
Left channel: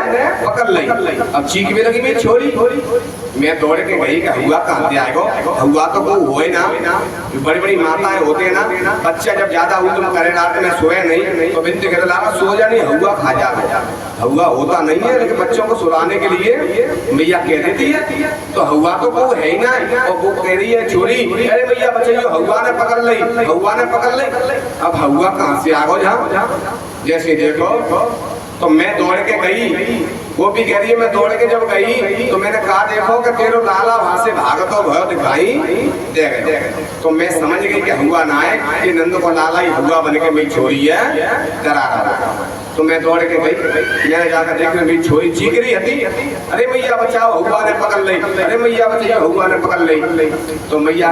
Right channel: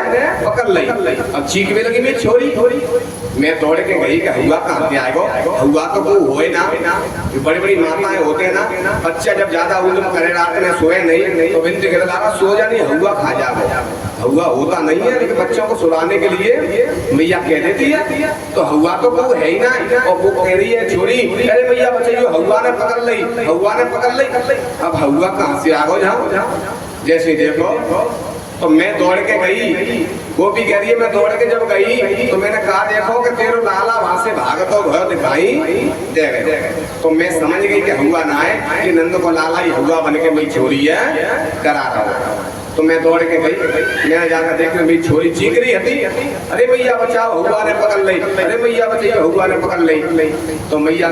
पकड़ लई। अब चीखने लगी मेरी छोरी। मैं दौड़ के गई कि हुआ कहाँ से आएगा, हुआ तो वो होए ना, बड़ी बड़ी माताएं होते ना, बच्चा जब ज्यादा उद्यम करे रात में सोए नहीं तो बिनती कहते लाला सो जा, नहीं हुआ खा जाएगा। हुआ होता नहीं है, लेकिन बच्चों को सुलाने के लिए मैया कह देती है, तो हुआ तो वो है ही ना, और वो कह रही है छोरी, अरे मैया बचाइयो, हुआ ने पकड़ लई, हुआ ने पकड़ लई। अब हुआ कहाँ से आ गो, जहाँ जैसे देखो तो मैं दौड़ के गई, वो भी कह रही है मैं दौड़ के जब गई तो मैंने कहा देखो कि तेरे लाला वहां से भागतो भयो दिखाई दे गए। तो मैं समझ गई कि हुआ ना है कि नंद को लाला ही हुआ बन के मेरी छोरी है डरा रहा। तो मैं दौड़ के गई, मैंने जाकर देख मेरी छोरी चीख रही थी, अरे मैया बचाओ, हुआ ने पकड़ लई, अरे मैया बचाइए, हुआ ने पकड़ लई। तो मैया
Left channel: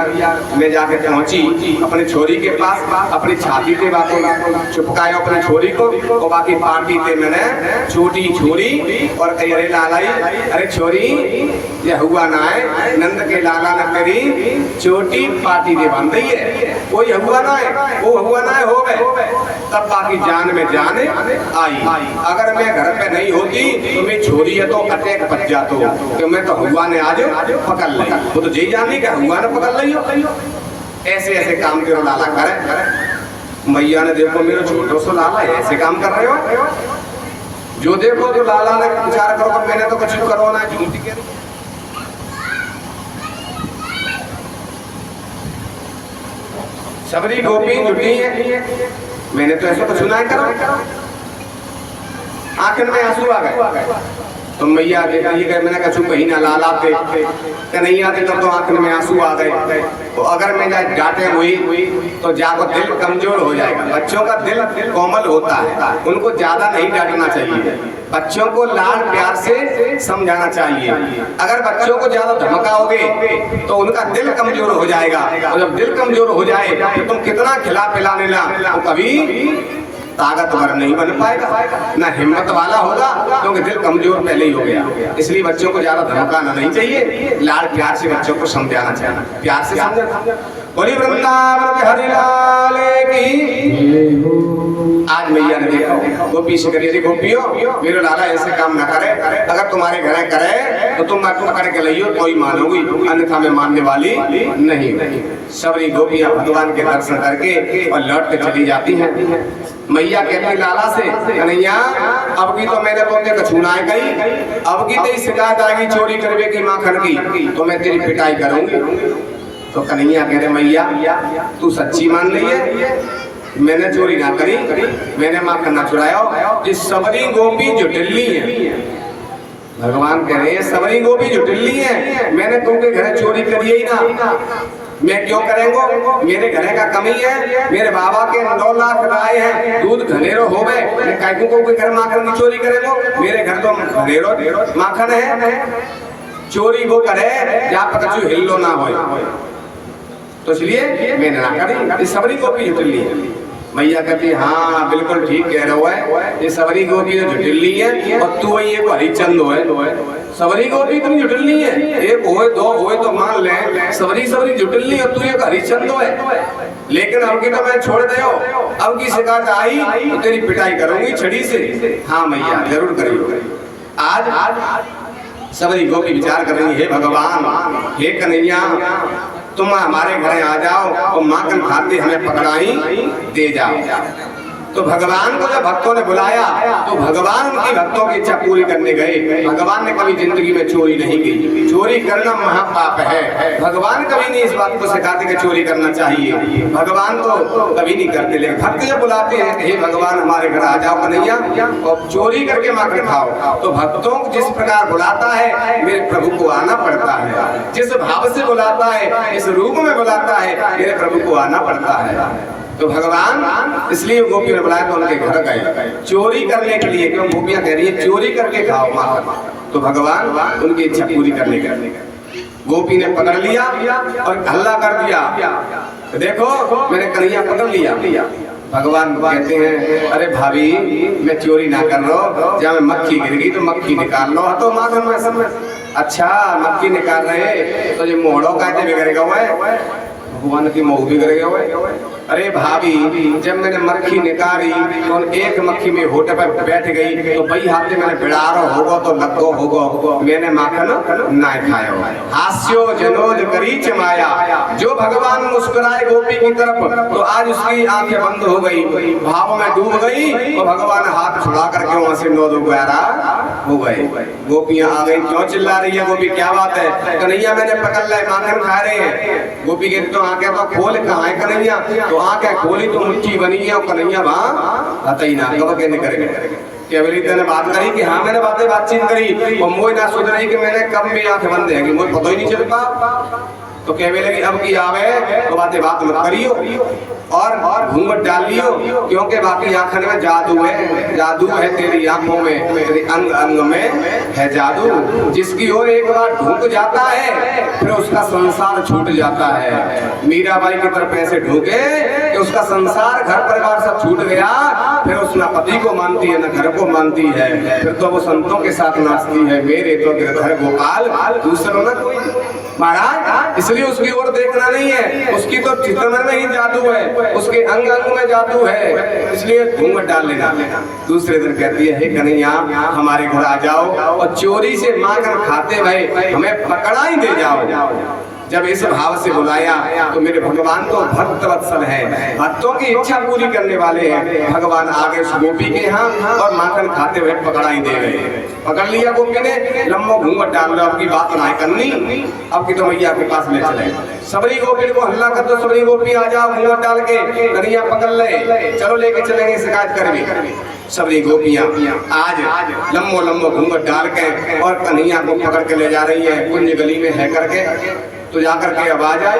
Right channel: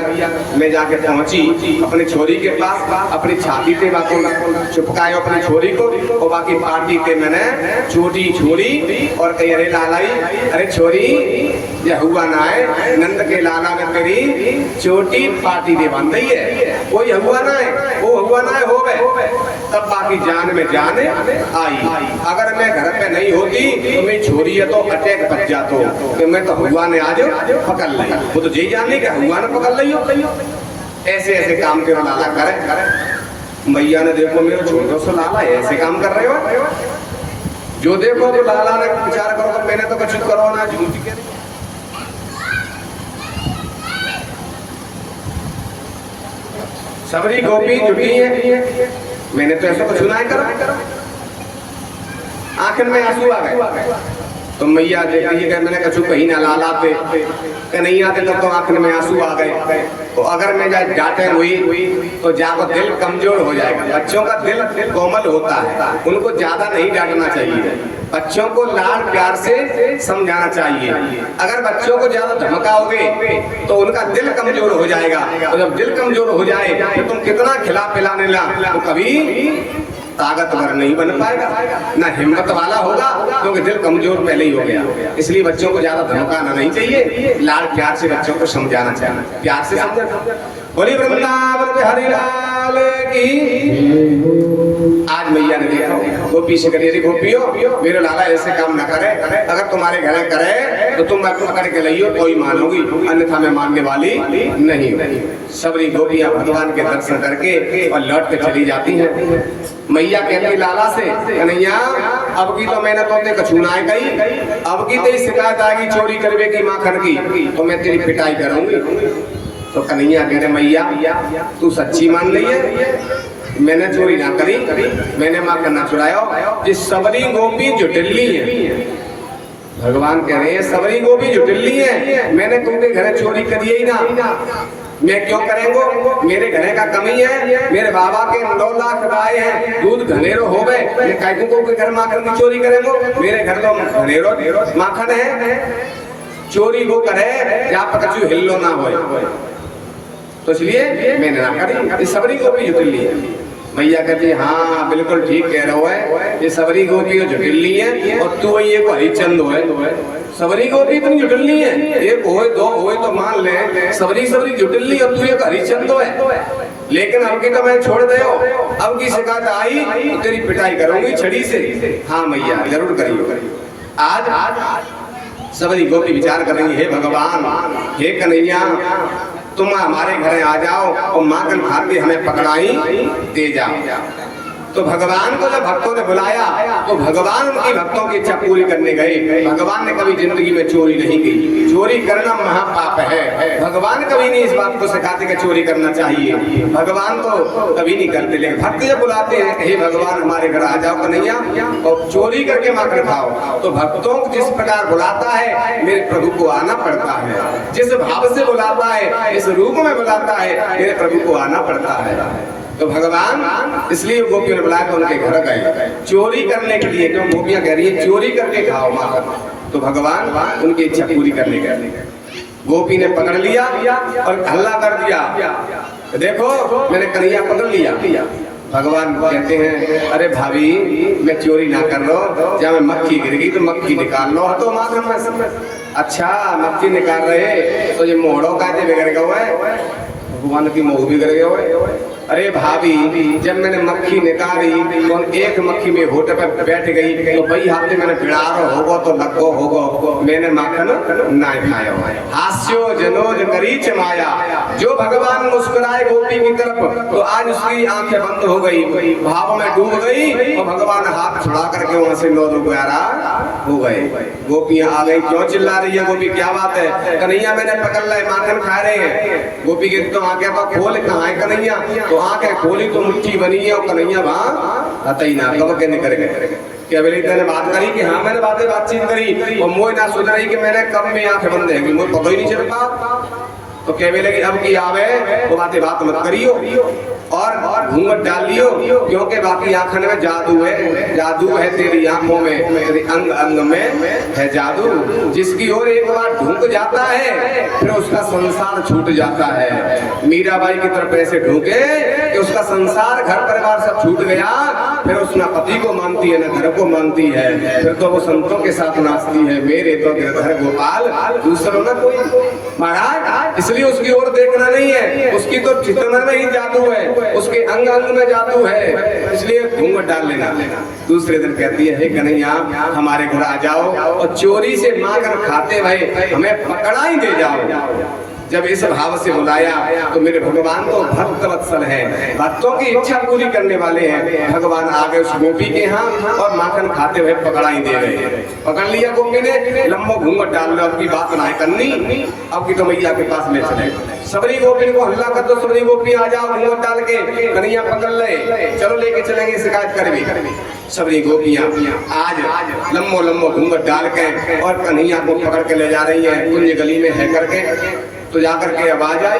मैं जाके पहुंची अपनी छोरी के पास, अपनी छाती पे बाकी चुपकायो अपनी छोरी को और बाकी पार्टी पे मैंने छोटी छोरी और कही अरे लालाई, अरे छोरी ये हुआ ना है, नंद के लाला ने मेरी छोटी पार्टी दे बांध दी है, वो ये हुआ ना है, वो हुआ ना है हो गए। तब बाकी जान में जाने आई, अगर मैं घर पे नहीं होती तो मैं छोरी है तो अटैक बच जातो, तो मैं तो हुआ ने आज पकड़ ली, वो तो यही जानने का हुआ ने पकड़ ली। ऐसे ऐसे काम तेरा लाला करे। मैया ने देखो मेरे छोटो सो लाला ऐसे काम कर रहे हो, जो देखो तो लाला ने विचार करो, मैंने तो कुछ करो ना, झूठी कह रही। सबरी गोपी जुटी है, मैंने तो ऐसा कुछ सुना है करो, आंखन में आंसू आ गए। तो मैया देखिए मैंने कछु कहीं ना लाला पे नहीं आते तब तो आंखन में आंसू आ गए। तो अगर मैं जाए डांटे हुई तो जाको दिल कमजोर हो जाएगा। बच्चों का दिल कोमल होता है, उनको ज्यादा नहीं डांटना चाहिए, बच्चों को लाड प्यार से समझाना चाहिए। अगर बच्चों को ज्यादा धमकाओगे तो उनका दिल कमजोर हो जाएगा, और जब दिल कमजोर हो जाए तो तुम कितना खिला पिलाने ला तो कभी ताकतवर नहीं बन पाएगा, ना हिम्मत वाला होगा, क्योंकि दिल कमजोर पहले ही हो गया। इसलिए बच्चों को ज्यादा धमकाना नहीं चाहिए, लाड प्यार से बच्चों को समझाना चाहिए, प्यार से समझाना। बोली वृंदावन बिहारी लाल की। आज मैया ने देखो गोपी से करिए, गोपियों मेरे लाला ऐसे काम ना करे, अगर तुम्हारे घर करे तो तुम पकड़ के लियो कोई मानोगी, अन्यथा मैं मानने वाली नहीं। सबरी गोपियां भगवान के दर्शन करके और लौट के चली जाती हैं। मैया कहती लाला से, कन्हैया अब की तो मैंने तुमने कछुनाए कही, अब की तेरी शिकायत आएगी चोरी करवे की माखन की तो मैं तेरी पिटाई करूंगी। तो कन्हैया कह रहे मैया तू सच्ची मान रही है, मैंने चोरी ना करी, मैंने माखन ना चुराया। जिस सबरी गोपी जो टिल्ली है, भगवान कह रहे हैं सबरी गोपी जो टिल्ली है, मैंने तुमके घर चोरी करी ही ना, मैं क्यों करेंगो, मेरे घरे का कमी है, मेरे बाबा के 9 लाख गाय है, दूध घनेरो हो गए, मैं कायकों को घर माखन की चोरी करेंगो, मेरे घर तो घनेरो माखन है, चोरी वो करे जहाँ पर कछु हिल्लो ना हो, तो इसलिए मैंने ना करी। ये सबरी गोपी जो टिल्ली है। मैया कहती है हाँ बिल्कुल ठीक कह रहे हो है, ये सबरी गोपी जो टिल्ली है और तू ये को हरिचंद है, सबरी गोपी तुम जुटलनी है, एक होए दो होए तो मान ले, सबरी सबरी जुटलनी और तू एक हरिचंद है। लेकिन अब की तो मैं छोड़ दे, अब की शिकायत आई तो तेरी पिटाई करूंगी छड़ी से। हाँ मैया जरूर करियो। आज सबरी गोपी विचार कर रही है, भगवान हे कन्हैया तुम हमारे घर आ जाओ और माखन खाते हमें पकड़ाई दे जाओ। तो भगवान को जब भक्तों ने बुलाया तो भगवान उनकी भक्तों की इच्छा पूरी करने गए। भगवान ने कभी जिंदगी में चोरी नहीं की, चोरी करना महापाप है। भगवान कभी नहीं इस बात को सिखाते कि चोरी करना चाहिए, भगवान तो कभी नहीं करते। लेकिन भक्त जब बुलाते हैं कि हे भगवान हमारे घर आ जाओ कन्हैया और चोरी करके माखन खाओ, तो भक्तों को जिस प्रकार बुलाता है मेरे प्रभु को आना पड़ता है। जिस भाव से बुलाता है, इस रूप में बुलाता है, मेरे प्रभु को आना पड़ता है। तो भगवान इसलिए गोपियों ने बुलाया तो उनके घर गए चोरी करने के लिए, क्यों गोपियां कह रही है चोरी करके खाओ माखन। तो भगवान उनकी इच्छा पूरी करने गए। गोपी ने पकड़ लिया और हल्ला कर दिया, देखो मैंने कन्हैया पकड़ लिया। भगवान कहते हैं अरे भाभी मैं चोरी ना कर लो, जब मक्खी गिर गई तो मक्खी निकाल लो तो माखन में सब। अच्छा मक्खी निकाल रहे तो ये मोड़ो का बिगड़ गए, भगवान की मोह बिगड़ गए। अरे भाभी जब मैंने मक्खी निकाली तो एक मक्खी में होटे पर बैठ गई तो वही हाथे मैंने बिड़ारो होगो तो लगो होगो, मैंने माखन ना खायो। हास्यो जनोज करी चमाया, जो भगवान मुस्कुराए गोपी की तरफ तो आज उसकी आंखें बंद हो गई, भाव में डूब गई और भगवान हाथ छुड़ा करके वहां से नौ दो गहरा हो गए। गोपियां आ गई, क्यों चिल्ला रही है गोपी, क्या बात है? कन्हैया मैंने पकड़ लिया, माखन खा रहे हैं। गोपी के तो आंखें तो खोल, कहाँ है कन्हैया? तो आंखें खोली तो मुट्ठी बनी है और कन्हैया वहां आता ही ना, कब कहने करेंगे केवलिता ने बात करी कि हाँ मैंने बातचीत करी और मोह ना सोच रही कि मैंने कब में आंखें बंद है, मुझे पता ही नहीं चल पा। तो कहने लगी अब की आवे तो बात मत करियो और घूंघट डाल लियो, क्योंकि बाकी आंखों में जादू है, जादू है तेरी आंखों में, तेरे अंग अंग में है जादू। जिसकी ओर एक बार ढूंढ जाता है फिर उसका संसार छूट जाता है। मीराबाई की तरफ ऐसे ढूंढे कि उसका संसार घर परिवार सब छूट गया, फिर उस ना पति को मानती है ना घर को मानती है, फिर तो वो संतों के साथ नाचती है, मेरे तो घर गोपाल दूसरों ना कोई महाराज। इसलिए उसकी ओर देखना नहीं है, उसकी तो चितवन में ही जादू है, उसके अंग अंग में जादू है, इसलिए घूंघट डाल लेना। दूसरे दिन कहती है हे कन्हैया हमारे घर आ जाओ और चोरी से माखन खाते हुए हमें पकड़ाई दे जाओ। जब इस भाव से बुलाया तो मेरे भगवान तो भक्त वत्सल है, भक्तों की इच्छा पूरी करने वाले हैं। भगवान आ गए उस गोपी के यहाँ और माखन खाते हुए पकड़ाई दे गए। पकड़ लिया गोपी ने, लम्बो घूंघट डाल लो, अब की बात ना करनी, अब की तो मैया के पास ले चले। सबरी गोपी को हल्ला कर दो, सबरी गोपी आ जाओ घूंघट डाल के, कन्हैया पकड़ ले, चलो लेके चलेंगे शिकायत करवी। सबरी गोपियां आज लम्बो लम्बो घूंघट डाल के और कन्हैया को पकड़ के ले जा रही है कुंज गली में है करके। तो जाकर के आवाज आई,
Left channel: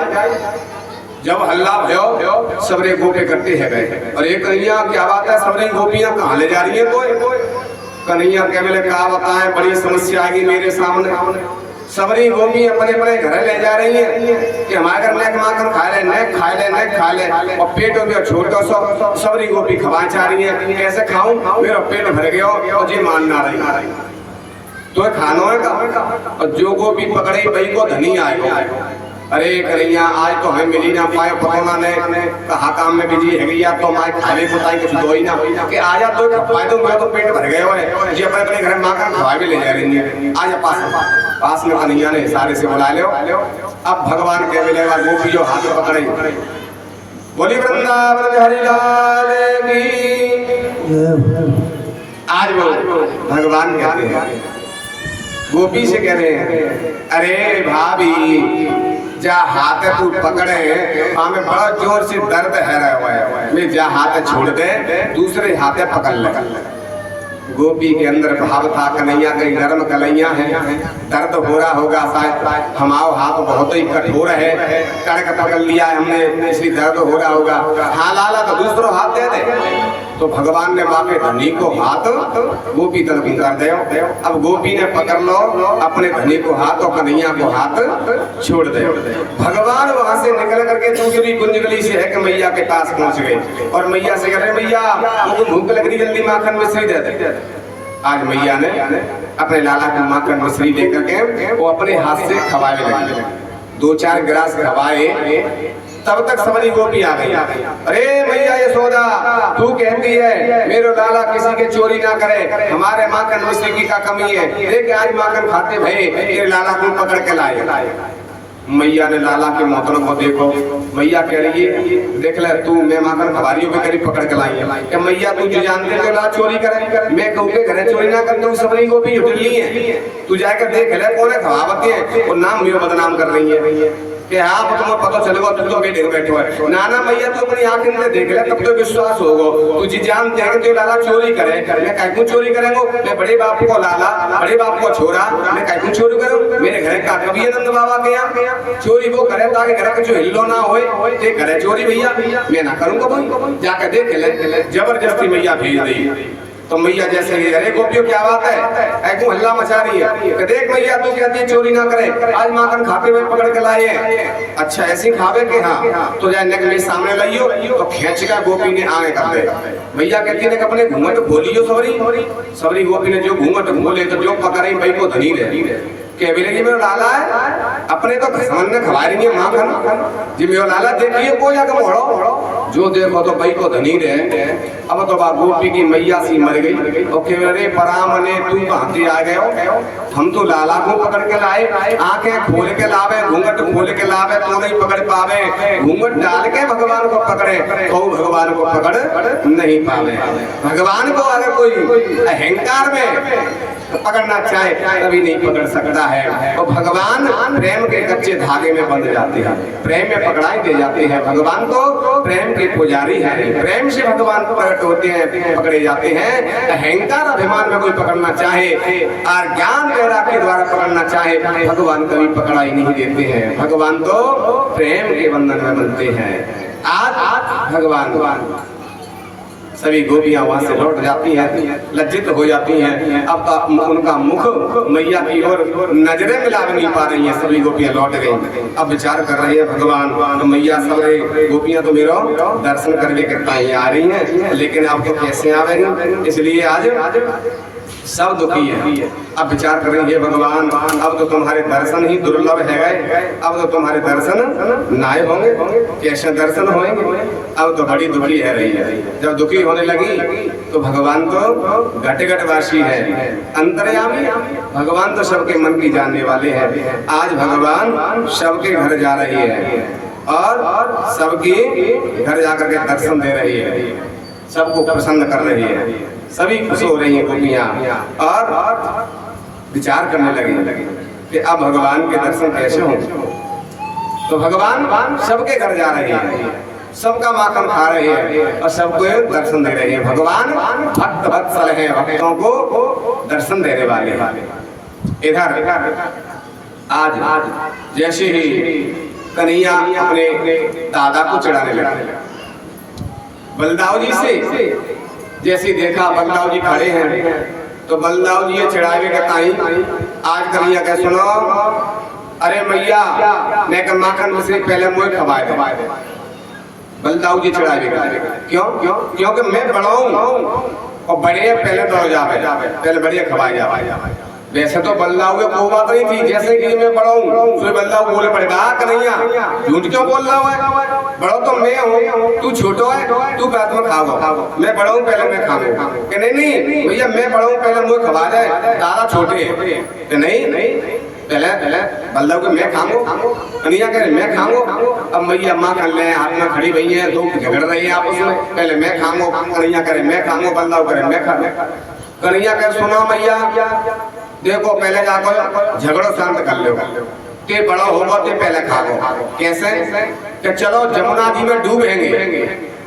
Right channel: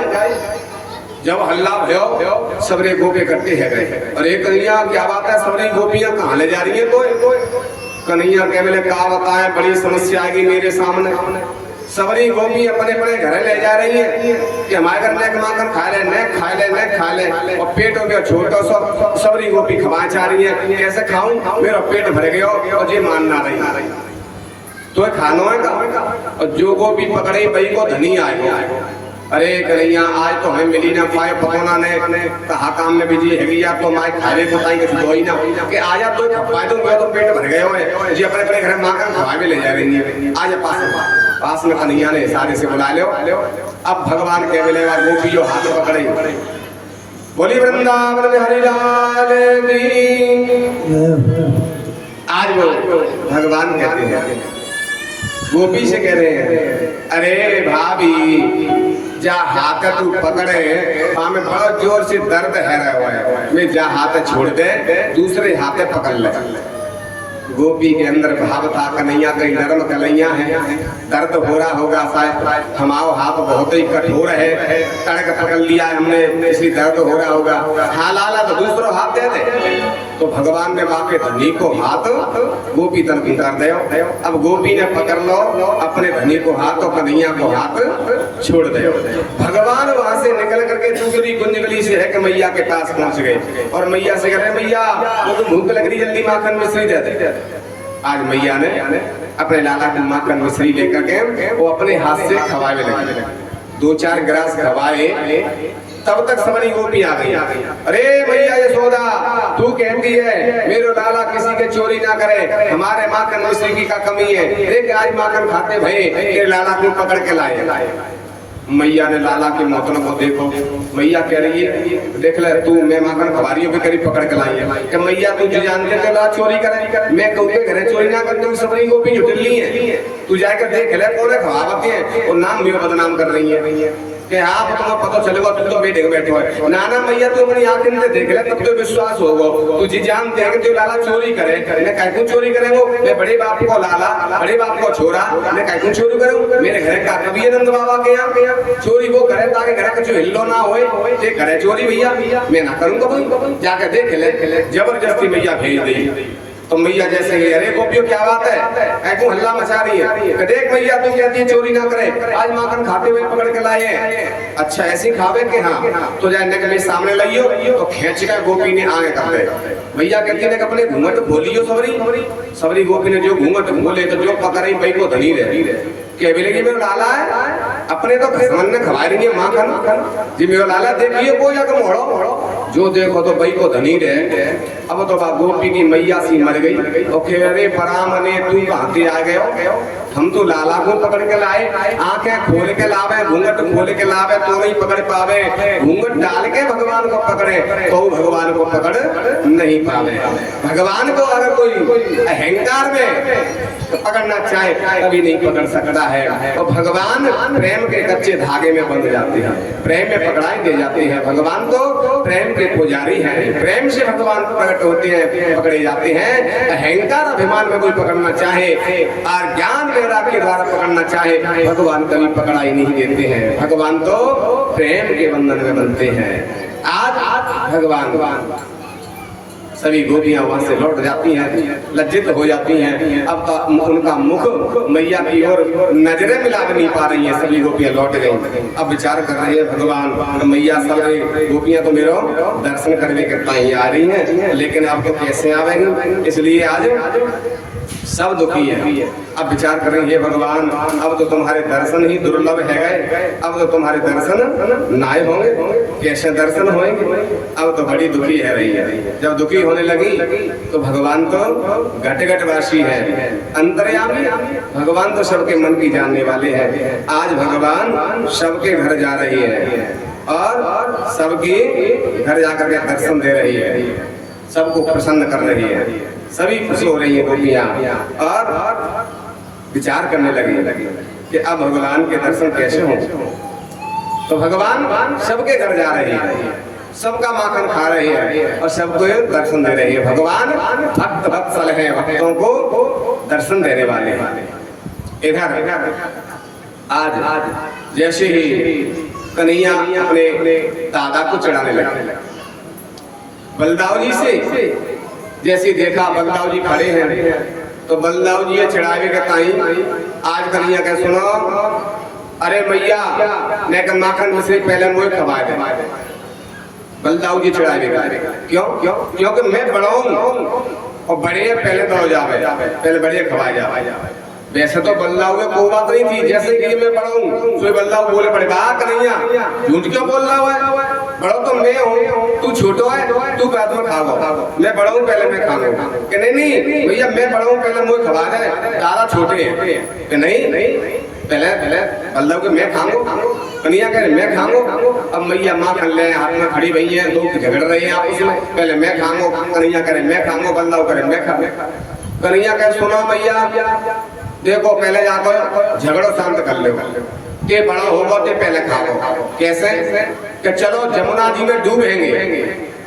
जब हल्ला भयो सबरे गोपी इकट्ठे है गए। और एक कन्हैया क्या बात है, सबरी गोपियां कहाँ ले जा रही है? कोई कन्हैया के बोले क्या बताएं, बड़ी समस्या आएगी मेरे सामने। सबरी गोपी अपने अपने घर ले जा रही है कि हमारे घर नेक माखन खा ले, नेक खा ले, नेक खा ले, और पेटों में छोटो सो सबरी गोपी खवाए जा रही है। कैसे खाऊं, मेरा पेट भर गया और जी मान ना रही तो खानो है का। और जो गोपी पकड़े वही को धनी आएगा। अरे कन्हैया आज तो हमें मिली ना पाए, पतोना ने कहा काम में बिजी है गया तो माए खाले बताई कुछ दो ही ना कि आजा तो खपाए तो मैं तो पेट भर गए हो जी, अपने अपने घर में माखन खवा भी ले जा रही है। आजा पास में कन्हैया ने सारे से बुला लो। अब भगवान के मिलेगा गोपी जो हाथ पकड़े, बोली वृंदावन में हरि लाल की। आज वो भगवान कहते हैं, गोपी से कह रहे हैं अरे भाभी जा हाथ तू पकड़े, हमें बड़ा जोर से दर्द है रहा हुआ है, मैं जा हाथ छोड़ दे दूसरे हाथे पकड़ ले। गोपी के अंदर भाव था कन्हैया कहीं नरम कलैया है, दर्द हो रहा होगा शायद, हमारा हाथ बहुत ही कठोर है, कड़क पकड़ लिया है हमने इसलिए दर्द हो रहा होगा। हाँ लाला तो दूसरा हाथ दे दे। तो भगवान ने माँ के धनी को हाथ गोपी तरफ कर दे। अब गोपी ने पकड़ लो अपने धनी को हाथ और कन्हैया को हाथ छोड़ दे। भगवान वहां से निकल करके दूसरी कुंज गली से है कि मैया के पास पहुंच गए और मैया से कह रहे मैया वो तो भूख लग रही, जल्दी माखन मिश्री दे दे। आज मैया ने अपने लाला की माखन मिश्री लेकर के वो अपने हाथ से खवाने लगे। 2-4 गिलास खवाए, तब तक सबरी गोपी आ गई। अरे मैया यशोदा तू कहती है मेरे लाला किसी के चोरी ना करे, हमारे माखन मिश्री की का कमी है, अरे आज माखन खाते भये तेरे लाला को पकड़ के लाए। मैया ने लाला के मोहतरम को देखो, मैया कह रही है देख ले तू मैं माखन खबारियों पे करीब पकड़ के लाई है कि मैया तू जो जानते तो ला चोरी करे, मैं कहूँ के घरे चोरी ना कर दूँ, सबरी को भी उठली है, तू जाकर देख ले कौन है खवावती है और नाम मेरा बदनाम कर रही है कि हाँ तुम्हें पता चलेगा तुम तो बेटे बैठे हो नाना मैया तुम अपनी आंखें से देख ले तब तो विश्वास होगा, तुझे जानते हैं कि जो लाला चोरी करे मैं कहीं क्यों चोरी करेंगे, मैं बड़े बाप को लाला बड़े बाप को छोरा मैं कहीं क्यों चोरी करूँ, मेरे घर का कभी नंद बाबा के यहाँ चोरी वो करे ताकि घर के जो हिल्लो ना हो करे चोरी भैया मैं ना करूँगा कोई, जाकर देख ले जबरदस्ती मैया भेज दी। तो मैया जैसे अरे गोपियों क्या बात है ऐको हल्ला मचा रही है, देख मैया तू कहती है चोरी ना करे, आज माखन खाते हुए पकड़ के लाए हैं, अच्छा ऐसे खावे के हाँ तो जाए मेरे सामने लाइयो तो खींच कर गोपी ने आगे कर दे। भैया कहती ने अपने घूंघट खोलियो सबरी गोपी ने जो घूंघट खोले तो जो पकड़े भाई को धनी रहे के भी लगी मेरा लाला है अपने तो घसमन ने खवा रही है माखन जी मेरा लाला देखिए को जाकर मोड़ो जो देखो तो भाई को धनी रहे। अब तो बाप गोपी की मैया सी मर गई तो कह रहे परामने तू कहां आ गए हो, हम तो लाला को पकड़ के लाए, आंखें खोल के लावे घूंघट खोल के लावे तो नहीं पकड़ पावे, घूंघट डाल के भगवान को पकड़े तो भगवान को पकड़ नहीं पावे। भगवान को अगर कोई अहंकार में पकड़ना चाहे कभी नहीं पकड़ सकता है, और भगवान प्रेम के कच्चे धागे में बंध जाते हैं, प्रेम में पकड़ाई दे जाते हैं। भगवान तो प्रेम के पुजारी हैं, प्रेम से भगवान प्रकट होते हैं पकड़े जाते हैं। अहंकार अभिमान में कोई पकड़ना चाहे और ज्ञान वैराग्य के द्वारा पकड़ना चाहे भगवान कभी पकड़ाई नहीं देते हैं, भगवान तो प्रेम के बंधन में बनते हैं। आज भगवान सभी गोपियां वहां से लौट जाती हैं, लज्जित हो जाती हैं, अब उनका मुख मैया की ओर नजरें मिला नहीं पा रही हैं, सभी गोपियां लौट गई। अब विचार कर रही है भगवान तो मैया सब गोपियां तो मेरा दर्शन करने के टाइम आ रही हैं, लेकिन अब तो कैसे आवेंगे, इसलिए आज सब दुखी है। अब विचार कर रही है भगवान अब तो तुम्हारे दर्शन ही दुर्लभ है गए, अब तो तुम्हारे दर्शन नाए होंगे, कैसे दर्शन होंगे, अब तो बड़ी दुखी है रही है। जब दुखी होने लगी तो भगवान तो घट घट वासी है, अंतर्यामी, भगवान तो सबके मन की जानने वाले हैं। आज भगवान सबके घर जा रही है और सबके घर जाकर के दर्शन दे रही है, सबको प्रसन्न कर रही है, सभी खुश हो रही है गोपियां और विचार करने लगी कि अब भगवान के दर्शन कैसे हों। तो भगवान सबके घर जा रहे हैं, सबका माखन खा रहे हैं और सबको दर्शन दे रहे हैं। भगवान भक्त वत्सल है, भक्तों को दर्शन देने वाले हैं। इधर आज जैसे ही कन्हैया अपने दादा को चढ़ाने लगे, बलदाव जी से जैसे देखा बलदाव जी खड़े हैं तो बलदाव जी ये चढ़ावे के ताई आज कन्हैया कह सुनो अरे मैया मैं का माखन दूसरे पहले मुझे खवाए दे। बलदाव जी चढ़ावे क्यों क्यों क्योंकि मैं बड़ा हूँ और बड़े पहले दौड़ जावे, पहले बड़े खवाए जावे। वैसे तो बल्लाव में कोई बात नहीं थी, जैसे कि मैं बड़ा हूँ तो बल्लाव बोले पड़ेगा कन्हैया झूठ क्यों बोल रहा है, बड़ा तो मैं हूँ तू छोटो है, तू बाद में खाओ, मैं बड़ा हूँ पहले मैं खाऊंगा। कि नहीं भैया मैं बड़ा हूँ पहले मुझे खवा दे, तारा छोटे है कि नहीं पहले बल्लभ के मैं खाऊंगा, कन्हैया कह रहे मैं खाऊंगा। अब मैया माँ कर ले हाथ में खड़ी भई है, दो झगड़ रही है आपस में, पहले मैं खाऊंगा, कन्हैया करे मैं खाऊंगा, बल्लभ करे मैं खा। कन्हैया कह सुनो मैया देखो पहले जाकर झगड़ो शांत कर लो, ते बड़ा होगा ते पहले खाओ। कैसे कि चलो जमुना जी में डूबेंगे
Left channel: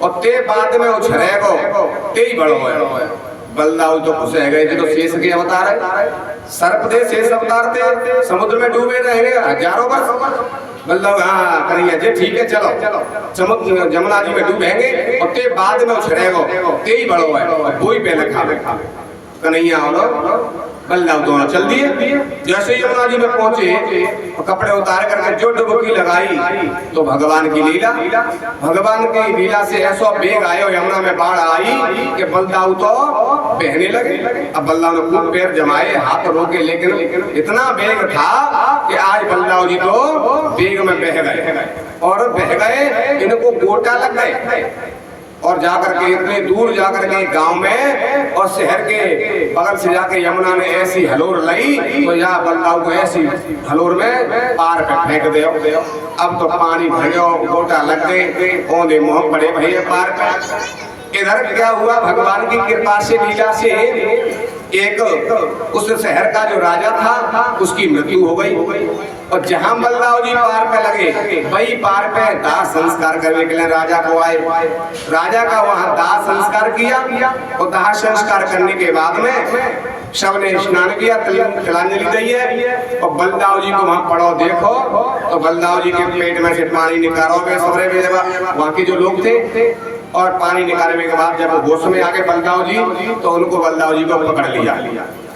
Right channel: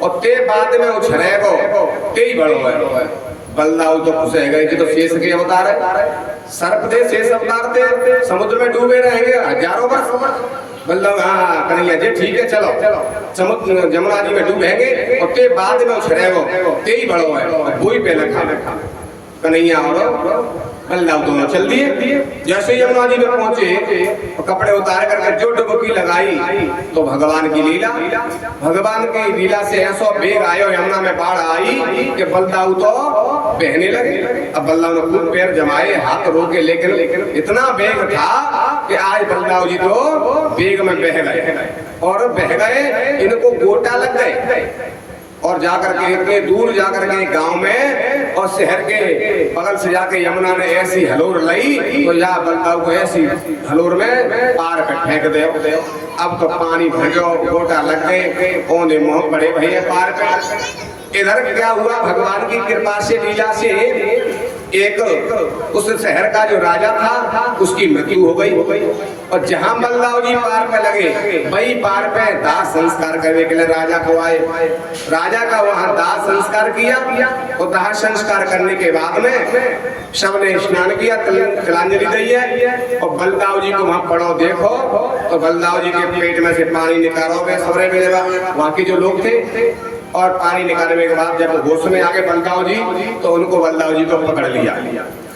और ते बाद में उछलेगो ते ही बड़ो है। बलदाऊ तो खुश है गए तो शेष के अवतार है, सर्प थे शेष अवतार थे, समुद्र में डूबे रहेंगे हजारों वर्ष। बलदाऊ हाँ कन्हैया जी ठीक है चलो समुद्र जमुना जी में डूबेंगे और ते बाद में उछलेगो ते ही बड़ो है और वो ही पहले खा। कन्हैया और बल्लभ दोनों चल दिए। जैसे यमुना जी में पहुंचे कपड़े उतार कर जो डुबकी लगाई तो भगवान की लीला, भगवान की लीला से ऐसा बेग आयो यमुना में बाढ़ आई कि बलदाऊ तो बहने लगे। अब बलदाऊ ने खूब पैर जमाए हाथ रोके, लेकिन इतना बेग था कि आज बलदाऊ जी तो बेग में बह गए और बह गए, इनको गोटा लग गए। और जाकर के इतने दूर जाकर के गांव में और शहर के बगल से जाके यमुना ने ऐसी हलोर लाई तो यहाँ बलदाऊ को ऐसी हलोर में पार पे फेंक दे। अब तो पानी भर गयो, गोटा लग गए, ओंधे मुंह पड़े भैया पार पे। इधर क्या हुआ, भगवान की कृपा से लीला से एक उस शहर का जो राजा था उसकी मृत्यु हो गई। और जहां बलदाऊ जी पार पे लगे वही पार पे दाह संस्कार करने के लिए राजा को आए। राजा का वहां दाह संस्कार किया और दाह संस्कार करने के बाद में सबने स्नान किया, तिलांजलि दी है। और बलदाऊ जी को वहां पड़ो देखो तो बलदाऊ जी के पेट में से पानी निकालोगे सबरे में वहां के जो लोग थे। और पानी निकालने के बाद जब होश में आ गए बलदाऊ जी तो उनको बलदाऊ जी को पकड़ लिया,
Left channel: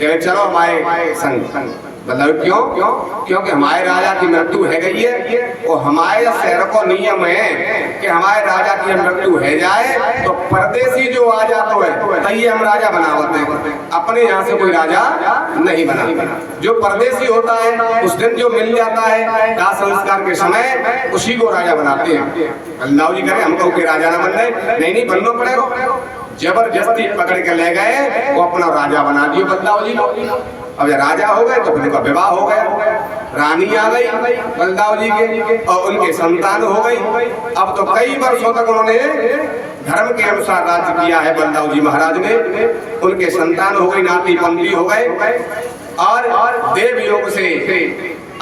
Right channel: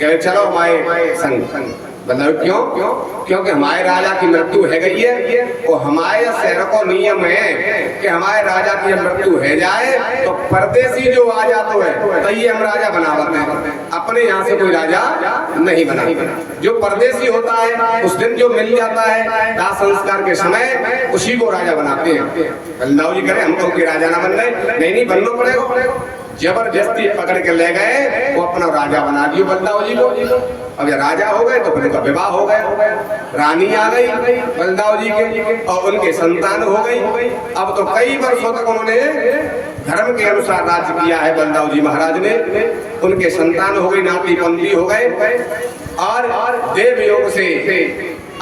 कहे चलो हमारे संग। बलदाऊ क्यों? क्योंकि हमारे राजा की मृत्यु है गई है और हमारे शहर को नियम है कि हमारे राजा की मृत्यु है जाए तो परदेसी जो आ जाता है तभी हम राजा बनावते हैं, अपने यहाँ से कोई राजा नहीं बनाते। जो परदेसी होता है उस दिन जो मिल जाता है दाह संस्कार के समय उसी को राजा बनाते हैं। बलदाऊ जी करें हमको कोई राजा ना बन रहे, नहीं बनना पड़ेगा। जबरदस्ती पकड़ के ले गए वो अपना राजा बना दियो बलदाऊ जी को। अब जब राजा हो गए तो फिर उनका विवाह हो गया, रानी आ गई बलदाऊ जी के और उनके संतान हो गई। अब तो कई वर्षों तक उन्होंने धर्म के अनुसार राज्य किया है बलदाऊ जी महाराज ने। उनके संतान हो गई, नाती पंथी हो गए और देवयोग से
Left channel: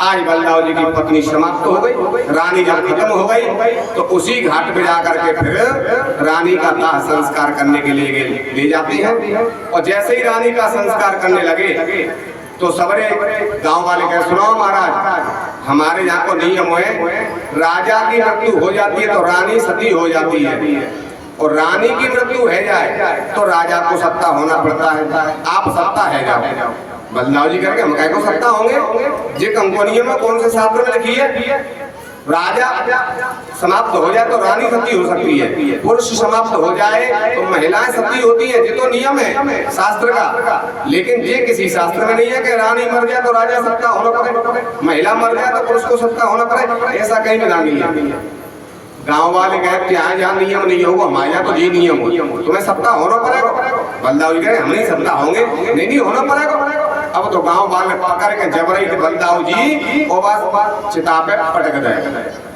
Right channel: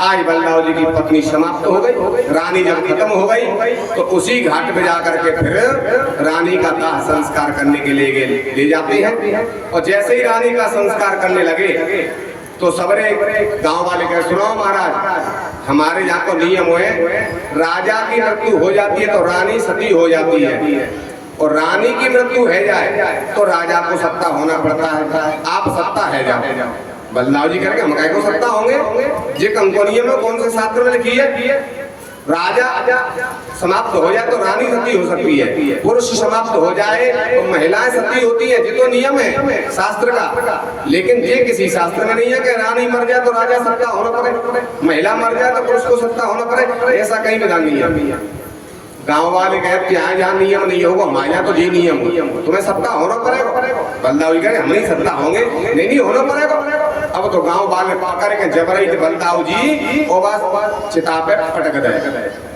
आज बलदाऊ जी की पत्नी समाप्त हो गई। रानी जब खत्म हो गई तो उसी घाट पे जाकर के फिर रानी का दाह संस्कार करने के लिए ले जाते हैं। और जैसे ही रानी का संस्कार करने लगे तो सबरे गांव वाले कहे सुनो महाराज हमारे यहाँ को नियम है, राजा की मृत्यु हो जाती है तो रानी सती हो जाती है और रानी की मृत्यु है जाए तो राजा को सत्ता होना पड़ता है, आप सत्ता है जाओ। बलदाऊ जी करके हम कह को सत्ता होंगे, ये कंपनियों में कौन से शास्त्र में लिखी है? राजा समाप्त हो जाए तो रानी सती हो सकती है, पुरुष समाप्त हो जाए तो महिलाएं सती होती है। ये तो नियम है शास्त्र का, लेकिन ये किसी शास्त्र में नहीं है कि रानी मर जाए तो राजा सत्ता होना पड़े, महिला मर जाए तो पुरुष को सत्ता होना पड़े, ऐसा कहीं भी नहीं है। गांव वाले कहे यहाँ जहाँ नियम नहीं होगा हमारे यहाँ तो ये नियम हो, तुम्हें सत्ता होना पड़ेगा। बलदाऊ जी कहे हम नहीं सत्ता होंगे, नहीं होना पड़ेगा। अब तो गांव वाले पकड़ के जबरई बलदाऊ जी और चिता पे पटक दे।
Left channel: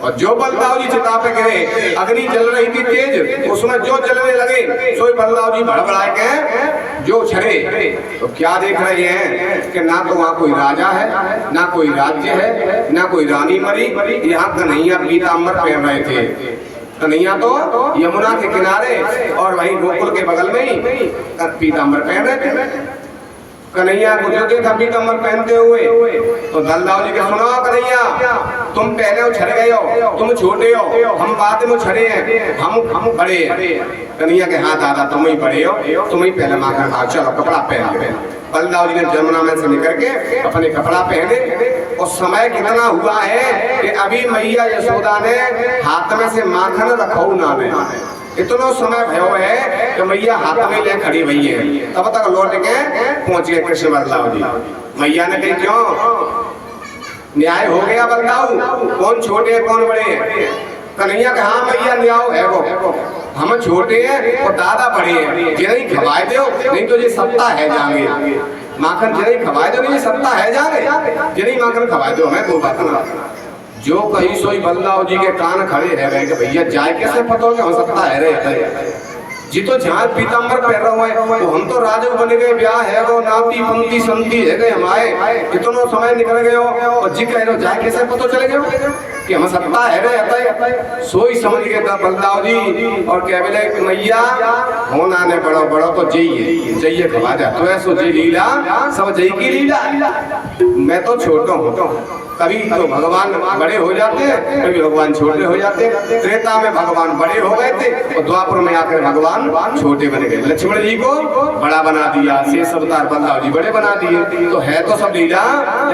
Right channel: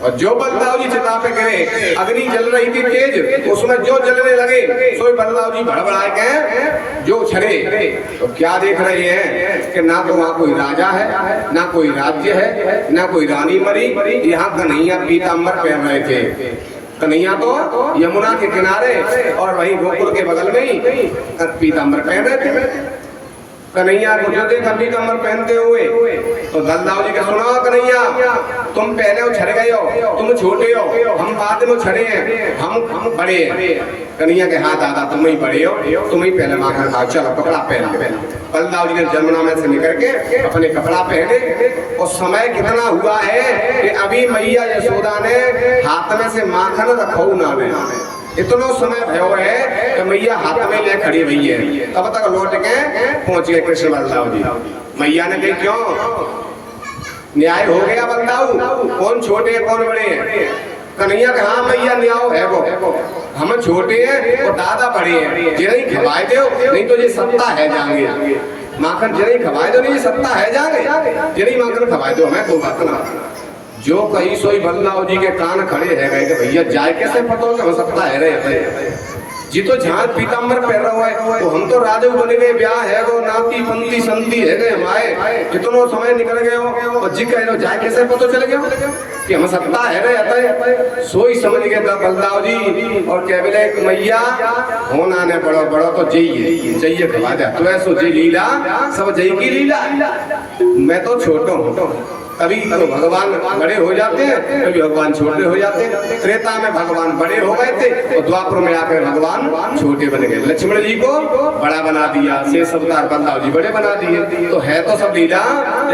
और जो बलदाऊ जी चिता पे गिरे, अग्नि जल रही थी तेज, उसमें जो जलने लगे सो बलदाऊ जी भड़बड़ाए के जो छड़े। तो क्या देख रहे हैं कि ना तो वहाँ कोई राजा है, ना कोई राज्य है, ना कोई रानी मरी। यहाँ कन्हैया पीताम्बर पहन रहे थे, कन्हैया तो यमुना के किनारे और वहीं गोकुल के बगल में ही पीताम्बर पहन रहे थे। कन्हैया को जो देखा पीताम्बर पहनते हुए तो बलदाऊ जी के सुनो कन्हैया तुम पहले उछड़ गए हो, तुम छोटे हो, हम बाद में उछड़े हैं, हम बड़े हैं। कन्हैया के हाँ दादा तुम ही बड़े हो, तुम ही पहले माखन खाओ, चलो कपड़ा पहन। बलदाऊ जी ने जमुना में से निकल के अपने कपड़ा पहने। और समय कितना हुआ है कि अभी मैया यशोदा ने हाथ में से माखन रखो ना में, इतना समय भयो है कि मैया हाथ में ले खड़ी हुई है। तब तक लौट के पहुंच गए कृष्ण बलदाऊ जी। मैया ने कही क्यों न्याय हो गया बलदाऊ, कौन छोटे हैं कौन बड़े हैं? कन्हैया कहा हाँ मैया न्याय है वो, हम छोटे हैं और दादा बड़े हैं, जिन्हें खवाए दो नहीं तो ये सत्ता है जाएंगे। माखन जिन्हें खवाए दो नहीं सत्ता है जाएंगे, जिन्हें माखन खवाए दो हमें कोई बात ना। जो कहीं सोई बलदाऊ जी के कान खड़े है गए कि भैया जाए कैसे पता हो हम सकता है रहे जी। तो जहाँ पीताम्बर पहन रहा है तो हम तो राजू बने गए, ब्याह है वो नाती पंती संती है गए हमारे, कितनो समय निकल गए हो और जी कह रहे हो जाए कैसे पता चले गए कि हम सत्ता है रहे। सोई समझ गए बलदाऊ जी और कह बोले मैया होना ने बड़ो बड़ो तो जइए खवा जा तो ऐसो जी लीला सब जई की लीला। मैं तो छोटा हूँ, कभी तो भगवान बड़े हो जाते हैं, कभी भगवान छोटे हो जाते हैं। त्रेता में भगवान बड़े हो गए थे और द्वापर में आकर भगवान छोटे बन गए। लक्ष्मण जी को बड़ा बना दिया, शेष अवतार बलदाऊ जी बड़े बना दिए। तो है तो सब लीला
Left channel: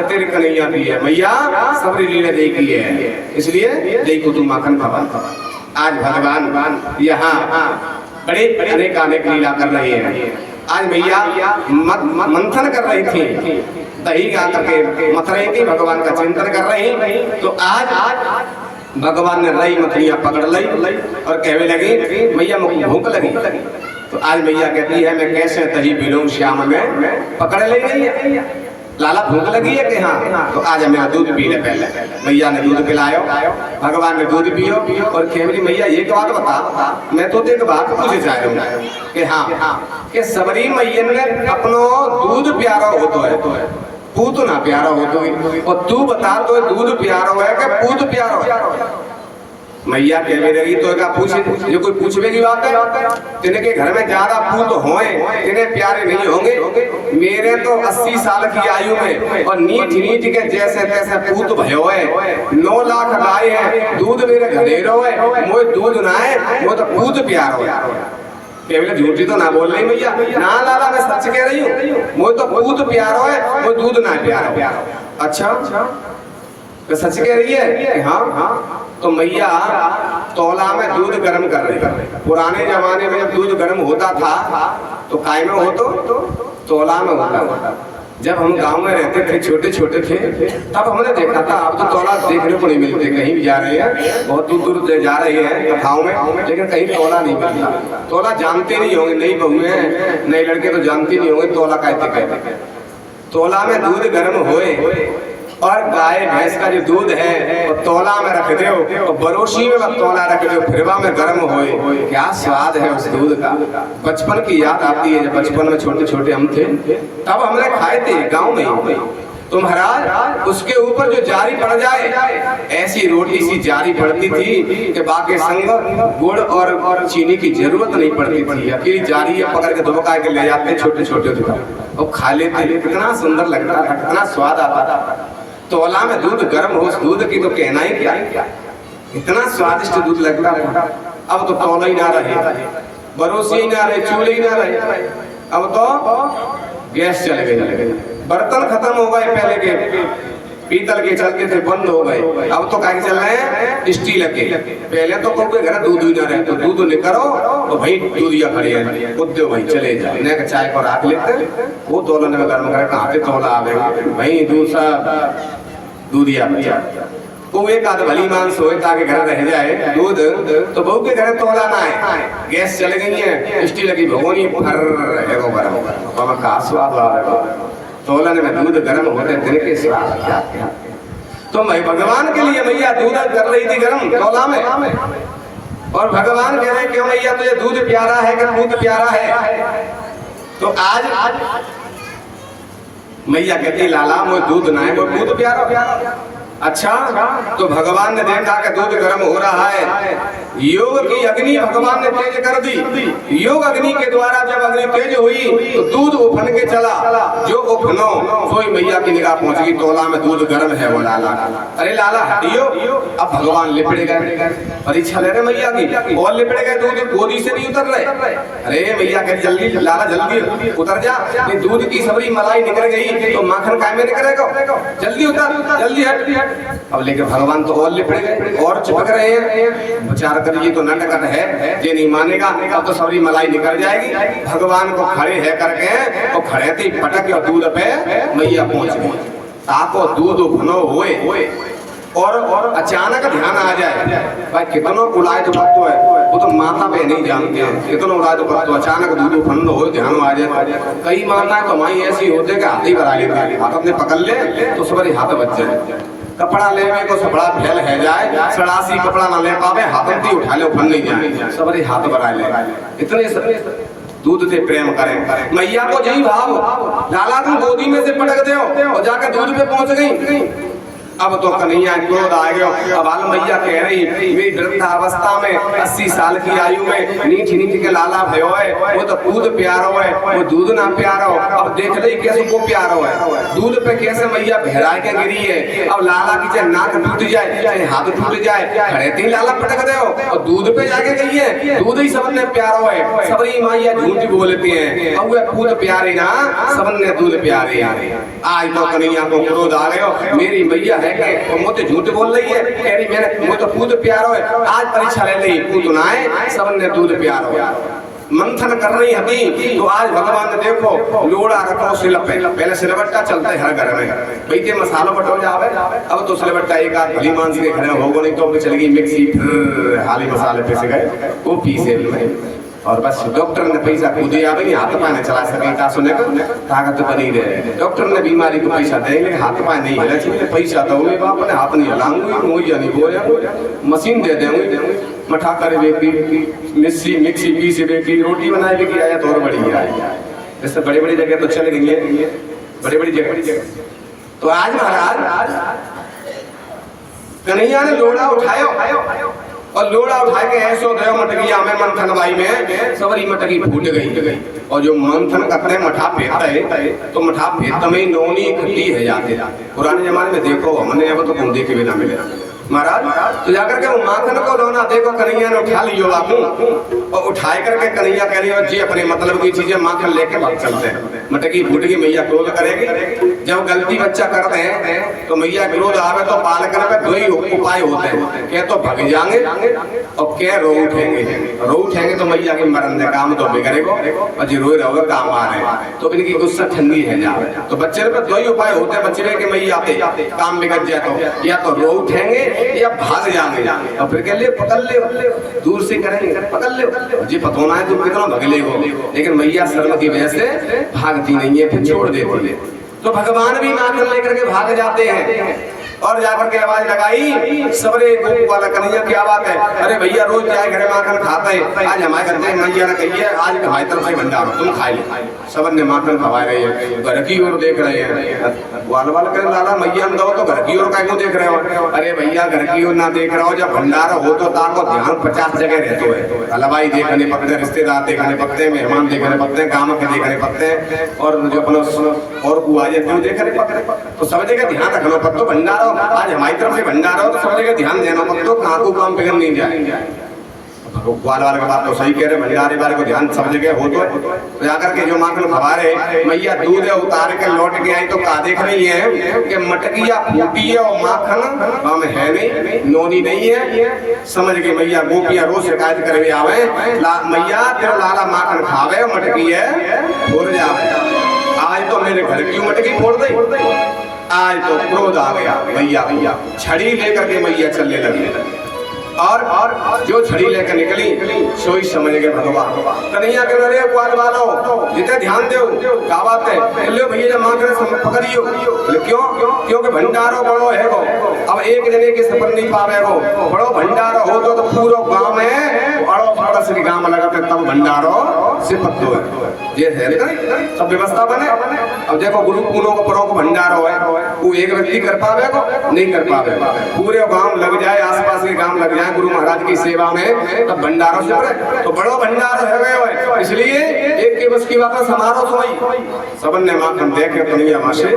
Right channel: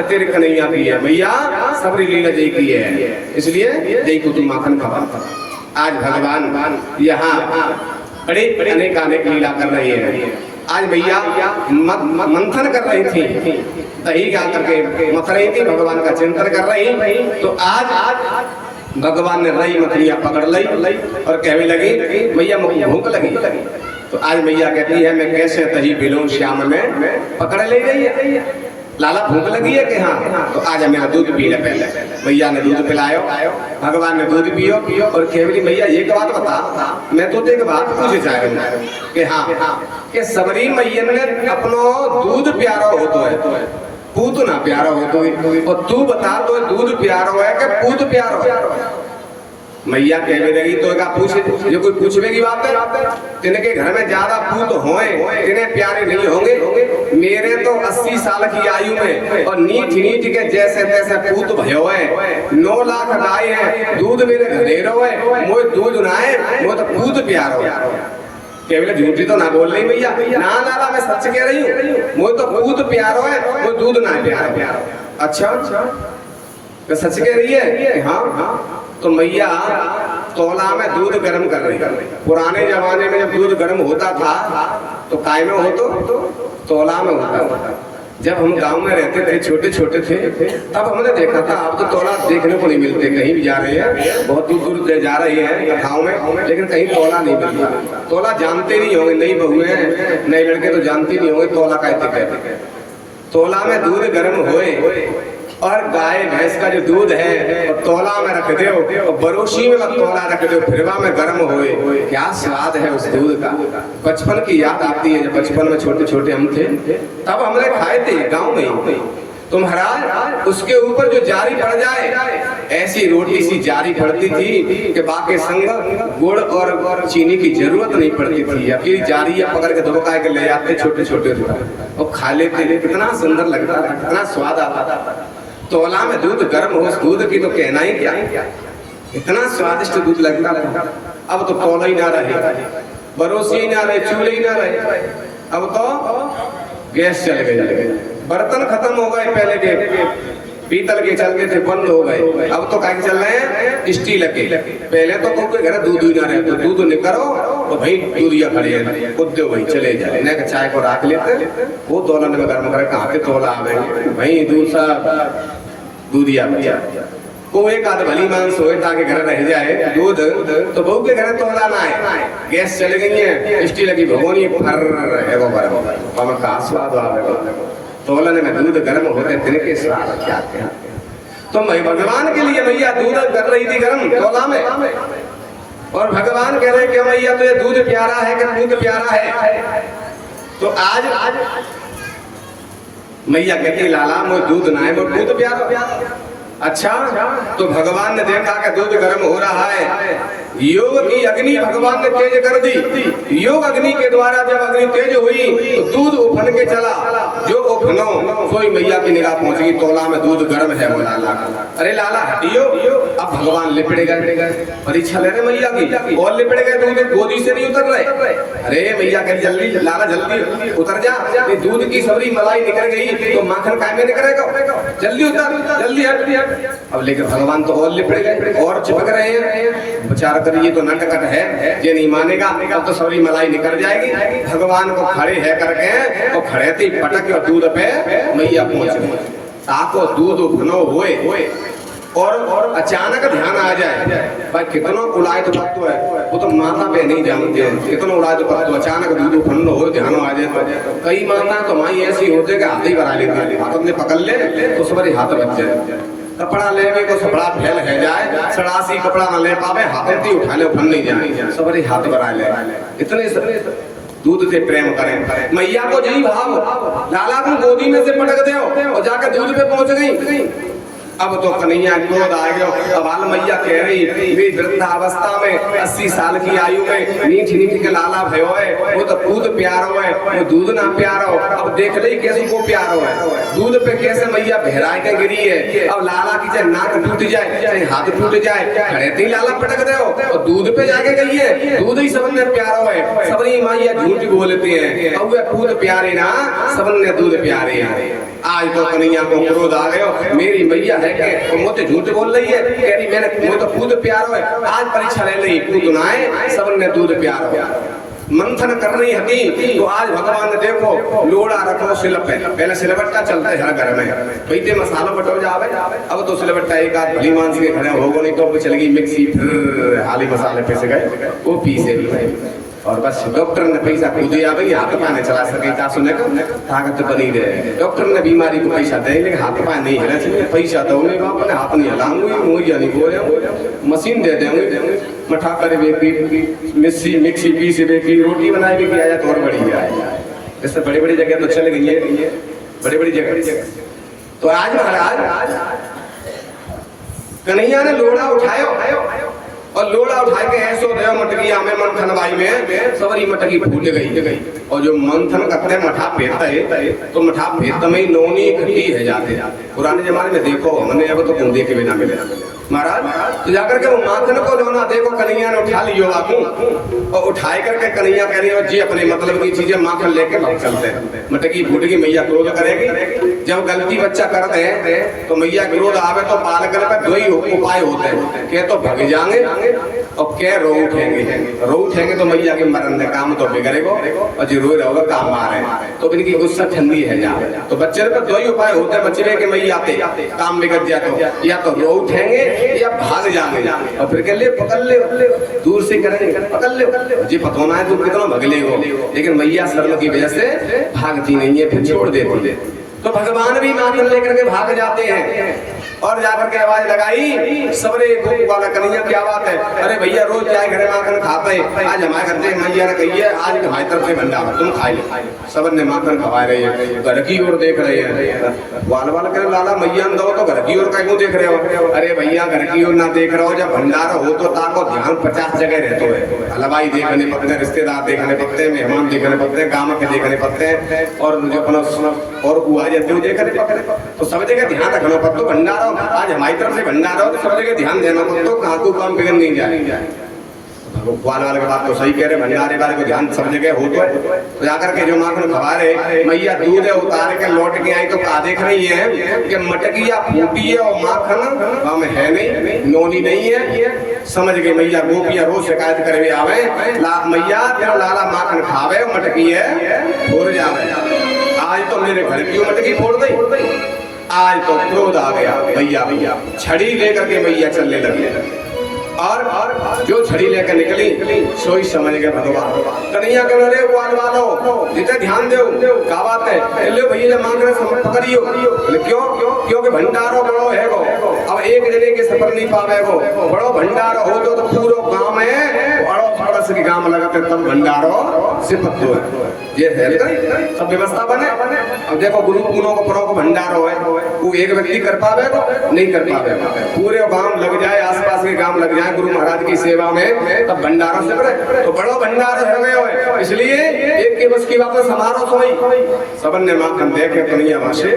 तेरे कन्हैया की है, मैया सब लीला जय की है, इसलिए जय को तुम माखन खवा। आज भगवान यहाँ बड़े अनेक लीला कर रहे हैं। आज भैया मंथन कर रही थी, दही गा करके मथ रही थी, भगवान का चिंतन कर रही। तो आज भगवान ने रई मछलियां पकड़ ली और कहने लगी मैया मुझे भूख लगी। तो आज मैया कहती है मैं कैसे तही बिलों श्याम में पकड़ ले गई है। लाला भूख लगी है कि हाँ, तो आज हमें दूध पी ले। पहले मैया ने दूध पिलायो, भगवान ने दूध पियो और कहली मैया एक बात बता, मैं तो एक बात पूछे चाह रहा हूँ कि हाँ कि सबरी मैया ने अपनो दूध प्यारा हो तो है, पूत ना प्यारा हो तो, और तू बता तो दूध प्यारा है कि पूत प्यारा है। मैया कहने लगी तो क्या पूछे, जो कोई पूछने की बात है, तिनके घर में ज्यादा पूत होए तिन्हें प्यारे नहीं होंगे। मेरे तो 80 साल की आयु में और नीट नीट के जैसे तैसे पूत भयो है, 9 लाख लाए हैं, दूध मेरे घरेरो है, मोए दूध ना है, वो तो पूत प्यारो है। केवल झूठी तो ना बोल रही मैया, ना लाला मैं सच कह रही हूँ, वो तो पूत प्यारो है, वो दूध ना प्यारो। अच्छा तो सच कह रही है? हाँ। तो मैया तौला में दूध गर्म कर रही है। पुराने जमाने में जब दूध गर्म होता था तो काय में हो तो तौला में होता। जब हम गांव में रहते थे, छोटे छोटे थे, तब हमने देखा था। अब तो तौला देखने को नहीं मिलते, कहीं भी जा रहे हैं, बहुत दूर दूर जा रही है कथाओं में, लेकिन कहीं तौला नहीं मिलता। तौला जानते नहीं होंगे, नई बहू हैं, नए लड़के तो जानते नहीं होंगे तौला कहते कहते। तौला में दूध गर्म होए और गाय भैंस का जो दूध है वो तौला में रख दो और बरोशी में तौला रख दो, फिरवा में गर्म होए, क्या स्वाद है उस दूध का। बचपन की याद आती है, जब बचपन में छोटे छोटे हम थे तब हमने खाए थे गांव में। तो महाराज उसके ऊपर जो जारी पड़ जाए, ऐसी रोटी सी जारी पड़ती थी कि बाकी संग गुड़ और चीनी की जरूरत नहीं पड़ती थी। अकेली जारी पकड़ के दुबका के ले जाते छोटे छोटे और खा लेते, कितना सुंदर लगता था, कितना स्वाद आता था। तौला में दूध गर्म हो, उस दूध की तो कहना ही क्या, इतना स्वादिष्ट दूध लगता था। अब तो तौला ही ना रहे, बरोसी ही ना रहे, चूल्हे ही ना रहे, अब तो गैस चल गए, बर्तन खत्म हो गए, पहले के पीतल के चलते थे बंद हो गए, अब तो क्या चल रहे हैं स्टील के। पहले तो कोई घर दूध ही ना रहे, तो दूध निकलो और भाई दूधिया खड़े हैं, उद्यो भाई चले जाए, न चाय को रख लेते, वो तौला में गर्म करे, कहाँ पे तौला आवे भाई, दूध सा दूधिया को एक आध भली मांस होए ताकि घर रह जाए दूध, तो बहू के घर तौला ना है, गैस चल गई है, स्टील की भगोनी फर है वो गर्म, तो का स्वाद आवेगा। तौलन में दूध गर्म होते तिनके स्वाद क्या क्या। तो मैं भगवान के लिए मैया दूध कर रही थी गर्म तौला में, और भगवान कह रहे क्यों मैया तो ये दूध प्यारा है कि दूध प्यारा है। तो आज मैया कहती लाला मोर दूध ना है, मोर दूध प्यारा। अच्छा तो भगवान ने देखा कि दूध गर्म हो रहा है, योग की अग्नि भगवान ने तेज कर दी। योग अग्नि के द्वारा जब अग्नि तेज हुई तो दूध उफन के चला, जो उफनो सोई मैया की निगाह पहुंच गई, तौला में दूध गर्म है वो लाला। अरे लाला हटियो, अब भगवान लिपट गए, परीक्षा ले रहे मैया की, और लिपट गए, दूध गोदी से नहीं उतर रहे। अरे मैया कह जल्दी लाला जल्दी उतर जा, दूध की सबरी मलाई निकल गई तो माखन काय में निकलेगा, जल्दी उतर, जल्दी हट। अब लेकिन भगवान तो और लिपट गए और चिपक रहे हैं, विचार करिए तो नटखट है, ये नहीं मानेगा, अब तो सबरी मलाई निकल जाएगी। भगवान को खड़े है करके और खड़े थे पटक और दूध पे मैया पहुंच गई, ताको दूध उफनो हुए और अचानक ध्यान आ जाए भाई कितनों उड़ाए तो पत्तो है, वो तो माता पे नहीं जानते हैं, कितनों उड़ाए तो पत्तो, अचानक दूध उफनो हो ध्यान आ जाए। कई माताएं तो माई ऐसी होते कि हाथ ही बढ़ा लेते, हाथ अपने पकड़ ले तो सबरे हाथ बच जाए, कपड़ा लेने को सपड़ा फैल है जाए, सड़ासी कपड़ा न ले पावे, हाथ उठा ले उफन नहीं जाए, सबरे हाथ बढ़ा ले। इतने दूध से प्रेम करें मैया को यही भाव, लाला को गोदी में से पटक दो और जाकर दूध पे पहुंच गई। अब तो कन्हैया क्रोध आ गया, अब बाल मैया कह रही वे वृद्धावस्था में 80 साल की आयु में नीठ नीठ के लाला भयो है, वो तो दूध प्यारो है, वो दूध ना प्यारो। अब देख ली कैसे को प्यारो है, दूध पे कैसे मैया बहराए के गिरी है। अब लाला की चाहे नाक टूट जाए चाहे हाथ टूट जाए, खड़े थी लाला पटक दो और दूध पे जाके गई है, दूध ही सबने प्यारो है। सबरी मैया झूठ बोलती है, अब वे दूध प्यारे ना, सबने दूध प्यारे है। आज तो कन्हैया को क्रोध आ गया, मेरी मैया है कि मुझे झूठ बोल रही है, कह रही मैंने मुझे तो दूध प्यारो है, आज परीक्षा ले ली, दूध ना है, सबने दूध प्यारो है। मंथन कर रही हती तो आज भगवान ने देखो लोड़ा रखो सिल पे, पहले सिलबट्टा चलते हर घर में पीते मसाला बटो जावे, अब तो सिलबट्टा एक आध भली मानसी के घर होगो नहीं तो चलेगी मिक्सी, फिर हाली मसाले पीस गए वो पीसे भी और बस डॉक्टर ने पैसा खुद ही आवे हाथ पाए नहीं चला सके ता सुने का ताकत बनी रहे। डॉक्टर ने बीमारी को पैसा देंगे हाथ पाए नहीं हिला चाहिए, पैसा दोगे बाप ने हाथ नहीं हिलाऊंगी मुझे नहीं बोले मशीन दे देंगे मठा करे बेकी मिक्सी पीस बेकी रोटी बनाए बेकी आया तो और बढ़िया है। जैसे बड़ी बड़ी जगह तो चल गई है, बड़ी बड़ी जगह। तो आज महाराज कन्हैया ने लोड़ा उठायो और लोड़ा उठा के ऐसो देव मटकिया में मंथन बाई में सबरी मटकी फूट गई और जो मंथन करते मठा फेंकता है तो मठा फेंकते में नौनी खट्टी है जाते। पुराने जमाने में देखो हमने अब तो कौन देखे बिना मिले महाराज, तो जाकर के वो माखन को लोना देखो कन्हैया ने उठा लियो बापू और उठाए करके कन्हैया कह रही हो जी अपने मतलब की चीजें माखन लेके भाग चलते हैं। मटकी फूट गई मैया क्रोध करेगी, जब गलती बच्चा करते हैं तो मैया क्रोध आवे तो पाल कर दो ही उपाय होते हैं, क्या तो भग जाएंगे और क्या रो उठेंगे तो मैया के मरण काम तो बिगड़ेगो और जो रोए रहोगे काम आ रहे तो इनकी गुस्सा ठंडी है जावे। तो बच्चे पे दो ही उपाय होते हैं बच्चे के मैया आते काम बिगड़ जाए तो या तो रो उठेंगे या भाग जाएंगे और फिर कह ले पकड़ ले दूर से करेंगे पकड़ ले जी पतोना है तुम कितना भगले हो, लेकिन मैया शर्म की वजह से भागती नहीं है फिर छोड़ देती है। तो भगवान भी माखन लेकर के भाग जाते हैं और जाकर के आवाज लगाई सबरे गोप वाला कन्हैया क्या बात है, अरे भैया रोज जाए घरे माखन खाता है आज हमारे घर से मैया ने कही है आज हमारी तरफ से भंडारा तुम खाए ले। सब ने माखन खवा रहे हैं घर की ओर देख रहे हैं, वाल वाल करे लाला मैया दो तो घर की ओर क्यों देख रहे हो, अरे भैया घर की ओर ना देख रहे हो जब भंडारा हो तो ताको ध्यान 50 जगह रहते है, हलवाई देखने पकते रिश्तेदार देखने पकते मेहमान देखने पकते गाँव के देखने पकते और जो अपना और बुआ जाते देखने पकते तो सब जगह ध्यान रखना पड़ता भंडारा आज हमारी तरफ से भंडारा हो तो सब जगह ध्यान देना तो कहाँ को काम बिगड़ नहीं जाए। भगवान वाले का बात तो सही कह रहे भंडारे वाले को ध्यान सब जगह हो तो जाकर के जो माखन खवा रहे मैया दूध है उतार के लौट के आई तो का देख रही है कि मटकिया फूटी है और माखन हम है नहीं नोनी नहीं है। समझ गए मैया गोपिया रोज शिकायत करे आवे मैया तेरा लाला माखन खावे मटकी है फोड़ जावे, आज तो मेरे घर की मटकी फोड़ दी, आज तो क्रोध आ गया भैया छड़ी लेकर के मैया चलने लगी और जो छड़ी लेकर निकली सोई समझ गए भगवान कन्हैया कह रहे वाल वालो जितने ध्यान दो क्या बात है ले भैया जब मांग रहे पकड़ियो क्यों क्योंकि भंडारो बड़ो है वो अब एक जगह के सफर नहीं पावे वो बड़ो भंडारो हो तो पूरा गांव में बड़ो पड़ोस की गांव लगाते तब भंडारो से पत्तो है ये है सब व्यवस्था बने। अब देखो गुरु कुनों को परो को भंडारो है वो एक व्यक्ति कर पावे को नहीं कर पावे पूरे गांव लग जाए आसपास के गांव लग जाए गुरु महाराज की सेवा में तब भंडारों से भरे तो बड़ो भंडार हो गए हो इसलिए एक के बस की बात समारोह सोई सबन ने माखन दे के कन्हैया वहां से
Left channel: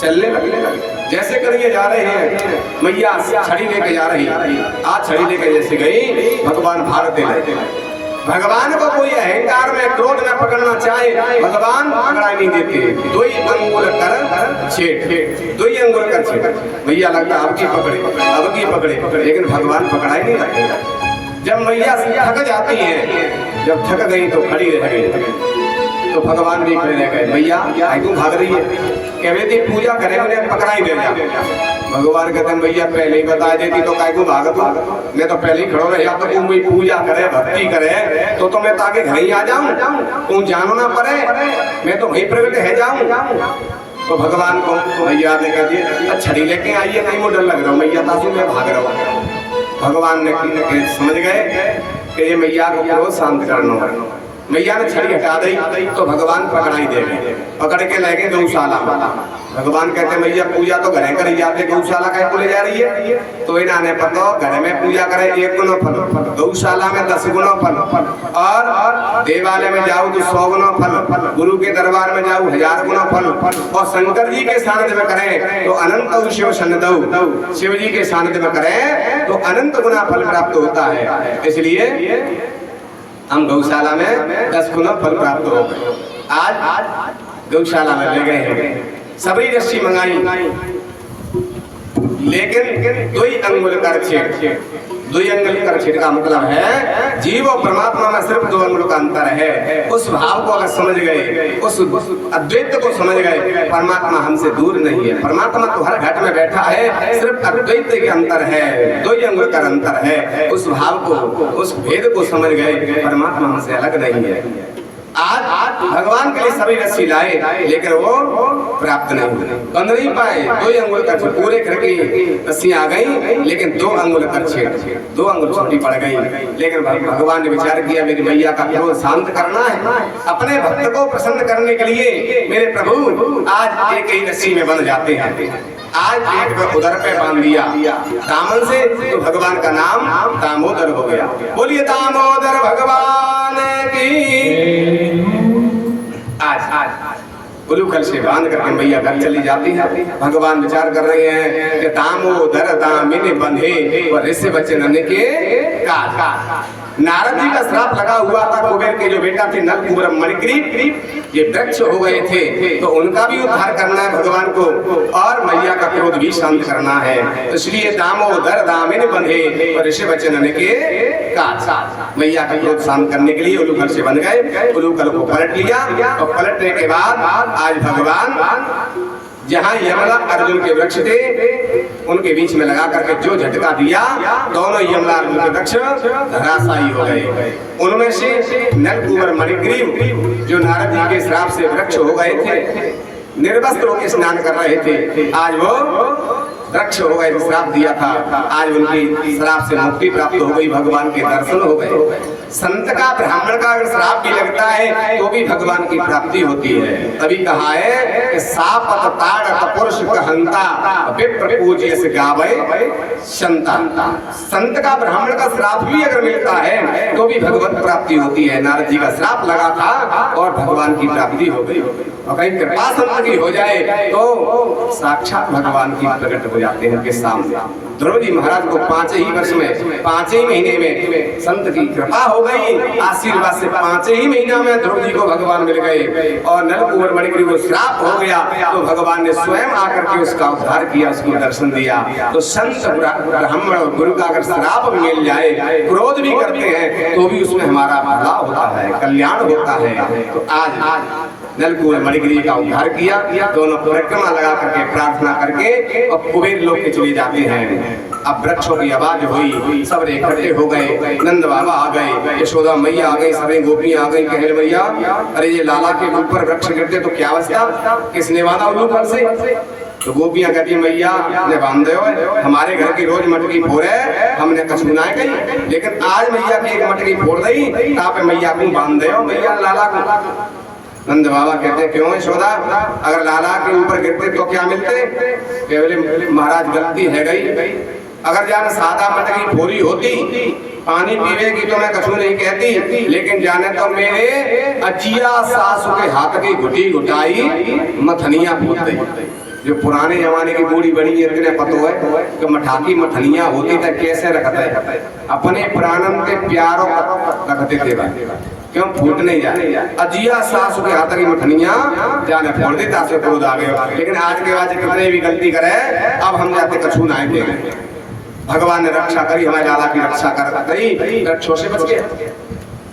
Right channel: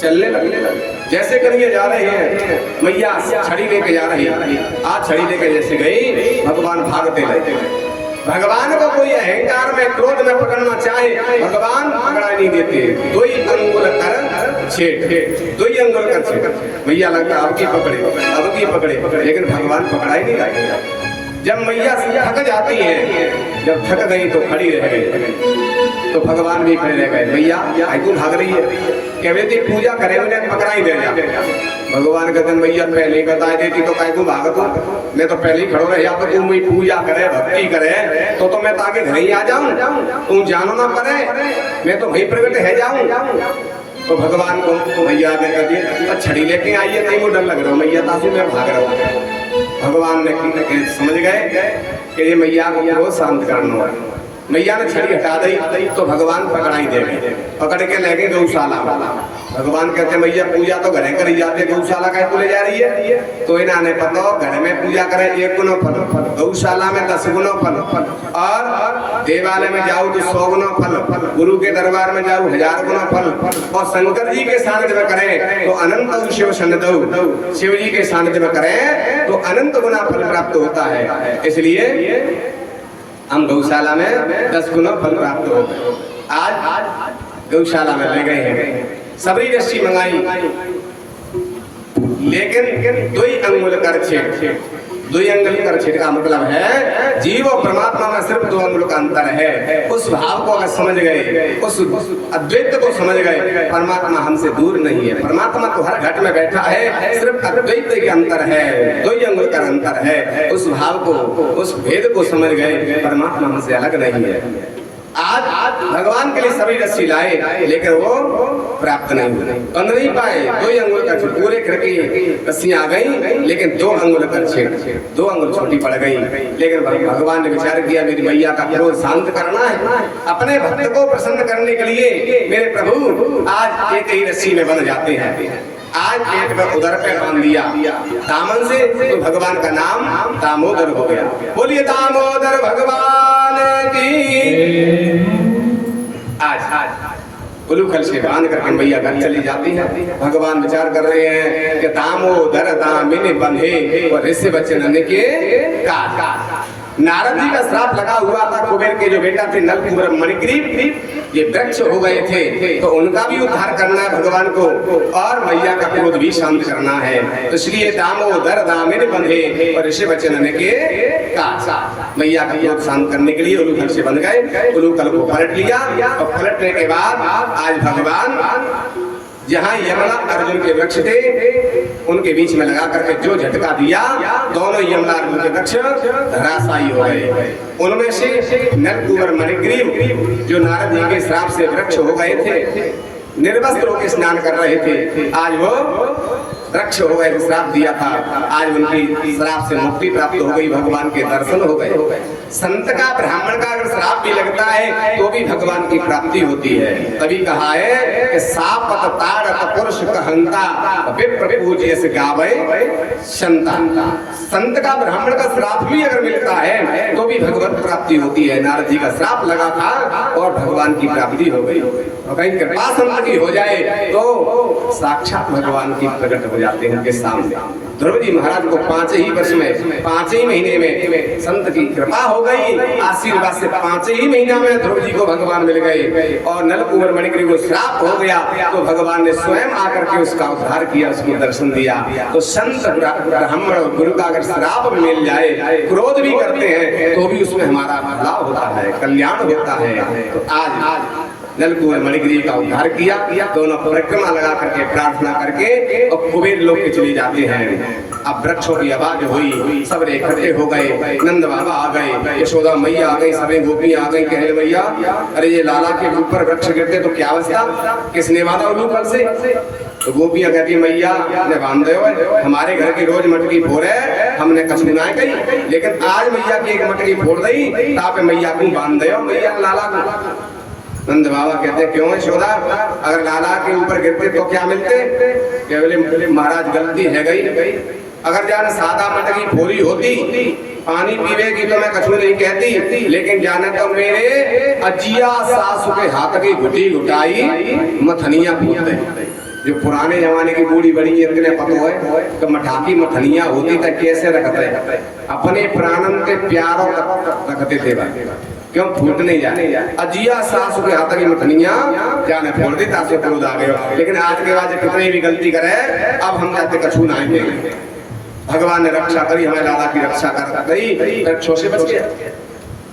चलने लगे। जैसे कन्हैया जा रहे हैं मैया छड़ी लेके जा रही है, आज छड़ी लेके जैसे गई भगवान भागते लगे। भगवान को कोई अहंकार में क्रोध में पकड़ना चाहे भगवान पकड़ा नहीं देते, दो ही अंगुल कर छेड़ दो ही अंगुल कर छेड़ मैया लगता अब की पकड़े लेकिन भगवान पकड़ा ही नहीं रहे। जब मैया थक जाती है जब थक गई तो खड़ी रह गई तो भगवान भी खड़े रह गए मैया क्यों भाग रही है कह रही थी पूजा करे उन्हें पकड़ा ही दे जा। भगवान कहते भैया पहले ही बता देती तो काय को भागत मैं तो पहले ही खड़ो रहे या तो तुम पूजा करे भक्ति करे तो मैं ताकि घर ही आ जाऊं तुम जानो ना पड़े मैं तो वहीं प्रकट है जाऊं। तो भगवान को मैया ने कह दिया छड़ी लेके आइए कहीं वो डर लग रहा हूँ मैया तासु मैं भाग रहा हूँ। भगवान ने समझ गए कि ये मैया को क्रोध शांत करना है। मैया ने छड़ी हटा दी तो भगवान पकड़ाई दे गए पकड़ के ले गए गौशाला वाला। भगवान कहते मैया पूजा तो घरे करी जाते गौशाला का ले जा रही है तो इन्हें ने पता घर में पूजा करे 1 गुना फल गौशाला में 10 गुना फल और देवालय में जाओ तो 100 गुना फल गुरु के दरबार में जाओ 1000 गुना फल और शंकर जी के सानिध्य में करें तो अनंत शिव सन्निधौ शिव जी के सानिध्य में करें तो अनंत गुना फल प्राप्त होता है। इसलिए हम गौशाला में 10 गुना फल प्राप्त हो गए। आज गौशाला में ले गए हैं सबरी रस्सी मंगाई लेकिन 2 अंगुल कर छेड़ दो अंगुल कर छेद का मतलब है जीव और परमात्मा में सिर्फ दो अंगुल का अंतर है। उस भाव को अगर समझ गए, उस अद्वैत को समझ गए, परमात्मा हमसे दूर नहीं है। परमात्मा तो हर घट में बैठा है, सिर्फ अद्वैत के अंतर है, दो अंगुल का अंतर है। उस भाव को, उस भेद को समझ गए, परमात्मा हमसे अलग नहीं है। आज भगवान के लिए सभी रस्सी लाए, लेकिन वो प्राप्त नहीं हुए, बंध नहीं पाए। दो अंगुल का पूरे करके रस्सियां आ गई, लेकिन दो अंगुल कर छेद, दो अंगुल छोटी पड़ गई। लेकिन भगवान ने विचार किया मेरी मैया का क्रोध शांत करना है, अपने भक्त को प्रसन्न करने के लिए मेरे प्रभु आज एक ही रस्सी में बंध जाते हैं। आज पेट पर उदर पे बांध दिया दामन से, तो भगवान का नाम दामोदर हो गया। बोलिए दामोदर भगवान की। आज उलूखल से बांध करके मैया घर चली जाती है। भगवान विचार कर रहे हैं कि दामोदर दामिनी बंधे और ऋषि बच्चन के का। नारद जी का श्राप लगा हुआ था, कुबेर के जो बेटा थे नलकूबर मणिग्रीव, ये वृक्ष हो गए थे, तो उनका भी उद्धार करना है भगवान को, और मैया का क्रोध भी शांत करना है। तो इसलिए दामोदर दामिनी बंधे और ऋषि बच्चन के का। मैया का क्रोध शांत करने के लिए उलूखल से बंध गए, उलूखल को पलट लिया, और पलटने के बाद आज भगवान जहाँ यमला अर्जुन के वृक्ष थे उनके बीच में लगा करके जो झटका दिया, दोनों यमला अर्जुन के वृक्ष धराशायी हो गए। उनमें से नलकूबर मणिग्रीव जो नारद जी के श्राप से वृक्ष हो गए थे, निर्वस्त्र होकर स्नान कर रहे थे, आज वो वृक्ष हो गए, श्राप दिया था, आज उनकी श्राप से मुक्ति प्राप्त हो गई, भगवान के दर्शन हो गए। संत का, ब्राह्मण का अगर श्राप भी लगता है तो भी भगवान की प्राप्ति होती है। तभी कहा है कि सापत ताड़त पुरुष कहंता विप्र पूज्य से गावे संता। संत का, ब्राह्मण का श्राप भी अगर मिलता है तो भी भगवत प्राप्ति होती है। नारद जी का श्राप लगा था और भगवान की प्राप्ति हो गई। और कहीं कृपा संत की हो जाए तो साक्षात भगवान की प्रकट हो जाते हैं के सामने। ध्रुव जी महाराज को 5 ही वर्ष में, 5 ही महीने में संत की कृपा हो गई, आशीर्वाद से 5 ही महीना में ध्रुव जी को भगवान मिल गए। और नलकूबर मणिग्रीव को श्राप हो गया तो भगवान ने स्वयं आकर के उसका उद्धार किया, उसको दर्शन दिया। तो संत, ब्राह्मण और गुरु का अगर श्राप मिल जाए, क्रोध भी करते हैं तो भी उसमें हमारा भला होता है, कल्याण होता है। तो आज नलकूबर मणिग्रीव का उद्धार किया, दोनों परिक्रमा लगा करके प्रार्थना करके और कुबेर लोग के चले जाते हैं। अब वृक्षों की आवाज हुई, सब इकट्ठे हो गए, नंद बाबा आ गए, यशोदा मैया आ गई, सभी गोपियां आ गई। कह रहे मैया अरे ये लाला के ऊपर वृक्ष गिरते तो क्या अवस्था, किसने बांधा उलूखल से? तो गोपियां कहती मैया ने बांध दो, हमारे घर की रोज मटकी फोड़े, हमने कछ ना कही, लेकिन आज मैया की एक मटकी फोड़ दी, तापे मैया को बांध दो, मैया लाला को। नंद बाबा कहते क्यों यशोदा, अगर लाला के ऊपर गिरते तो क्या मिलते? केवल महाराज गलती है गई, अगर जान सादा मटकी फोरी होती, पानी पीवेगी तो मैं कछू नहीं कहती, लेकिन जाने तो मेरे अजिया सासू के हाथ की घुटी घुटाई मथनिया फूट गई। जो पुराने जमाने की बूढ़ी बड़ी इतने पतो है तो मठाकी मठनिया होती तो कैसे रखते, अपने प्राणन के प्यारों रखते थे भाई, क्यों फूट नहीं जाए। अजिया सासू के हाथ की मठनिया जाने फोड़ दी, तासे क्रोध आ गए। लेकिन आज के बाद कितने भी गलती करे, अब हम जाते कछू ना आएंगे। भगवान ने रक्षा करी, हमारे लाला की रक्षा करी, वृक्षों से बच गए।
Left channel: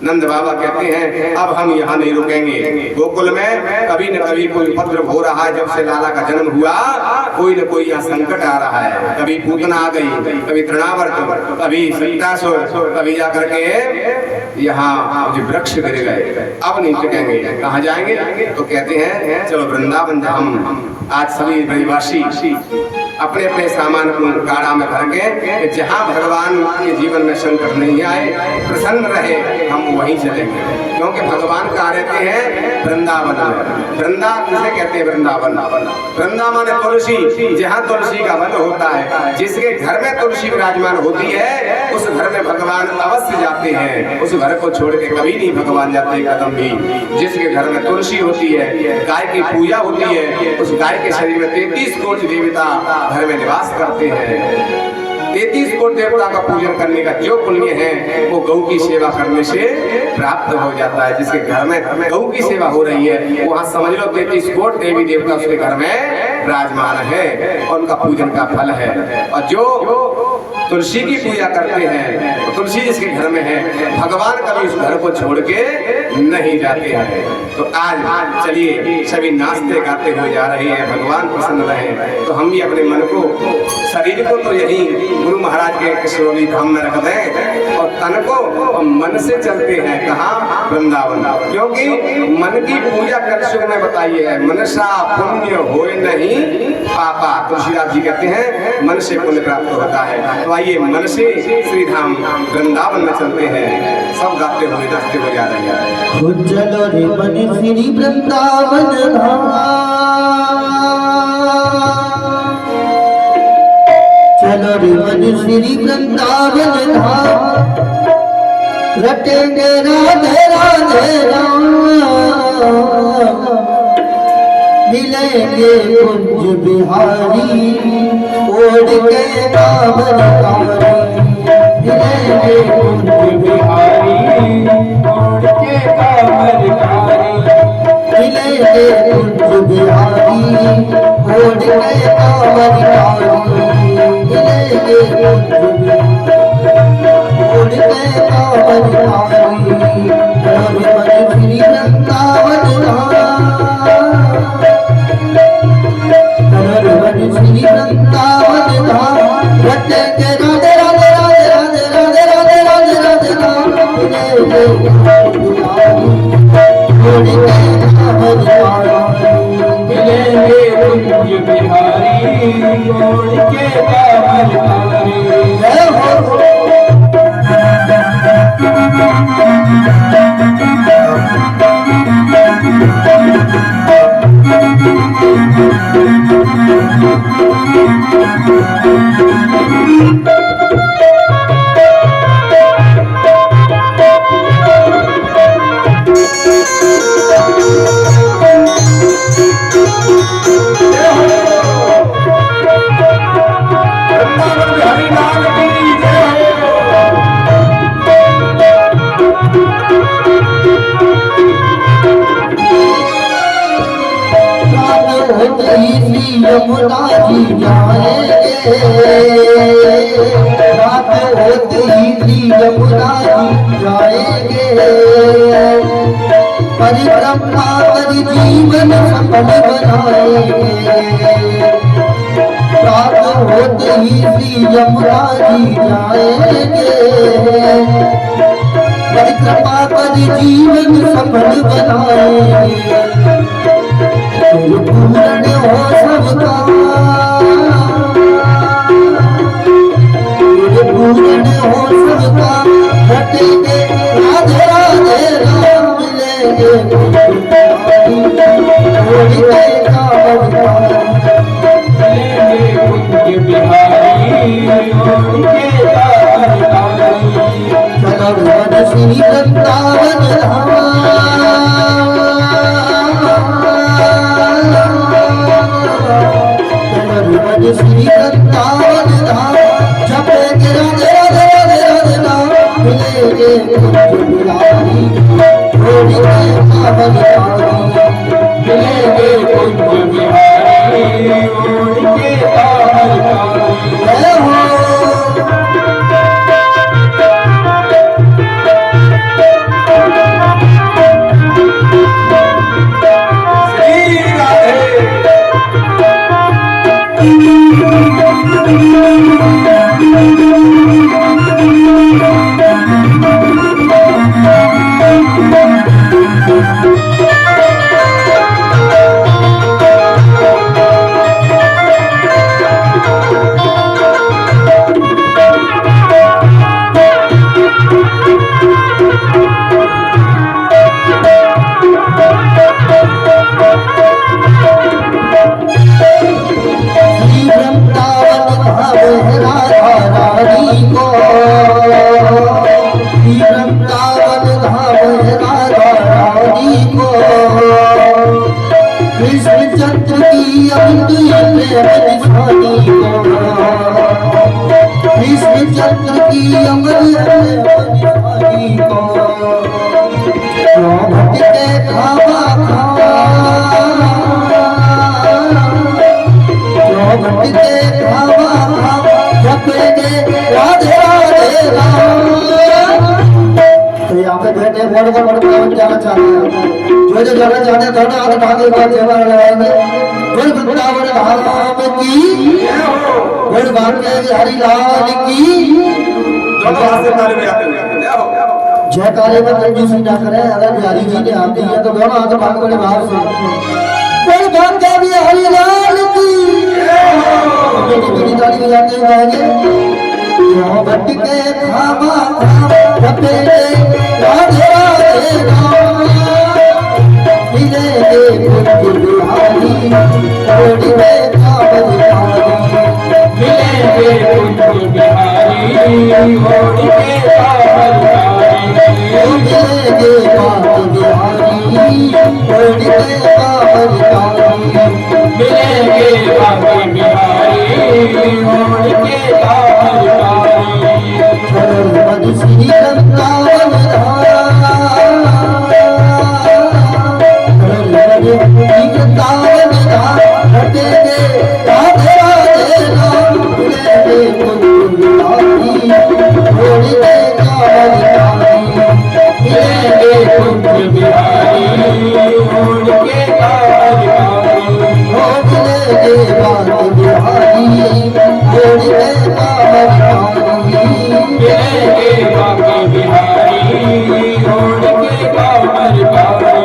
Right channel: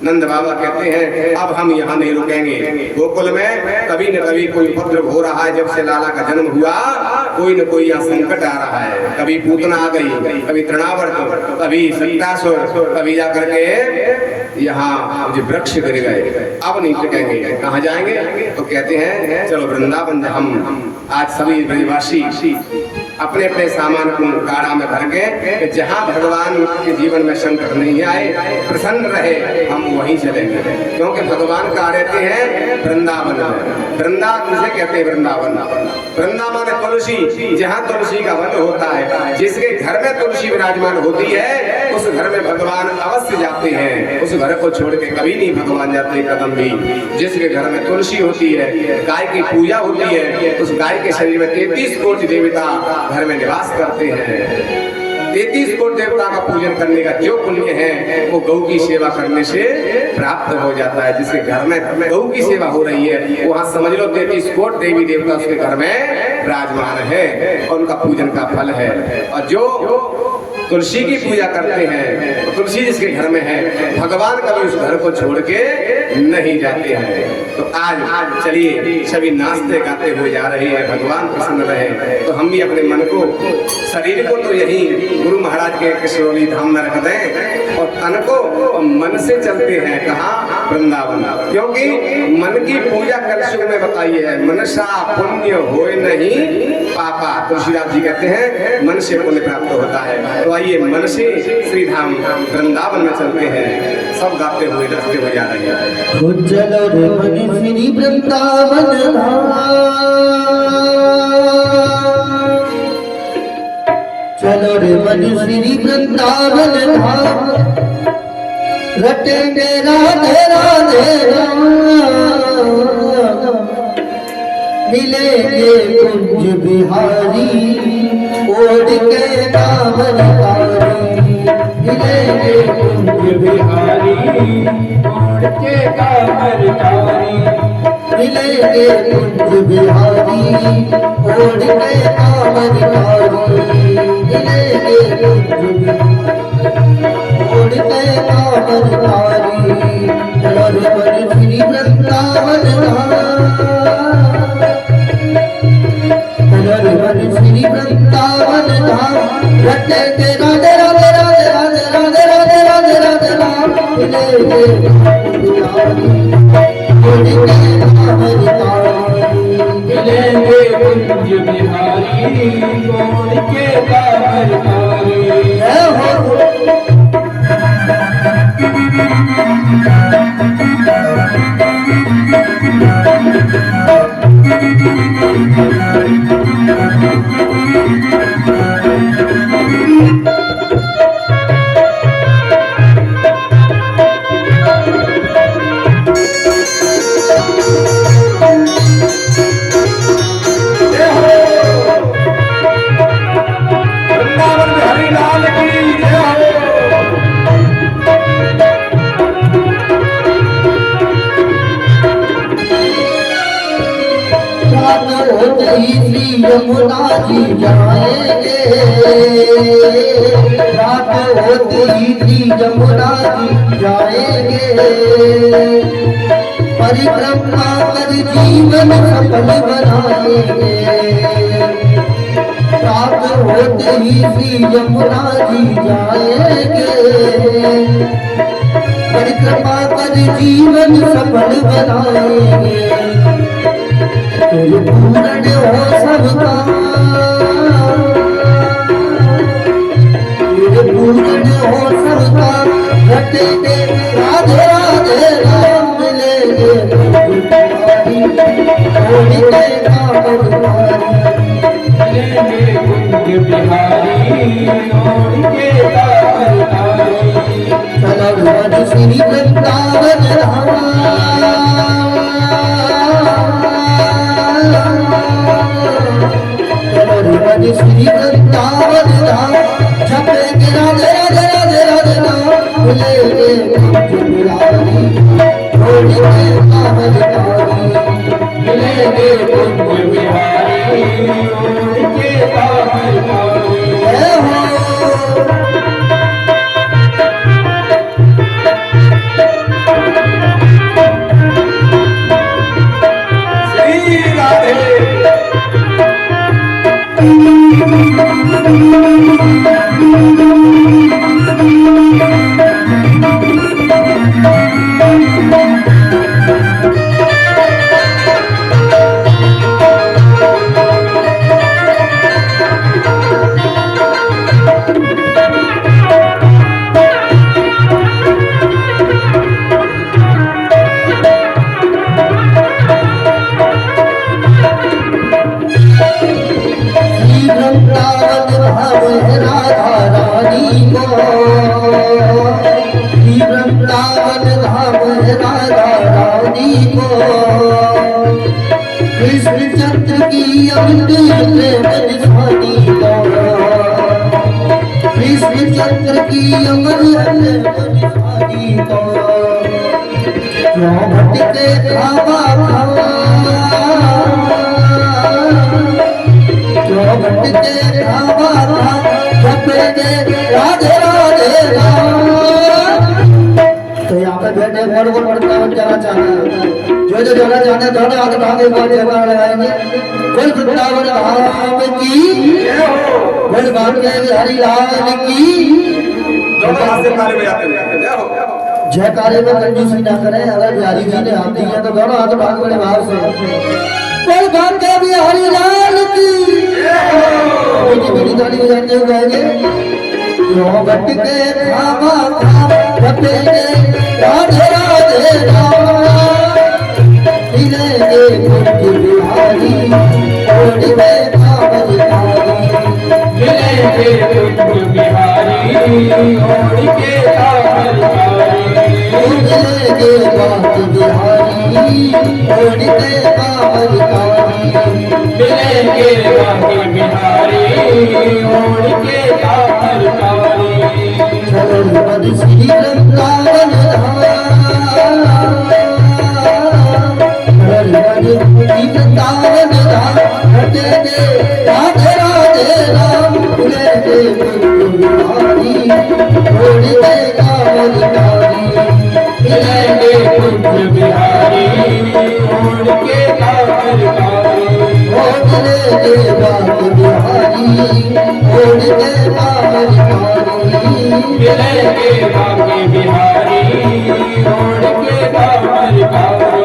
नंद बाबा कहते हैं अब हम यहाँ नहीं रुकेंगे, गोकुल में कभी न कभी कोई उपद्रव हो रहा है। जब से लाला का जन्म हुआ कोई न कोई यहाँ संकट आ रहा है, कभी पूतना आ गई, कभी तृणावर्त, कभी सत्तासुर, कभी जाकर के यहाँ जो वृक्ष गिर गए, अब नहीं टिकेंगे, कहाँ जाएंगे? तो कहते हैं चलो वृंदावन। हम आज सभी ब्रजवासी अपने अपने सामान को गाड़ा में भर के, जहाँ भगवान के जीवन में संकट नहीं आए, प्रसन्न रहे, हम वहीं चलेंगे। क्योंकि भगवान का रहते हैं वृंदावन में। वृंदा किसे कहते हैं? वृंदावन। वृंदा माने तुलसी, जहाँ तुलसी का वन होता है, जिसके घर में तुलसी विराजमान होती है उस घर में भगवान अवश्य जाते हैं। उस घर को छोड़ के कभी नहीं भगवान जाते कदम भी। जिसके घर में तुलसी होती है, गाय की पूजा होती है, उस गाय के शरीर में 33 कोटि देवता घर में निवास करते हैं। 33 कोटि देवता का पूजन करने का जो पुण्य है वो गौ की सेवा करने से प्राप्त हो जाता है। जिसके घर में गौ की सेवा हो रही है वहाँ समझ लो 33 कोटि देवी देवता उसके घर में विराजमान है और उनका पूजन का फल है। और जो तुलसी की पूजा करते हैं, तो तुलसी जिसके घर में है भगवान कभी उस घर को छोड़ के नहीं जाते हैं। तो आज चलिए सभी नाचते गाते हुए जा रहे हैं, भगवान प्रसन्न रहे। तो हम भी अपने मन को, शरीर को तो यही गुरु महाराज के किशोरी धाम में रख दें और तन को और मन से चलते हैं कहाँ? वृंदावन। क्योंकि मन की पूजा कलयुग में बताइए है, मनसा पुण्य होए नहीं पापा। तुलसीदास जी कहते हैं मन से पुण्य प्राप्त होता है। तो आइए मन से श्री धाम वृंदावन में चलते हैं, सब गाते हुए नाचते हुए जा रहे हैं। चलो रे मन श्री वृंदावन धाम, चलो रे मन श्री वृंदावन धाम, रटेंगे राधे राधे राम, मिलेंगे कुंज बिहारी ओढ़ के कांवर कारी, मिलेंगे कुंज बिहारी ओढ़ के कांवर कारी, मिलेंगे कुंज बिहारी ओढ़ के कांवर कारी, मिलेंगे कुंज ओढ़ के कांवर कारी। और मन श्री वृंदावन श्री वृंदावन धाम, रटेंगे राधे राधे राधे राधे राधे राधे राधे राधे राम, मिलेंगे मिलेंगे कुंज बिहारी ओढ़ के कांवर कारी। यमुना जी जाएंगे, रात होते ही श्री यमुना जी जाएंगे, परिक्रमा कर जीवन सफल बनाएंगे, रात होते ही श्री यमुना जी जाएंगे, परिक्रमा कर जीवन सफल बनाएंगे, पूर्ण हो सबका, पूर्ण हो सबका, रटेंगे राधे राधे राम, मिलेंगे मिलेंगे कुंज बिहारी ओढ़ के कांवर कारी। चलो मन श्री वृंदावन धाम, श्री वृंदावन धाम, जपेंगे राधे राधे राधे राधे राम, मिलेंगे कुंज बिहारी ओढ़ के कांवर कारी, मिलेंगे कुंज बिहारी ओढ़ के कांवर कारी। जय हो। श्री राधे कृष्णचंद्र की अमृत बनिहारी को क्यों भटके खावा खा, क्यों भटके खावा खा, जपेंगे तो यहाँ पे बैठे बड़े वृंदावन जाना चाहते हैं, जो जाना चाहते हैं दोनों हाथ उठा के एक बार जयकार लगाएंगे। बोल वृंदावन धाम की, बोल भाग्य बिहारी लाल की। दोनों हाथ से ताली बजाते हुए जय हो। जयकारे में कंजूसी ना करें, अगर बिहारी जी ने आती है तो दोनों हाथ उठा के बड़े भाव से बोल भाग्य बिहारी लाल की। बड़ी ताली बजाते हुए गाएंगे। यो बट के खामा खाम बटे राधे राधे राम, मिलेंगे कुंज बिहारी ओढ़ में कांवर कारी। मिलेंगे कुंज बिहारी ओढ़ के कांवर कारी। मिलेंगे कांवर बिहारी ओढ़ के कांवर कारी। मिलेंगे बांके बिहारी ओढ़ के कांवर कारी। मन श्री वृंदावन धाम, वृंदावन धाम हटेंगे राधे राधे राम। मिलेंगे कुंज बिहारी ओढ़ के कांवर कारी। मिलेंगे कुंज बिहारी ओढ़ के कांवर कारी। मिलेंगे बांके बिहारी ओढ़ के कांवर कारी। मिलेंगे बांके बिहारी ओढ़ के कांवर कारी।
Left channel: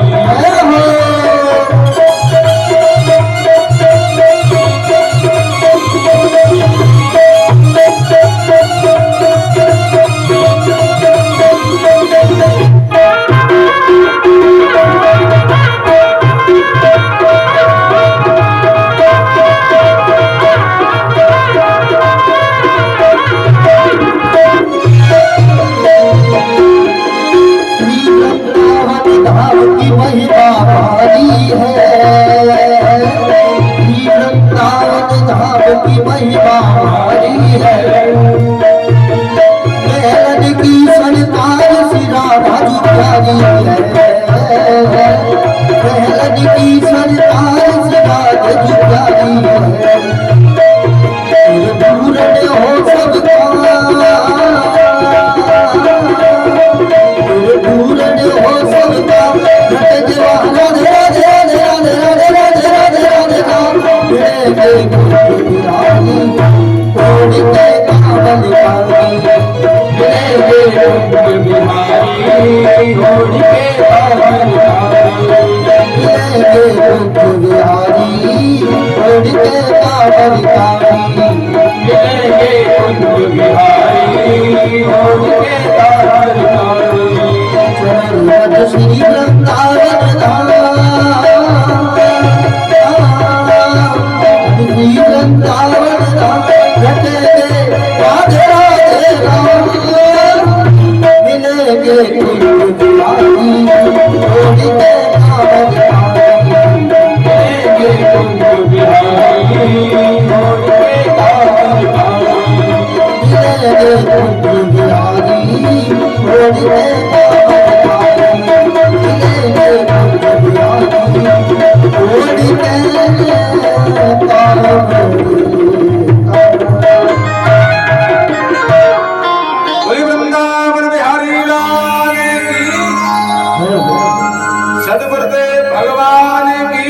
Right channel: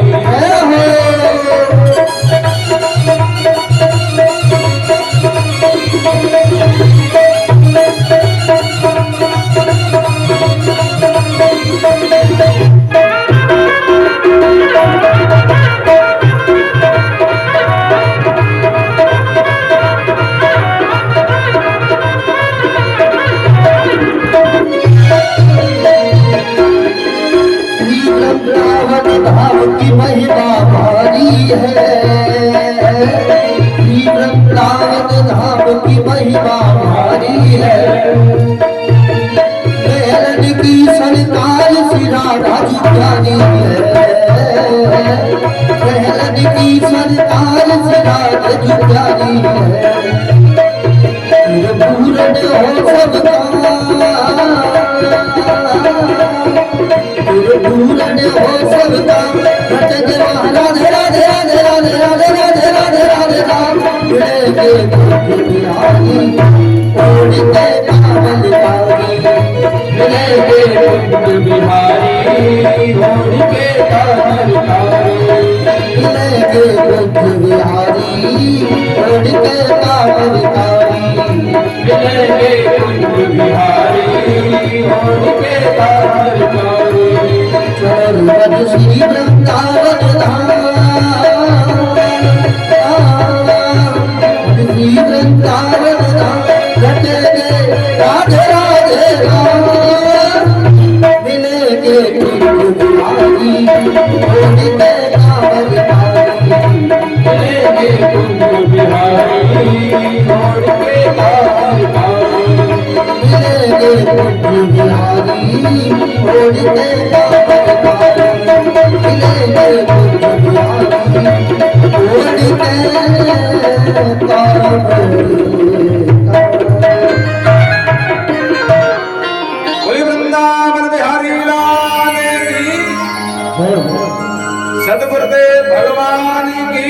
की महिमा भारी है, वृंदावन धाम की महिमा भारी है। मेलन की सरकार श्री राधा जी प्यारी है, मेलन की सरकार श्री राधा जी प्यारी है। पूर्ण हो सबका, पूर्ण हो सबका, राधे राधे राधे राधे राधे राधे राधे राधे राम। मिलेंगे कुंज बिहारी ओढ़ के कांवर कारी। मिलेंगे कुंज बिहारी ओढ़ के कांवर कारी। मिलेंगे कुंज बिहारी ओढ़ के कांवर कारी। मिलेंगे कुंज बिहारी ओढ़ के कांवर कारी। चरण पद श्री वृंदावन धाम, श्री वृंदावन धाम रटेंगे राधे राधे राम। मिलेंगे कुंज बिहारी ओढ़ के कांवर कारी। मिलेंगे कुंज बिहारी ओढ़ के कांवर कारी। मिलेंगे कुंज बिहारी ओढ़ के कांवर कारी। मिलेंगे कुंज बिहारी ओढ़ के कांवर बोली वृंदावन बिहारी लाल की, सदगुरुदेव भगवान की,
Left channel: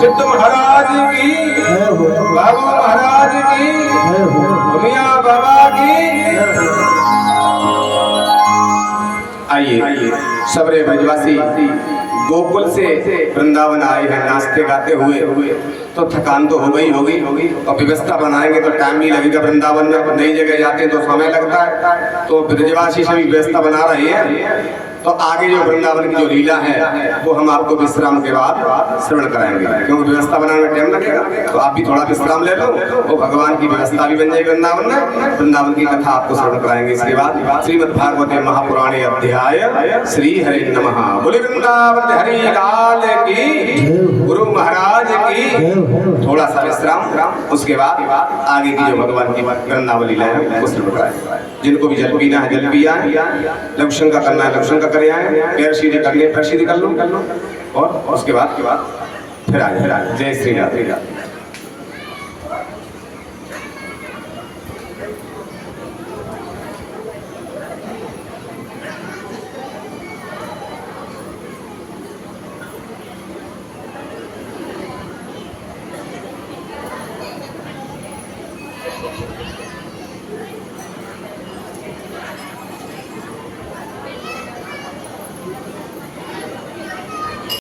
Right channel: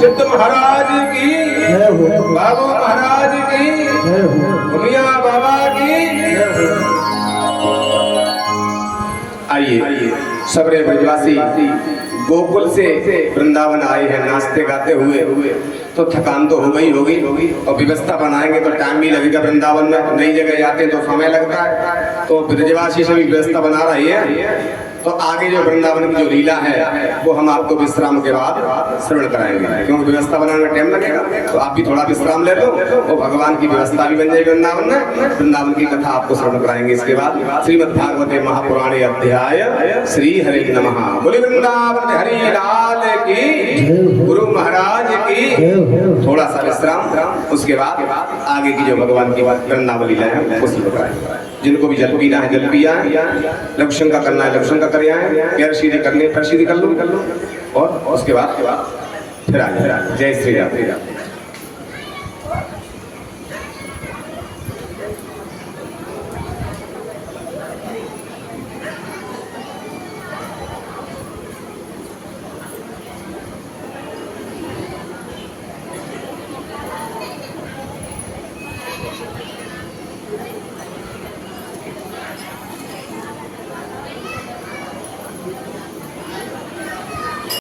सिद्ध महाराज की, बाबू महाराज की, मियां बाबा की। आइए सबरे ब्रजवासी गोकुल से वृंदावन आए हैं नाचते गाते हुए, तो थकान तो हो गई होगी और व्यवस्था बनाएंगे तो टाइम भी लगेगा। वृंदावन में नई जगह जाते हैं तो समय लगता है, तो ब्रजवासी सभी व्यवस्था बना रही है। तो आगे जो वृंदावन की जो लीला है वो हम आपको विश्राम के बाद श्रवण कराएंगे, क्योंकि व्यवस्था बनाने में टाइम लगेगा। तो आप भी थोड़ा विश्राम ले लो और भगवान की व्यवस्था भी बन जाएगी वृंदावन में। वृंदावन की कथा आपको श्रवण कराएंगे। इसके बाद श्रीमद् भागवते महापुराणे अध्याय श्री हरि नमः। बोले वृंदावन हरि लाल की, गुरु महाराज की। थोड़ा सा विश्राम, उसके बाद आगे की जो भगवान की वृंदावन लीला है वो श्रवण कराएंगे। जिनको भी जल पीना है जल पिया, लघुशंका करना है लघुशंका करे आए, पैर सीधे कर ले पैर सीधे कर लो, और उसके बाद फिर आ जाए। जय श्री राधे।